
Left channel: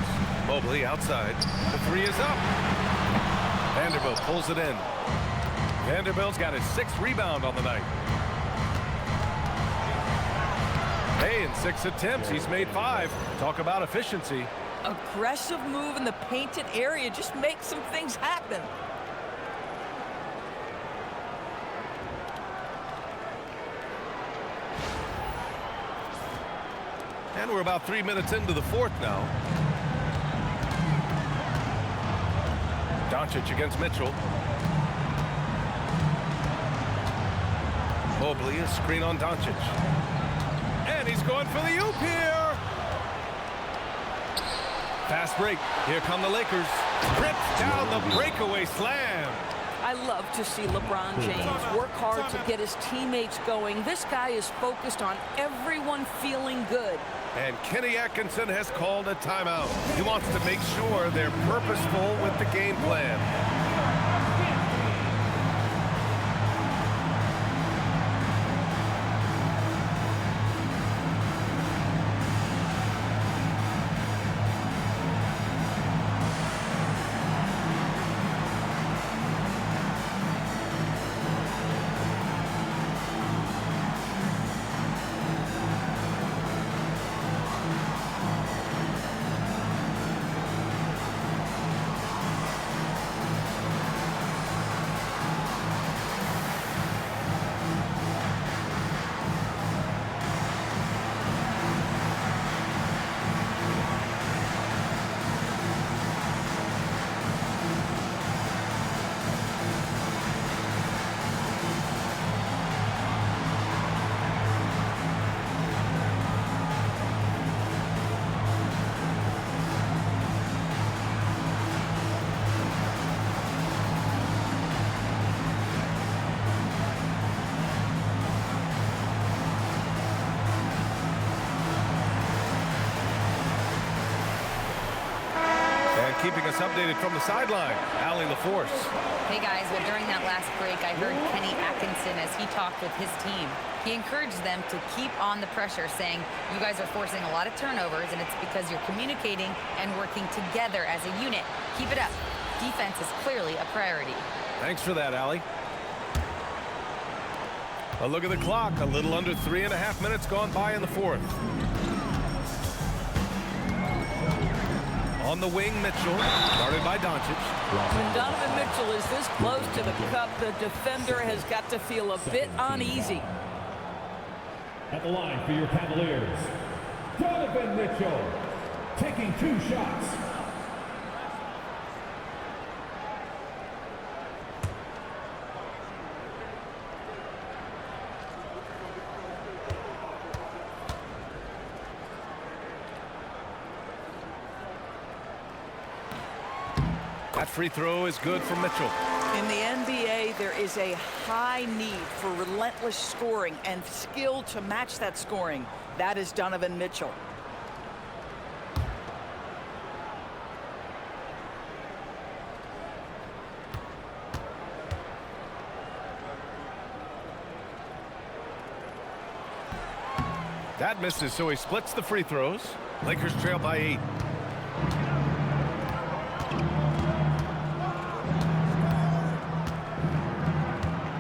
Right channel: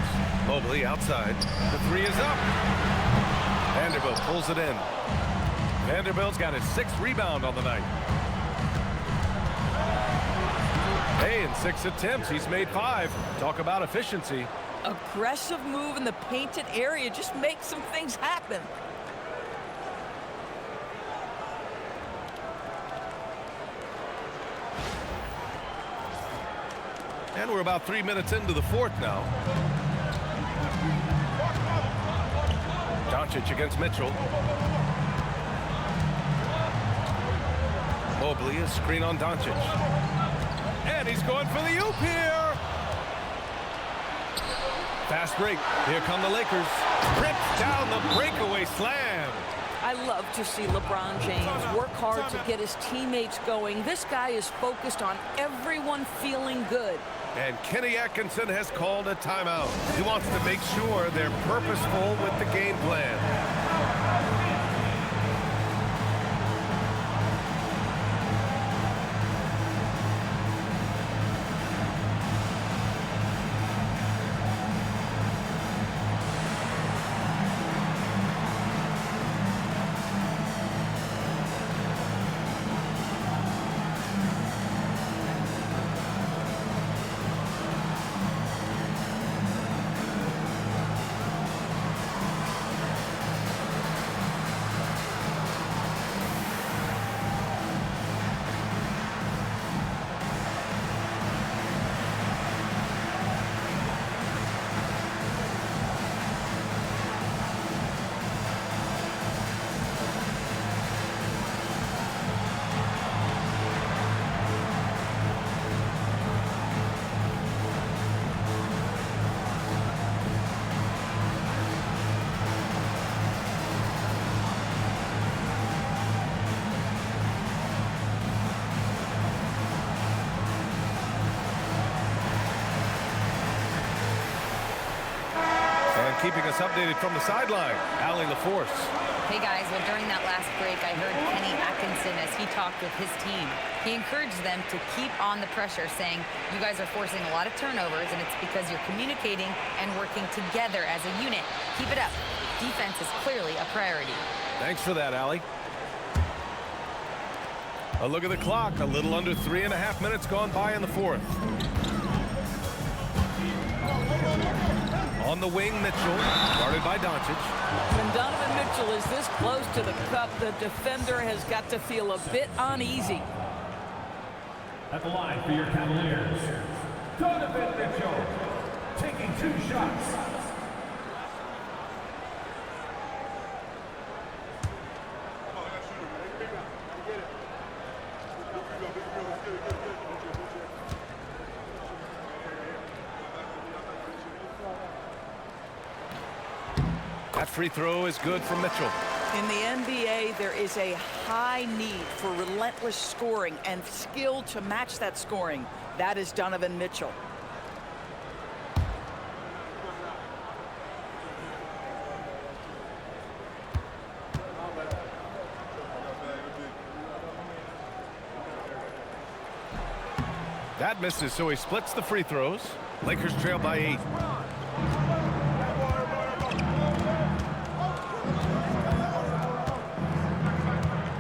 Mobley outside. The 3 is up. Vanderbilt pulls it in. Vanderbilt's got his 6th rebound on the night. Hey, in 6 attempts, he's made 5. Talk about efficiency. Aggressive move in the painted area. Just make some things happen. And we're about 3 minutes into the 4th now. Dončić against Mitchell. Mobley, a screen on Dončić. And he's going for the oop here. Fast break. Here come the Lakers. Trips down the breakaway slam. I love to see LeBron James work hard to get his teammates going. This guy is focused on everyone feeling good. And Kenny Atkinson has called a timeout. He wants to make sure they're purposeful with the game plan. Keeping us updated from the sideline, Allie LaForce. Hey guys, well during that last break I heard Kenny Atkinson as he talked with his team. He encouraged them to keep on the pressure, saying you guys are forcing a lot of turnovers and it's because you're communicating and working together as a unit. Keep it up. Defense is clearly a priority. Thanks for that, Allie. A look at the clock, a little under 3.5 minutes gone by in the 4th. On the wing, Mitchell, guarded by Dončić. When Donovan Mitchell is this close to the cup, the defender has got to feel a bit uneasy. At the line for your Cavaliers, Donovan Mitchell, taking 2 shots. That free throw is good for Mitchell. In the NBA, there is a high need for relentless scoring and skill to match that scoring. That is Donovan Mitchell. That misses, so he splits the free throws. Lakers trail by 8.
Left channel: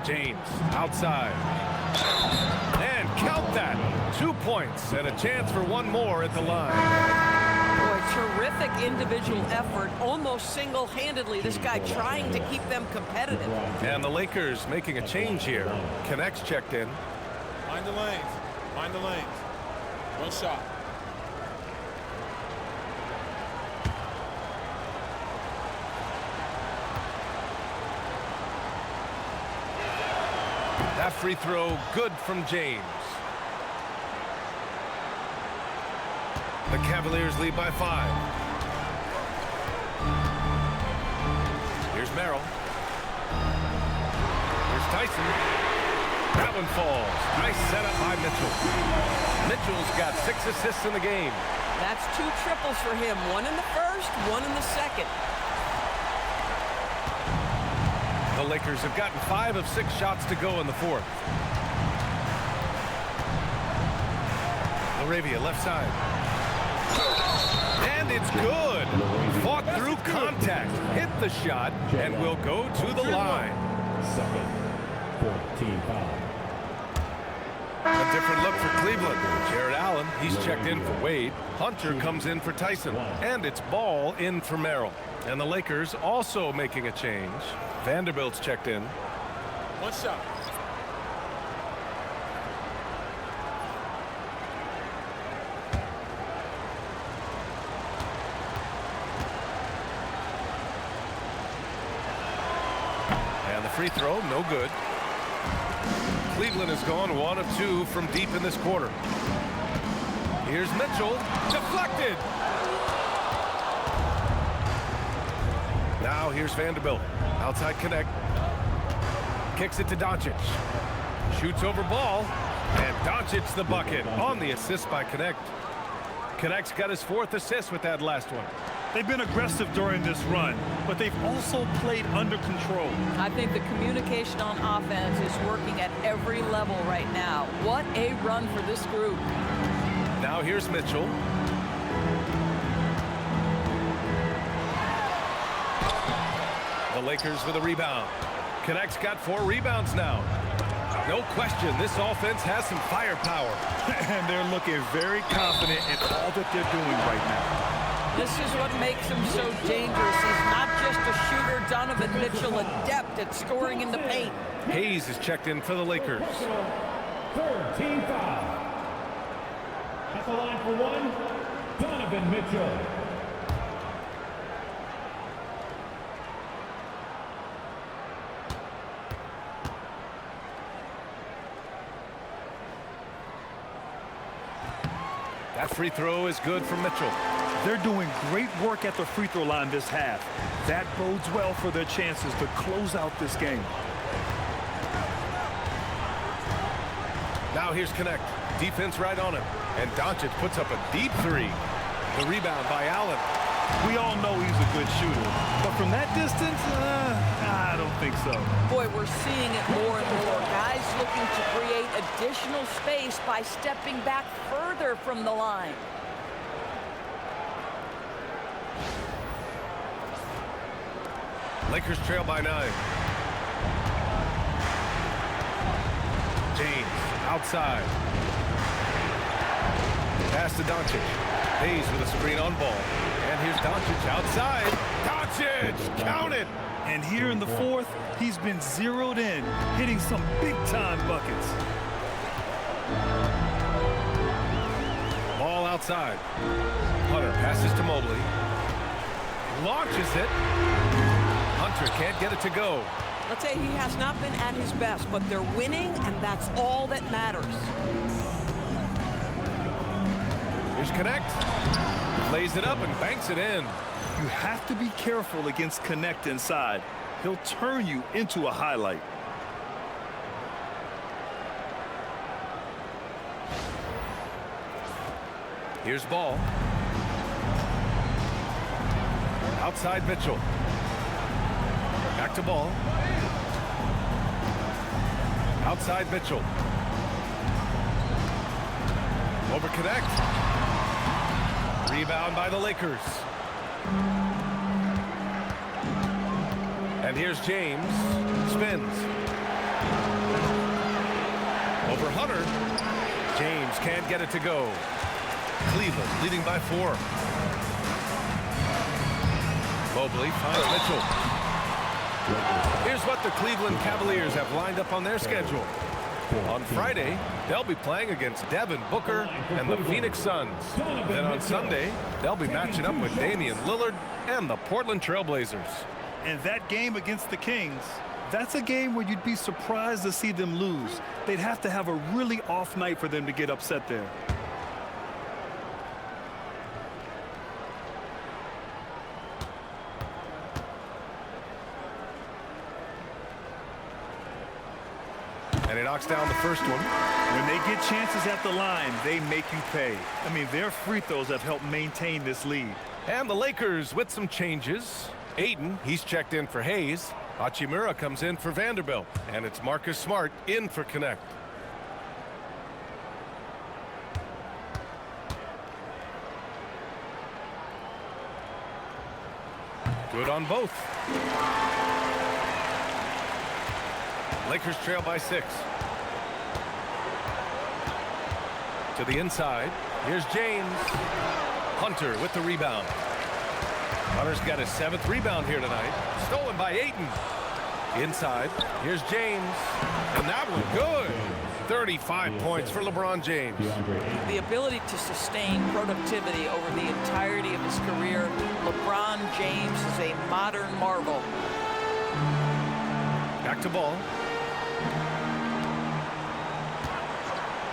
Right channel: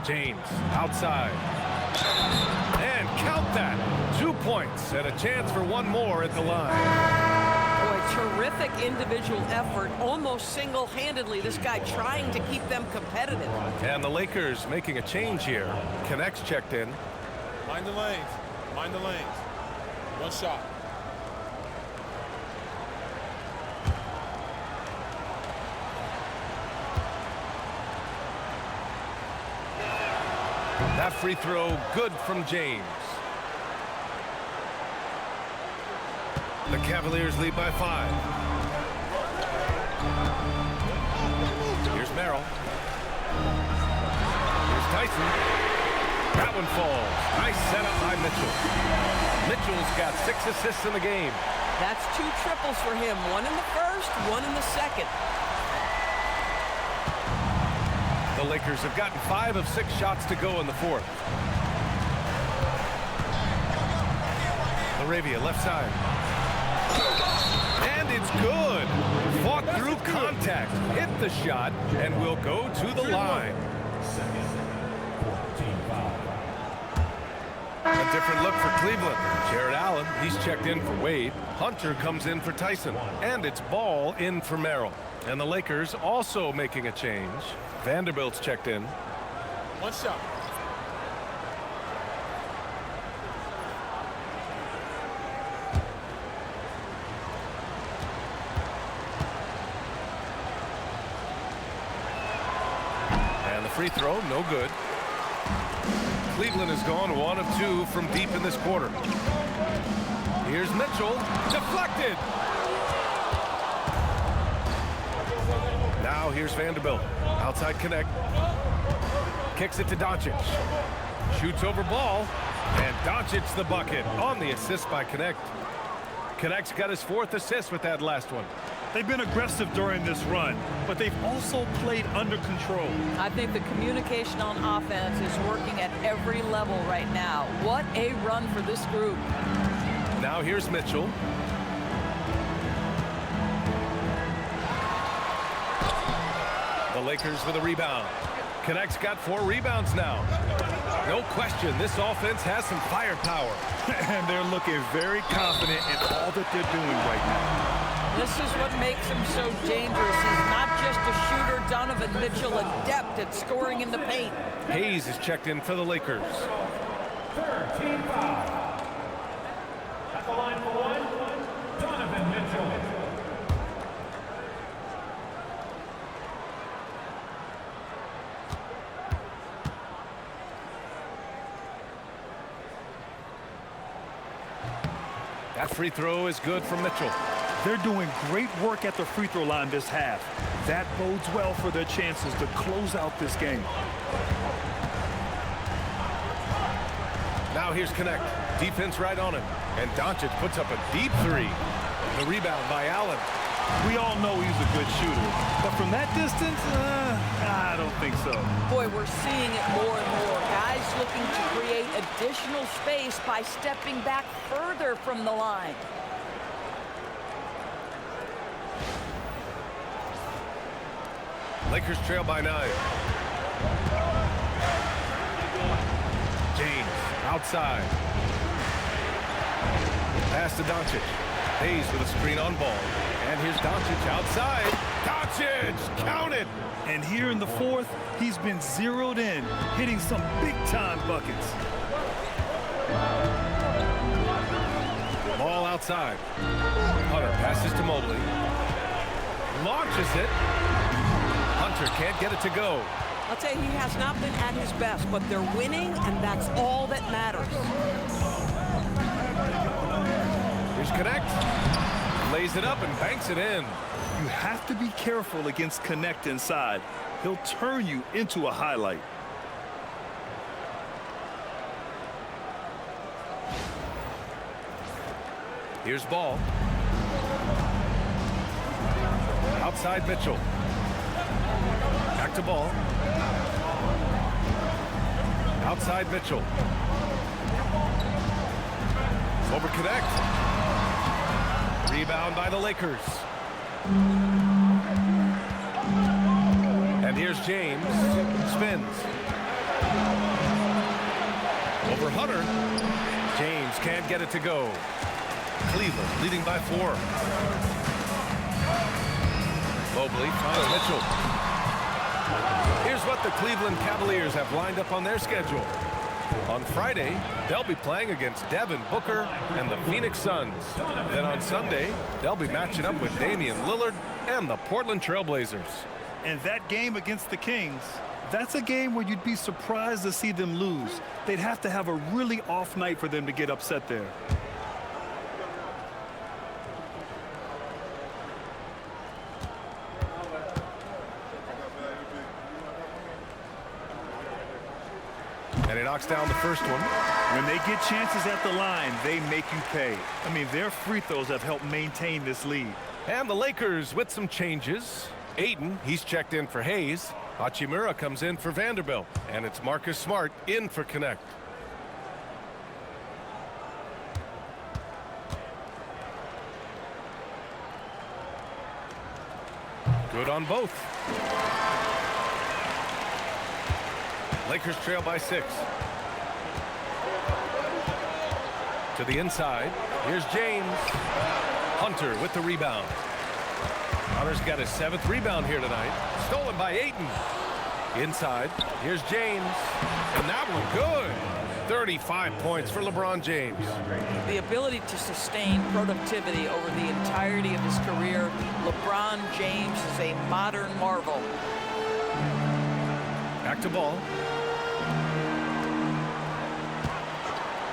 James outside. And count that. 2 points and a chance for one more at the line. Boy, terrific individual effort, almost single-handedly. This guy trying to keep them competitive. And the Lakers making a change here. Connects checked in. Mind the lanes. Mind the lanes. 1 shot. That free throw good from James. The Cavaliers lead by 5. Here's Merrill. Here's Tyson. That one falls. Nice setup by Mitchell. Mitchell's got 6 assists in the game. That's 2 triples for him. 1 in the first, 1 in the second. The Lakers have gotten 5 of 6 shots to go in the 4th. LaRavia left side. And it's good. Fought through contact. Hit the shot and will go to the line. Second for team foul. A different look for Cleveland. Jarrett Allen, he's checked in for Wade. Hunter comes in for Tyson. And it's Ball in for Merrill. And the Lakers also making a change. Vanderbilt's checked in. One shot. And the free throw, no good. Cleveland has gone 1 of 2 from deep in this quarter. Here's Mitchell, deflected. Now here's Vanderbilt, outside Connect. Kicks it to Dončić. Shoots over Ball, and Dončić the bucket on the assist by Connect. Connect's got his 4th assist with that last one. They've been aggressive during this run, but they've also played under control. I think the communication on offense is working at every level right now. What a run for this group. Now here's Mitchell. The Lakers with a rebound. Connect's got 4 rebounds now. No question, this offense has some firepower. And they're looking very confident in all that they're doing right now. This is what makes him so dangerous. He's not just a shooter. Donovan Mitchell, adept at scoring in the paint. Hayes is checked in for the Lakers. Third team foul. At the line for 1, Donovan Mitchell. That free throw is good from Mitchell. They're doing great work at the free throw line this half. That bodes well for their chances to close out this game. Now here's Connect. Defense right on him. And Dončić puts up a deep 3. The rebound by Allen. We all know he's a good shooter, but from that distance, I don't think so. Boy, we're seeing it more and more. Guys looking to create additional space by stepping back further from the line. Lakers trail by 9. James outside. Pass to Dončić. Hayes with a screen on Ball. And here's Dončić outside. Dončić, count it. And here in the 4th, he's been zeroed in, hitting some big-time buckets. Ball outside. Hunter passes to Mobley. Launches it. Hunter can't get it to go. I'll tell you, he has not been at his best, but they're winning, and that's all that matters. Here's Connect. Lays it up and banks it in. You have to be careful against Connect inside. He'll turn you into a highlight. Here's Ball. Outside Mitchell. Back to Ball. Outside Mitchell. Over Connect. Rebound by the Lakers. And here's James. Spins. Over Hunter. James can't get it to go. Cleveland leading by 4. Mobley finds Mitchell. Here's what the Cleveland Cavaliers have lined up on their schedule. On Friday, they'll be playing against Devin Booker and the Phoenix Suns. Then on Sunday, they'll be matching up with Damian Lillard and the Portland Trail Blazers. And that game against the Kings, that's a game where you'd be surprised to see them lose. They'd have to have a really off night for them to get upset there. And he knocks down the first one. When they get chances at the line, they make you pay. I mean, their free throws have helped maintain this lead. And the Lakers with some changes. Ayton, he's checked in for Hayes. Hachimura comes in for Vanderbilt. And it's Marcus Smart in for Connect. Good on both. Lakers trail by 6. To the inside. Here's James. Hunter with the rebound. Hunter's got his 7th rebound here tonight. Stolen by Ayton. Inside. Here's James. And that one good. 35 points for LeBron James. The ability to sustain productivity over the entirety of his career. LeBron James is a modern marvel. Back to ball.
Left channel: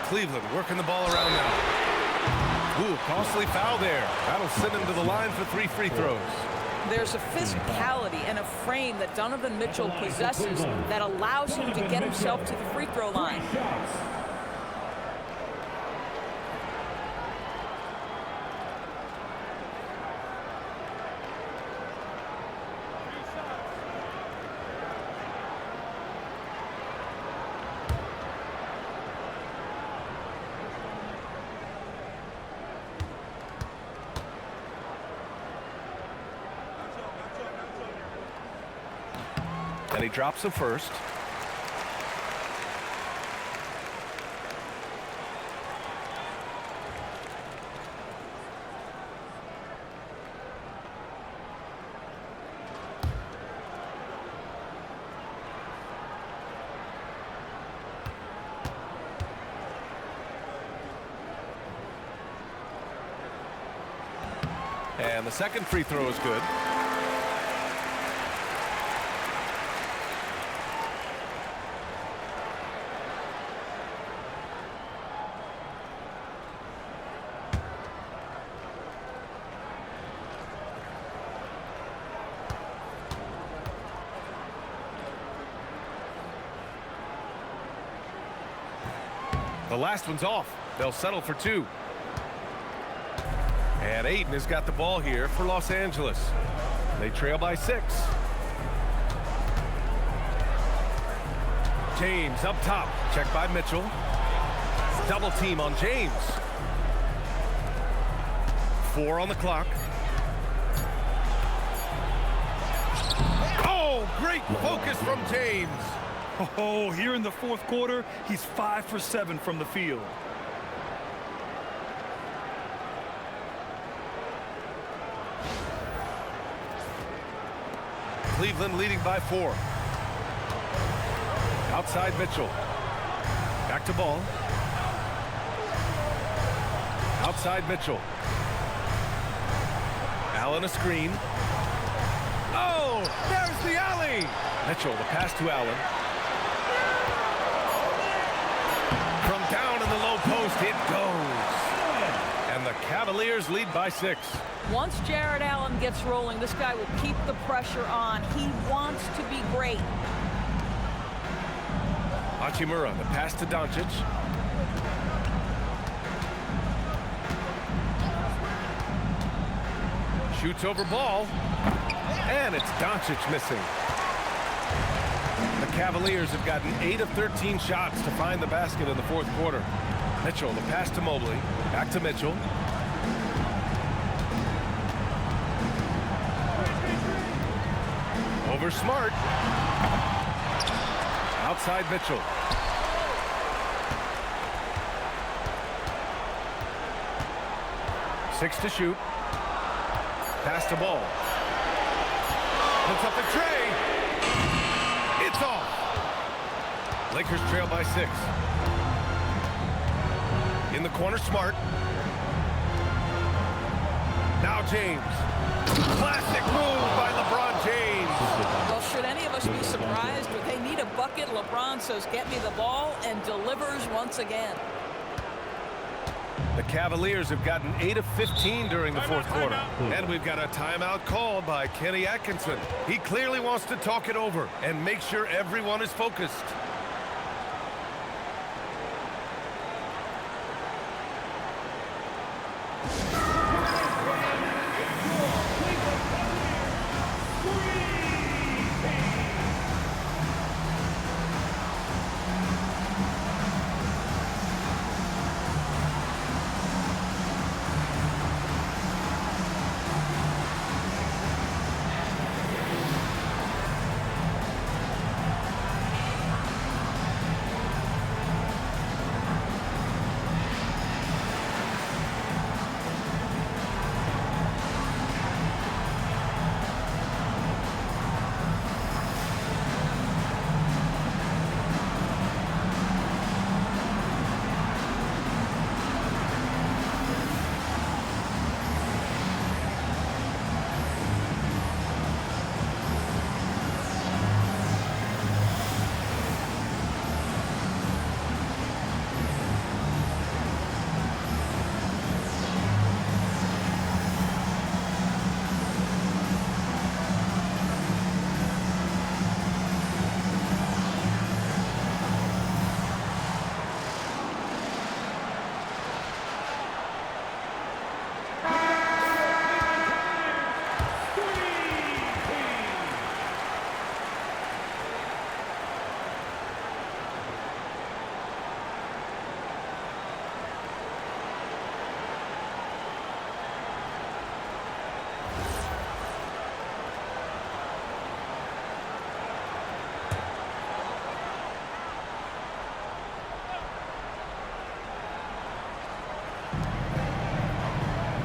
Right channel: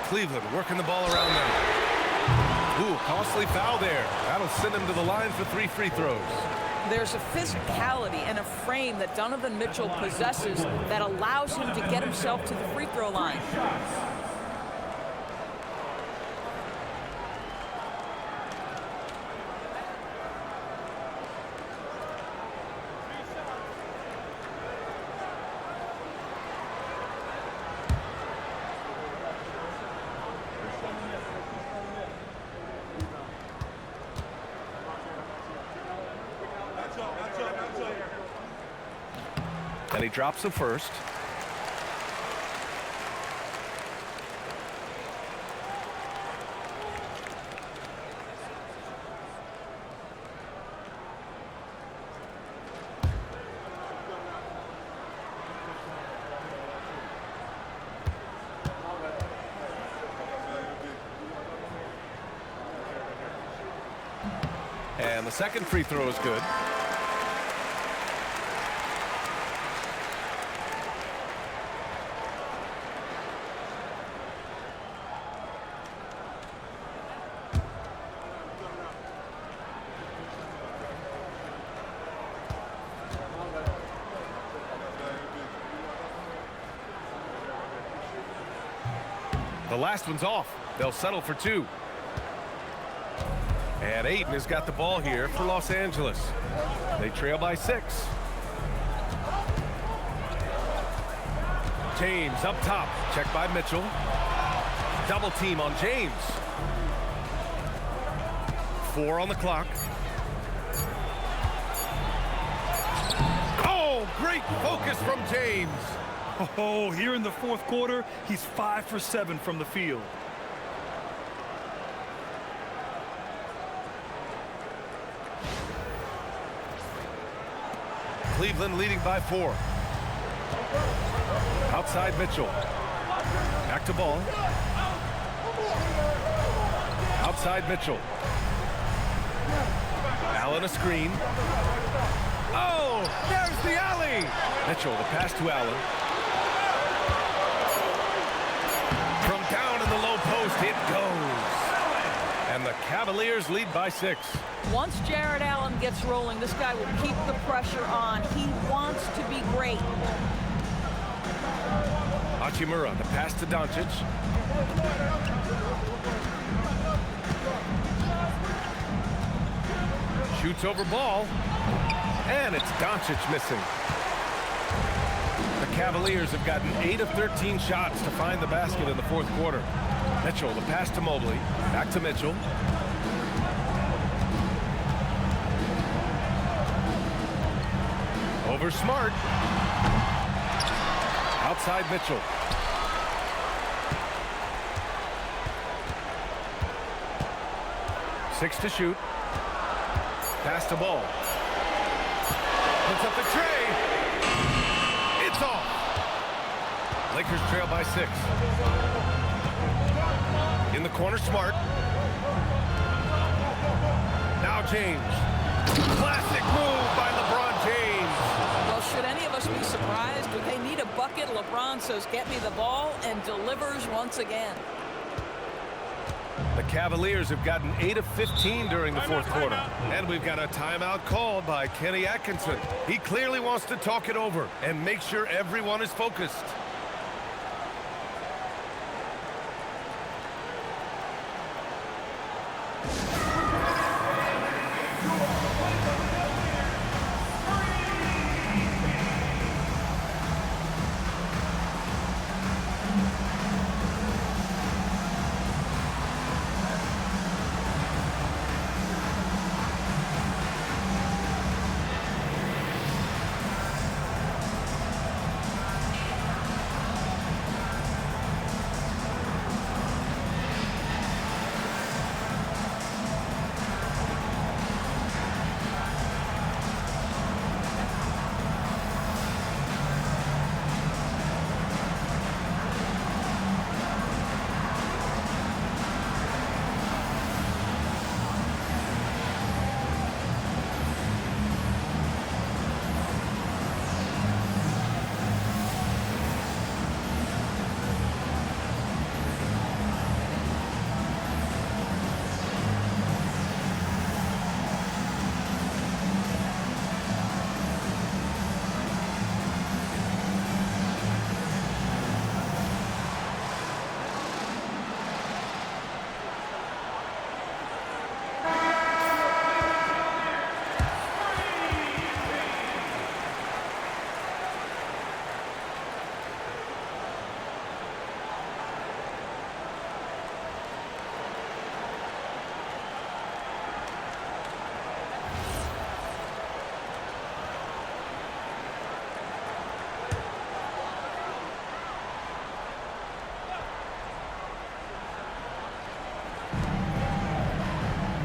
Cleveland working the ball around now. Ooh, costly foul there. That'll send him to the line for 3 free throws. There's a physicality and a frame that Donovan Mitchell possesses that allows him to get himself to the free throw line. And he drops the first. And the second free throw is good. The last one's off. They'll settle for 2. And Ayton has got the ball here for Los Angeles. They trail by 6. James up top. Checked by Mitchell. Double team on James. 4 on the clock. Oh, great focus from James. Oh, here in the 4th quarter, he's 5 for 7 from the field. Cleveland leading by 4. Outside Mitchell. Back to ball. Outside Mitchell. Allen a screen. Oh, there's the alley. Mitchell, the pass to Allen. From down in the low post, it goes. And the Cavaliers lead by 6. Once Jarrett Allen gets rolling, this guy will keep the pressure on. He wants to be great. Hachimura, the pass to Dončić. Shoots over ball. And it's Dončić missing. The Cavaliers have gotten 8 of 13 shots to find the basket in the 4th quarter. Mitchell, the pass to Mobley. Back to Mitchell. Over Smart. Outside Mitchell. Six to shoot. Pass to ball. Puts up the tray. It's off. Lakers trail by 6. In the corner, Smart. Now James. Classic move by LeBron James. Well, should any of us be surprised? They need a bucket. LeBron says, get me the ball, and delivers once again. The Cavaliers have gotten 8 of 15 during the 4th quarter. And we've got a timeout called by Kenny Atkinson. He clearly wants to talk it over and make sure everyone is focused.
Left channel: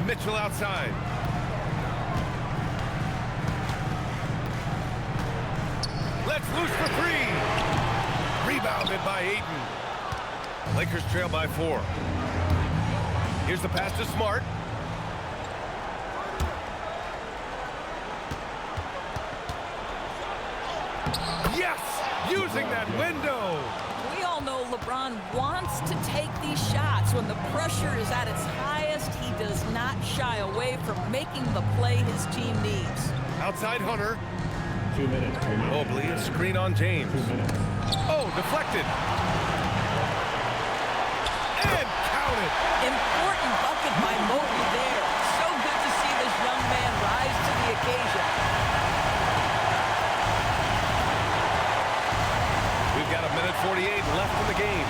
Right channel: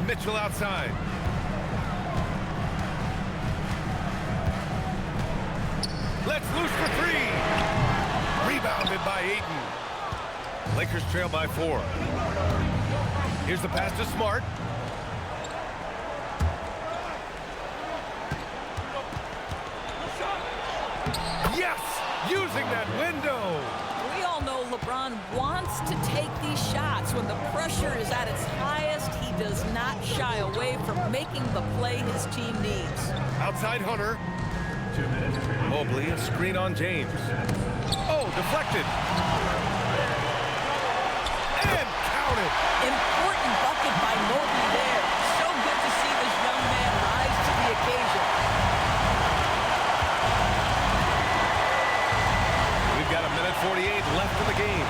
Mitchell outside. Let's loose for three. Rebounded by Ayton. Lakers trail by 4. Here's the pass to Smart. Yes! Using that window. We all know LeBron wants to take these shots. When the pressure is at its highest, he does not shy away from making the play his team needs. Outside Hunter. 2 minutes. Mobley, a screen on James. Oh, deflected. And counted. Important bucket by Mobley there. So good to see this young man rise to the occasion. We've got 1:48 left in the game.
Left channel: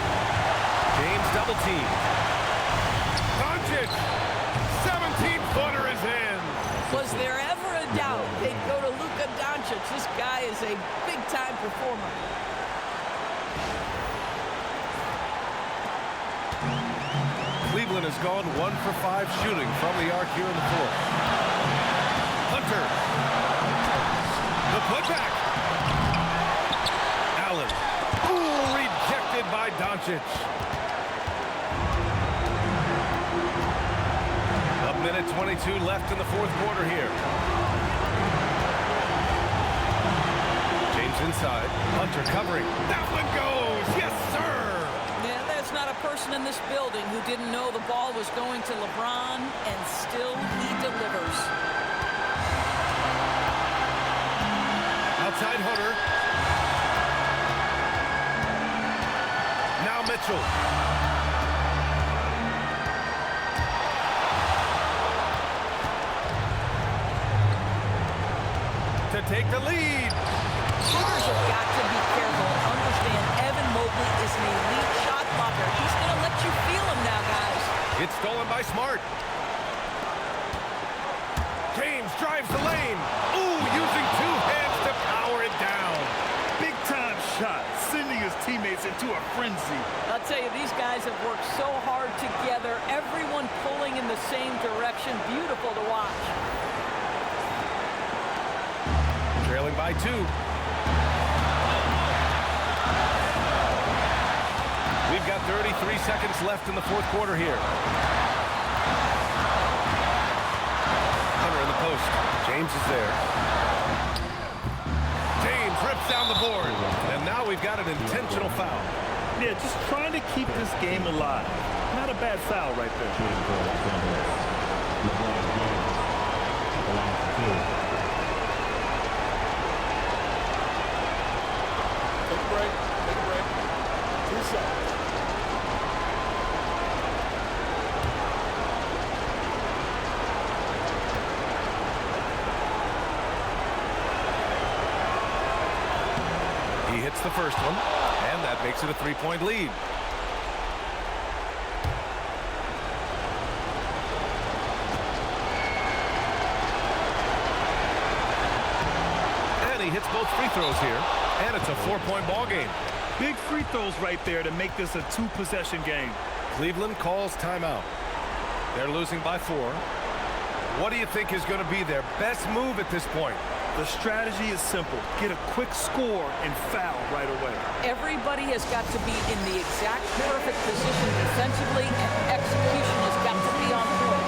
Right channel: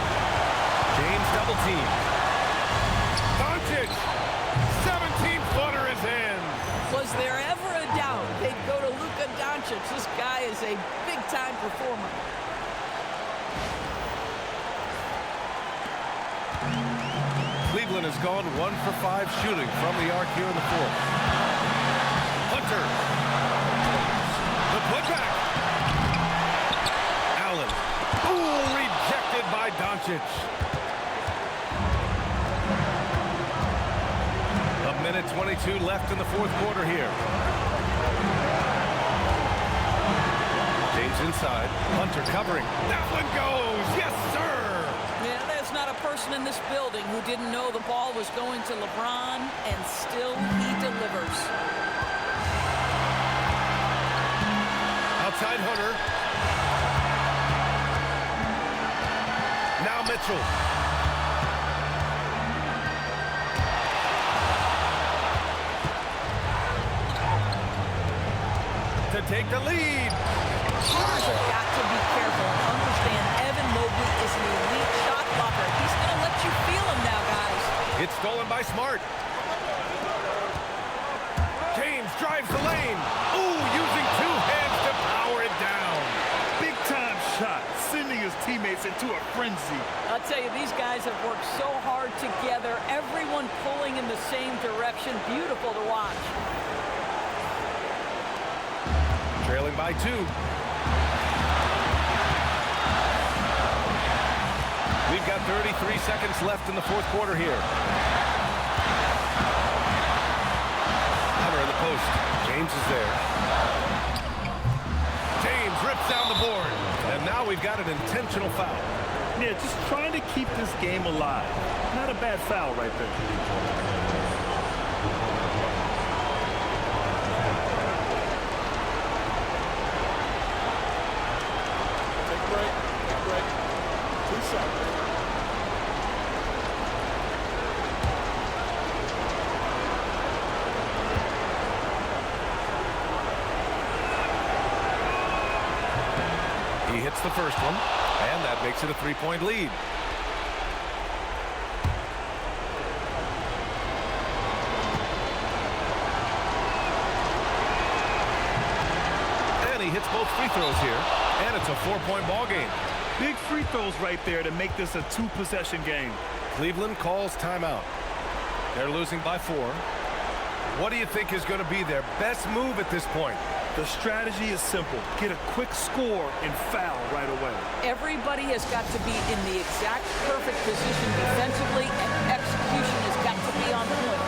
James double teamed. Dončić, 17-footer is in. Was there ever a doubt they'd go to Luka Dončić? This guy is a big-time performer. Cleveland has gone 1 for 5 shooting from the arc here in the 4th. Hunter. The putback. Allen. Ooh, rejected by Dončić. 1:22 left in the 4th quarter here. James inside. Hunter covering. That one goes. Yes, sir. Yeah, there's not a person in this building who didn't know the ball was going to LeBron, and still he delivers. Outside Hunter. Now Mitchell. To take the lead. Shooters have got to be careful and understand Evan Mobley is an elite shot blocker. He's going to let you feel him now, guys. It's stolen by Smart. James drives the lane. Ooh, using 2 hands to power it down. Big-time shot, sending his teammates into a frenzy. I'll tell you, these guys have worked so hard together. Everyone pulling in the same direction. Beautiful to watch. Trailing by 2. We've got 33 seconds left in the 4th quarter here. Hunter in the post. James is there. James rips down the board. And now we've got an intentional foul. Yeah, just trying to keep this game alive. Not a bad foul right there. Take a break. Take a break. 2 shots. He hits the first one, and that makes it a 3-point lead. And he hits both free throws here, and it's a 4-point ball game. Big free throws right there to make this a 2-possession game. Cleveland calls timeout. They're losing by 4. What do you think is going to be their best move at this point? The strategy is simple. Get a quick score and foul right away. Everybody has got to be in the exact perfect position defensively, and execution has got to be on point.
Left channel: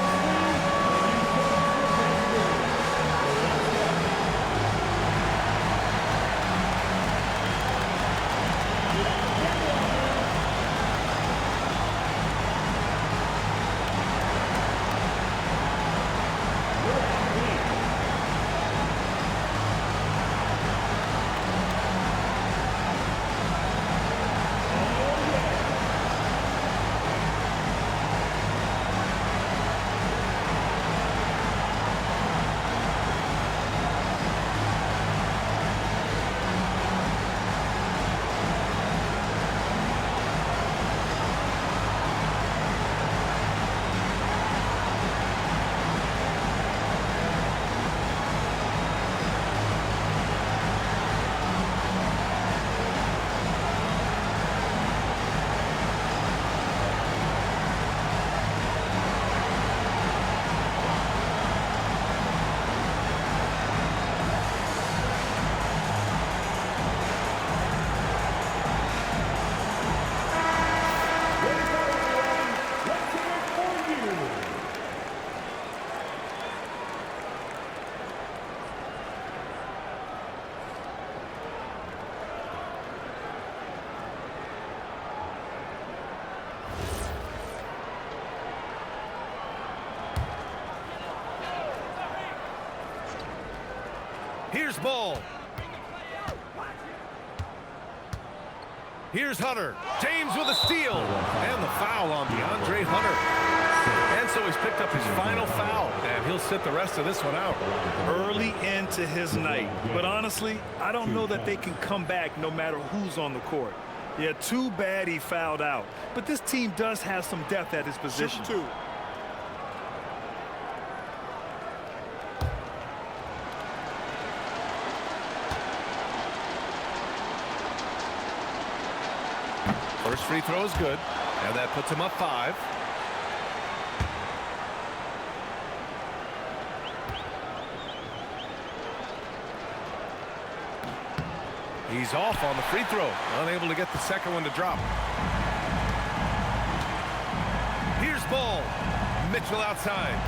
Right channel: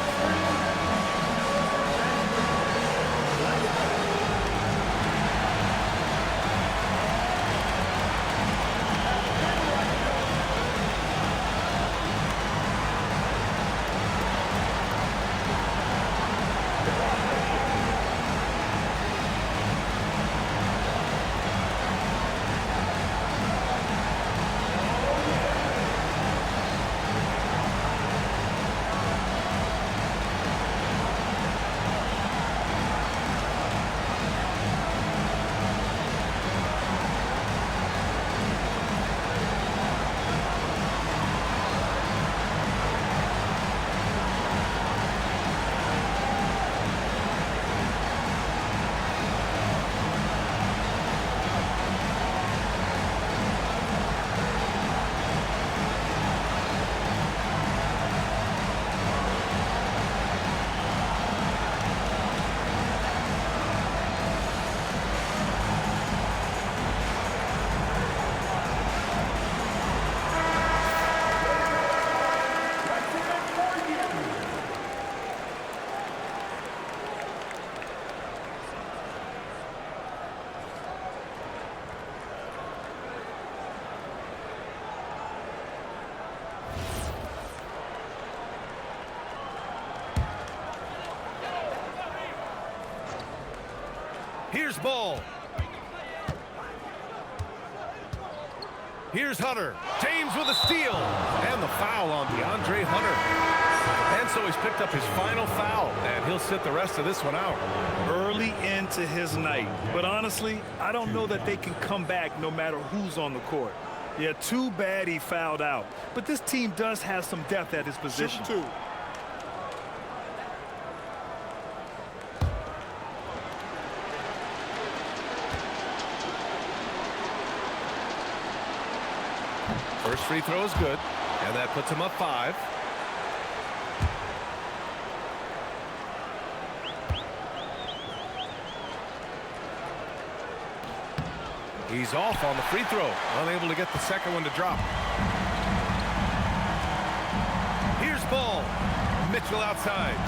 Here's Ball. Here's Hunter. James with a steal. And the foul on Deandre Hunter. And so he's picked up his final foul, and he'll sit the rest of this one out. Early into his night. But honestly, I don't know that they can come back no matter who's on the court. Yeah, too bad he fouled out. But this team does have some depth at his position. Shoot 2. First free throw is good, and that puts him up 5. He's off on the free throw, unable to get the second one to drop. Here's Ball. Mitchell outside.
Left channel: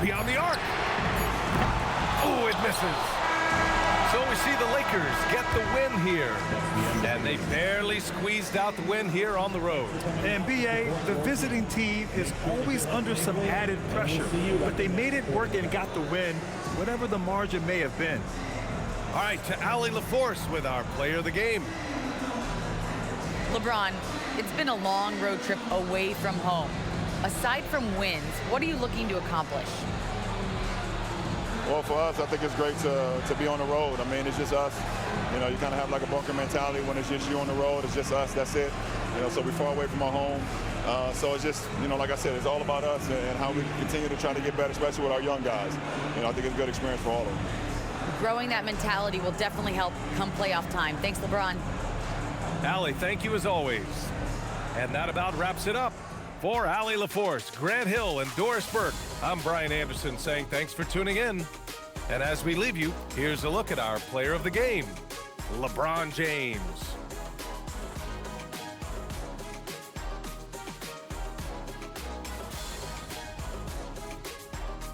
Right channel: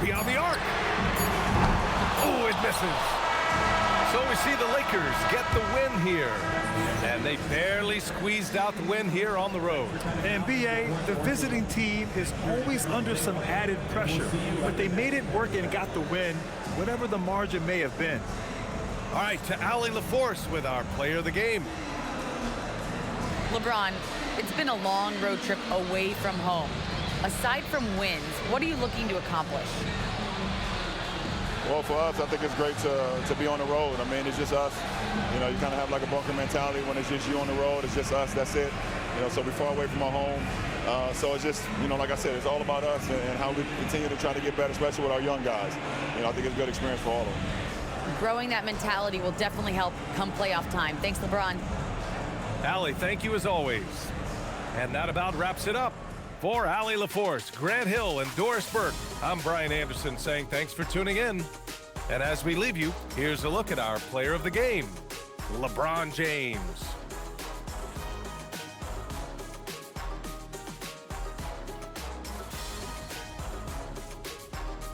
Beyond the arc. Oh, it misses. So we see the Lakers get the win here. And they barely squeezed out the win here on the road. And B.A., the visiting team is always under some added pressure. But they made it work and got the win, whatever the margin may have been. All right, to Allie LaForce with our player of the game. LeBron, it's been a long road trip away from home. Aside from wins, what are you looking to accomplish? Well, for us, I think it's great to be on the road. I mean, it's just us. You know, you kind of have like a bunker mentality when it's just you on the road. It's just us. That's it. You know, so we're far away from our home. So it's just, you know, like I said, it's all about us and how we continue to try to get better, especially with our young guys. You know, I think it's a good experience for all of them. Growing that mentality will definitely help come playoff time. Thanks, LeBron. Allie, thank you as always. And that about wraps it up. For Allie LaForce, Grant Hill, and Doris Burke, I'm Brian Anderson saying thanks for tuning in. And as we leave you, here's a look at our player of the game, LeBron James.